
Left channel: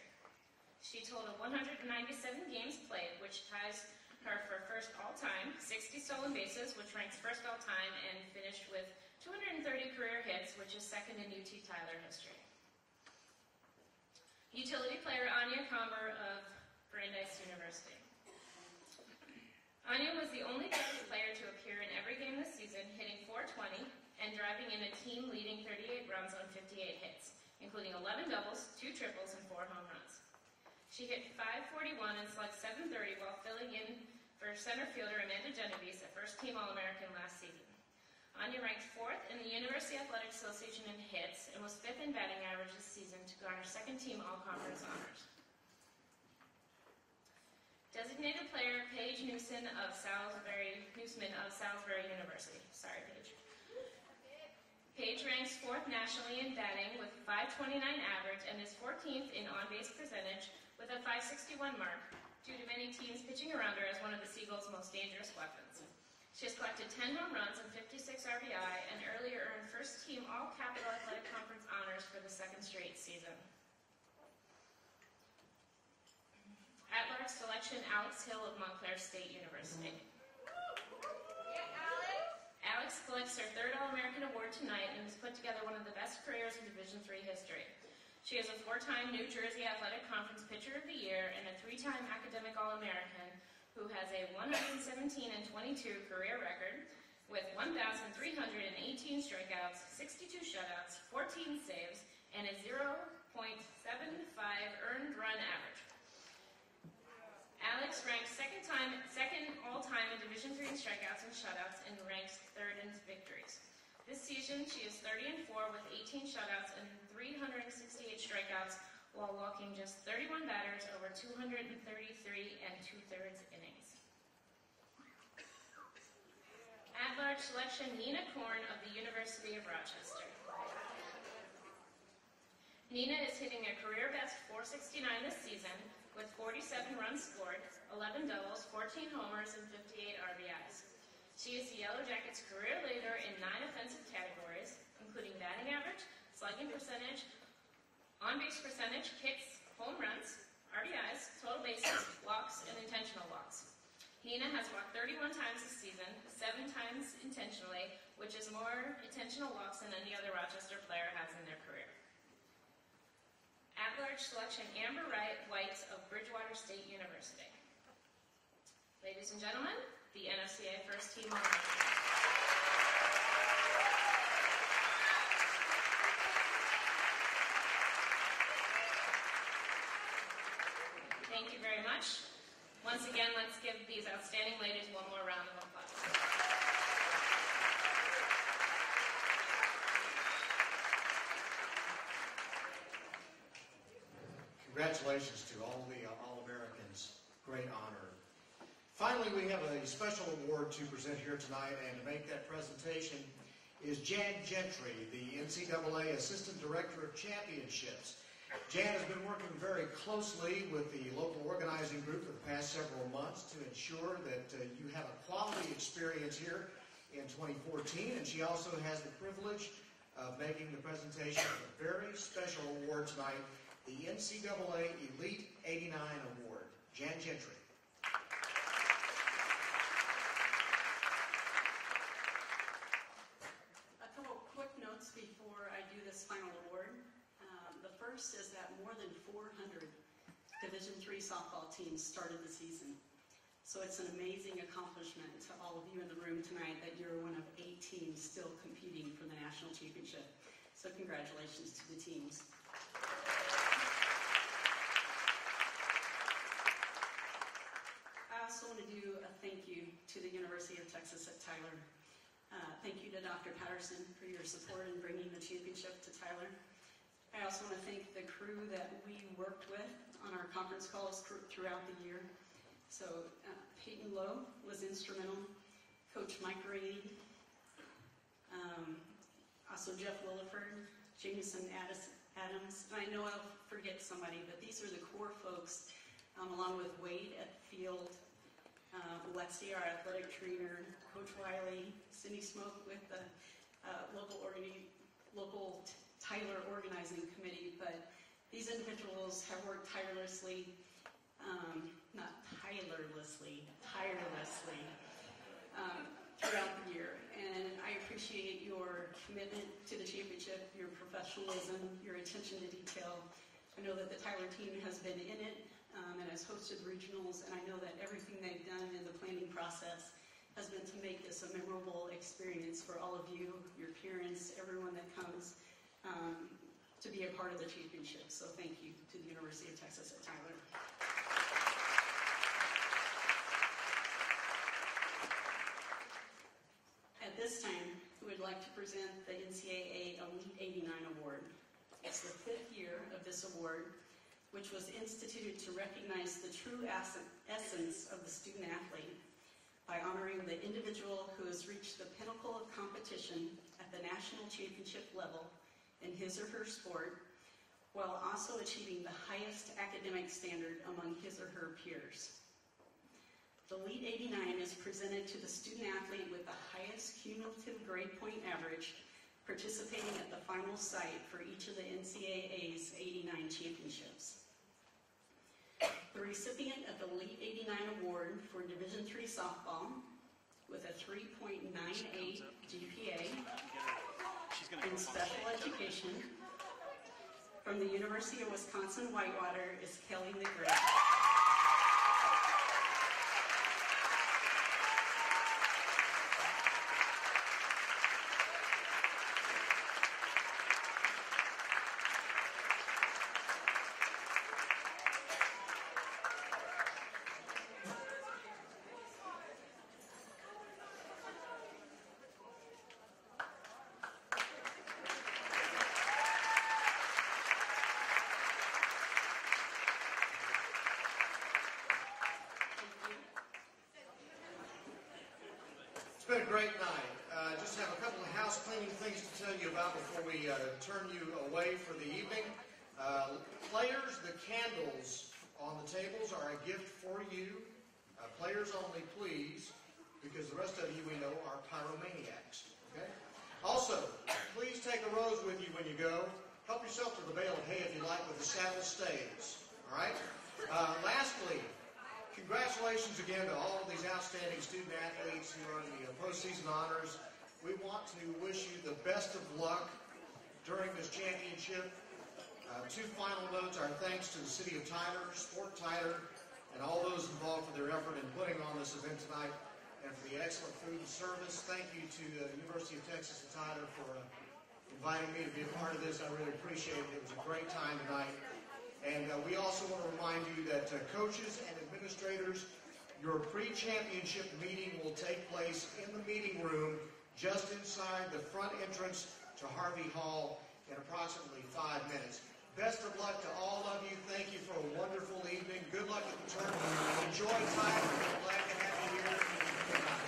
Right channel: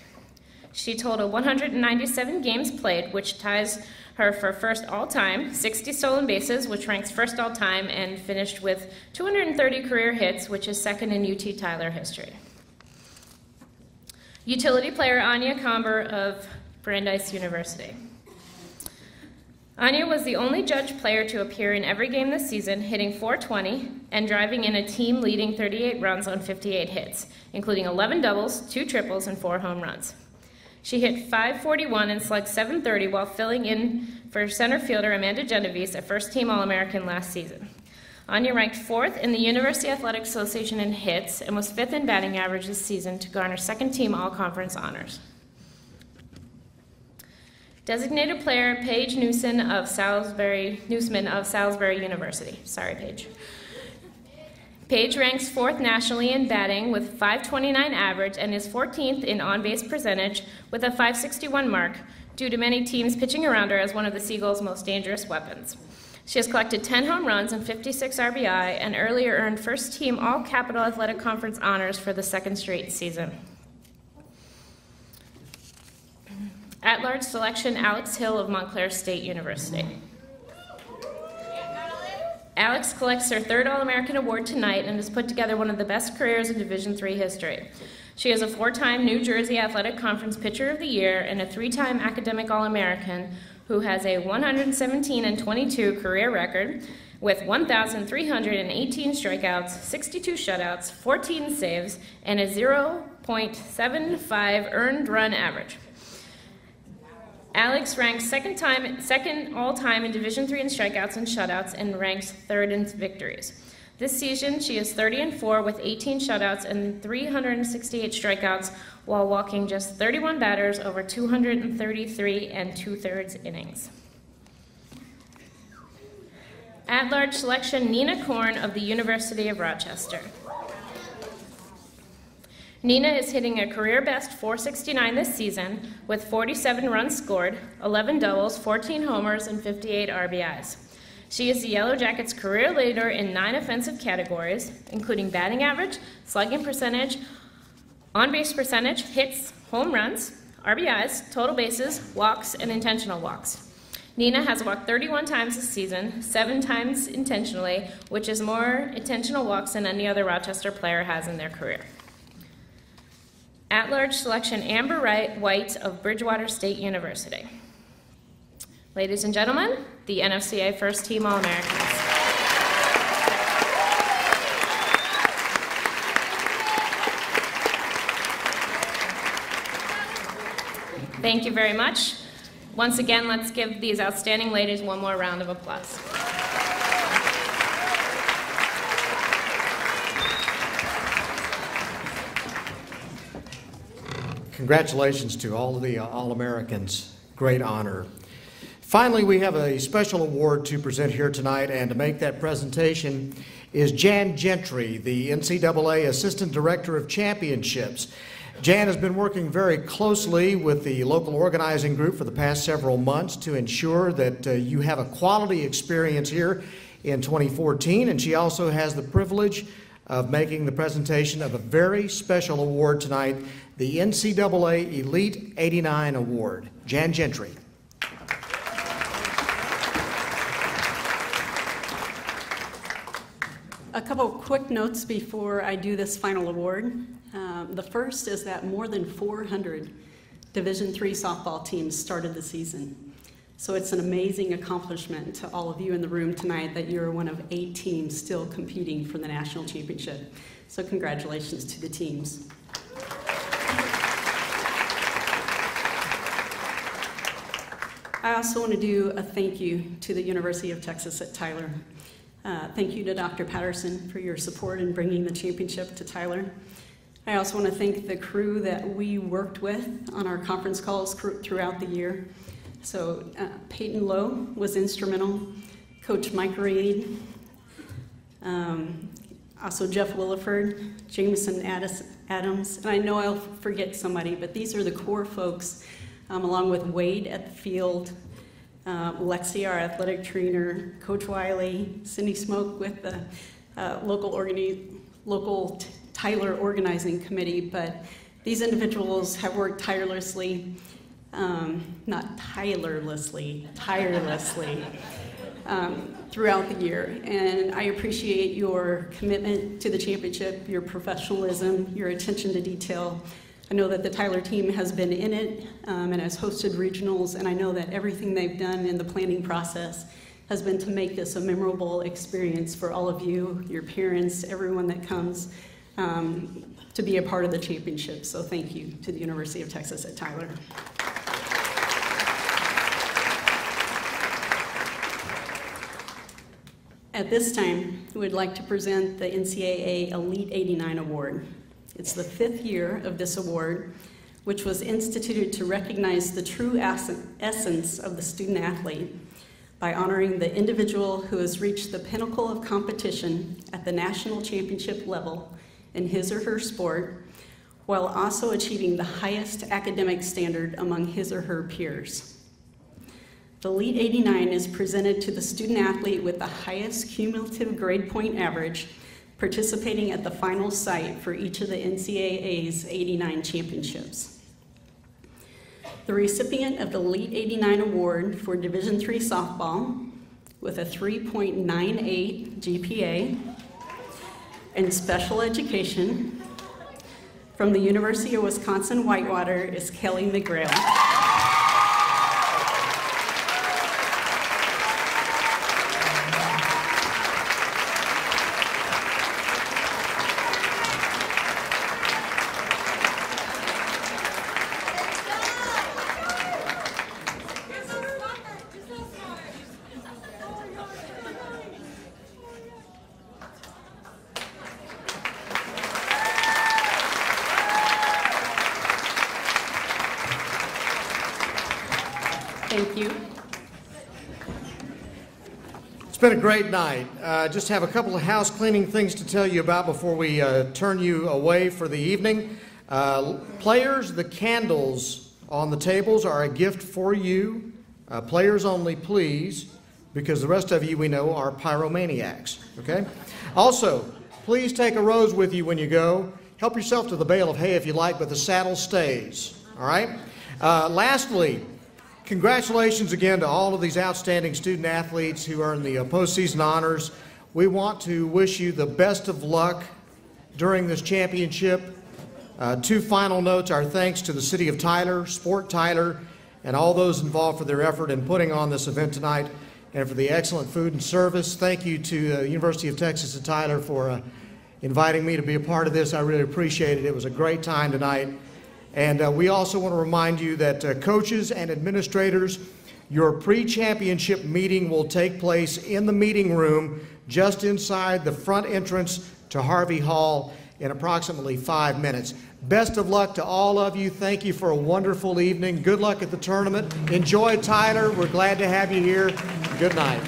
She totaled 197 games played, which ties her for 1st all-time, 60 stolen bases, which ranks 1st all-time, and finished with 230 career hits, which is 2nd in UT Tyler history. Utility player Anya Comber of Brandeis University. Anya was the only judge player to appear in every game this season, hitting .420 and driving in a team-leading 38 runs on 58 hits, including 11 doubles, 2 triples, and 4 home runs. She hit .541 and slugged .730 while filling in for center fielder Amanda Genovese, a first-team All-American last season. Anya ranked 4th in the University Athletic Association in hits and was 5th in batting average this season to garner second-team All-Conference honors. Designated player Paige Newsman of Salisbury University. Sorry, Paige. Paige ranks 4th nationally in batting with .529 average and is 14th in on-base percentage with a .561 mark due to many teams pitching around her as one of the Seagulls' most dangerous weapons. She has collected 10 home runs and 56 RBI and earlier earned first-team All-Capital Athletic Conference honors for the 2nd straight season. At-large selection Alex Hill of Montclair State University. Alex collects her 3rd All-American award tonight and has put together one of the best careers in Division III history. She is a 4-time New Jersey Athletic Conference Pitcher of the Year and a 3-time Academic All-American who has a 117-22 career record with 1,318 strikeouts, 62 shutouts, 14 saves, and a 0.75 earned run average. Alex ranks second all-time in Division III in strikeouts and shutouts and ranks third in victories. This season, she is 30-4 with 18 shutouts and 368 strikeouts while walking just 31 batters over 233 and 2/3 innings. At-large selection, Nina Korn of the University of Rochester. Nina is hitting a career-best .469 this season with 47 runs scored, 11 doubles, 14 homers, and 58 RBIs. She is the Yellow Jackets' career leader in 9 offensive categories, including batting average, slugging percentage, on-base percentage, hits, home runs, RBIs, total bases, walks, and intentional walks. Nina has walked 31 times this season, 7 times intentionally, which is more intentional walks than any other Rochester player has in their career. At-large selection, Amber White of Bridgewater State University. Ladies and gentlemen, the NFCA First Team All-Americans. Thank you very much. Once again, let's give these outstanding ladies one more round of applause. Congratulations to all of the All-Americans. Great honor. Finally, we have a special award to present here tonight, and to make that presentation is Jan Gentry, the NCAA Assistant Director of Championships. Jan has been working very closely with the local organizing group for the past several months to ensure that you have a quality experience here in 2014, and she also has the privilege of making the presentation of a very special award tonight, the NCAA Elite 89 Award. Jan Gentry. A couple of quick notes before I do this final award. The first is that more than 400 Division III softball teams started the season. So it's an amazing accomplishment to all of you in the room tonight that you're one of 8 teams still competing for the national championship. So congratulations to the teams. I also want to do a thank you to the University of Texas at Tyler. Thank you to Dr. Patterson for your support in bringing the championship to Tyler. I also want to thank the crew that we worked with on our conference calls throughout the year. So Peyton Lowe was instrumental, Coach Mike Reed, also Jeff Williford, Jameson Adams, and I know I'll forget somebody, but these are the core folks, along with Wade at the field, Lexi, our athletic trainer, Coach Wiley, Cindy Smoke with the local Tyler organizing committee, but these individuals have worked tirelessly, throughout the year. And I appreciate your commitment to the championship, your professionalism, your attention to detail. I know that the Tyler team has been in it and has hosted regionals, and I know that everything they've done in the planning process has been to make this a memorable experience for all of you, your parents, everyone that comes to be a part of the championship. So thank you to the University of Texas at Tyler. At this time, we'd like to present the NCAA Elite 89 Award. It's the 5th year of this award, which was instituted to recognize the true essence of the student athlete by honoring the individual who has reached the pinnacle of competition at the national championship level in his or her sport, while also achieving the highest academic standard among his or her peers. The Elite 89 is presented to the student athlete with the highest cumulative grade point average, participating at the final site for each of the NCAA's 89 championships. The recipient of the Elite 89 Award for Division III softball with a 3.98 GPA in special education from the University of Wisconsin-Whitewater is Kelly McGrail. you. It's been a great night. Just have a couple of house cleaning things to tell you about before we turn you away for the evening. Players, the candles on the tables are a gift for you. Players only, please, because the rest of you we know are pyromaniacs, okay? Also, please take a rose with you when you go. Help yourself to the bale of hay if you like, but the saddle stays, all right? Lastly, congratulations again to all of these outstanding student athletes who earned the postseason honors. We want to wish you the best of luck during this championship. Two final notes, our thanks to the City of Tyler, Sport Tyler, and all those involved for their effort in putting on this event tonight and for the excellent food and service. Thank you to the University of Texas at Tyler for inviting me to be a part of this. I really appreciate it. It was a great time tonight. And we also want to remind you that coaches and administrators, your pre-championship meeting will take place in the meeting room just inside the front entrance to Harvey Hall in approximately 5 minutes. Best of luck to all of you. Thank you for a wonderful evening. Good luck at the tournament. Enjoy Tyler. We're glad to have you here. Good night.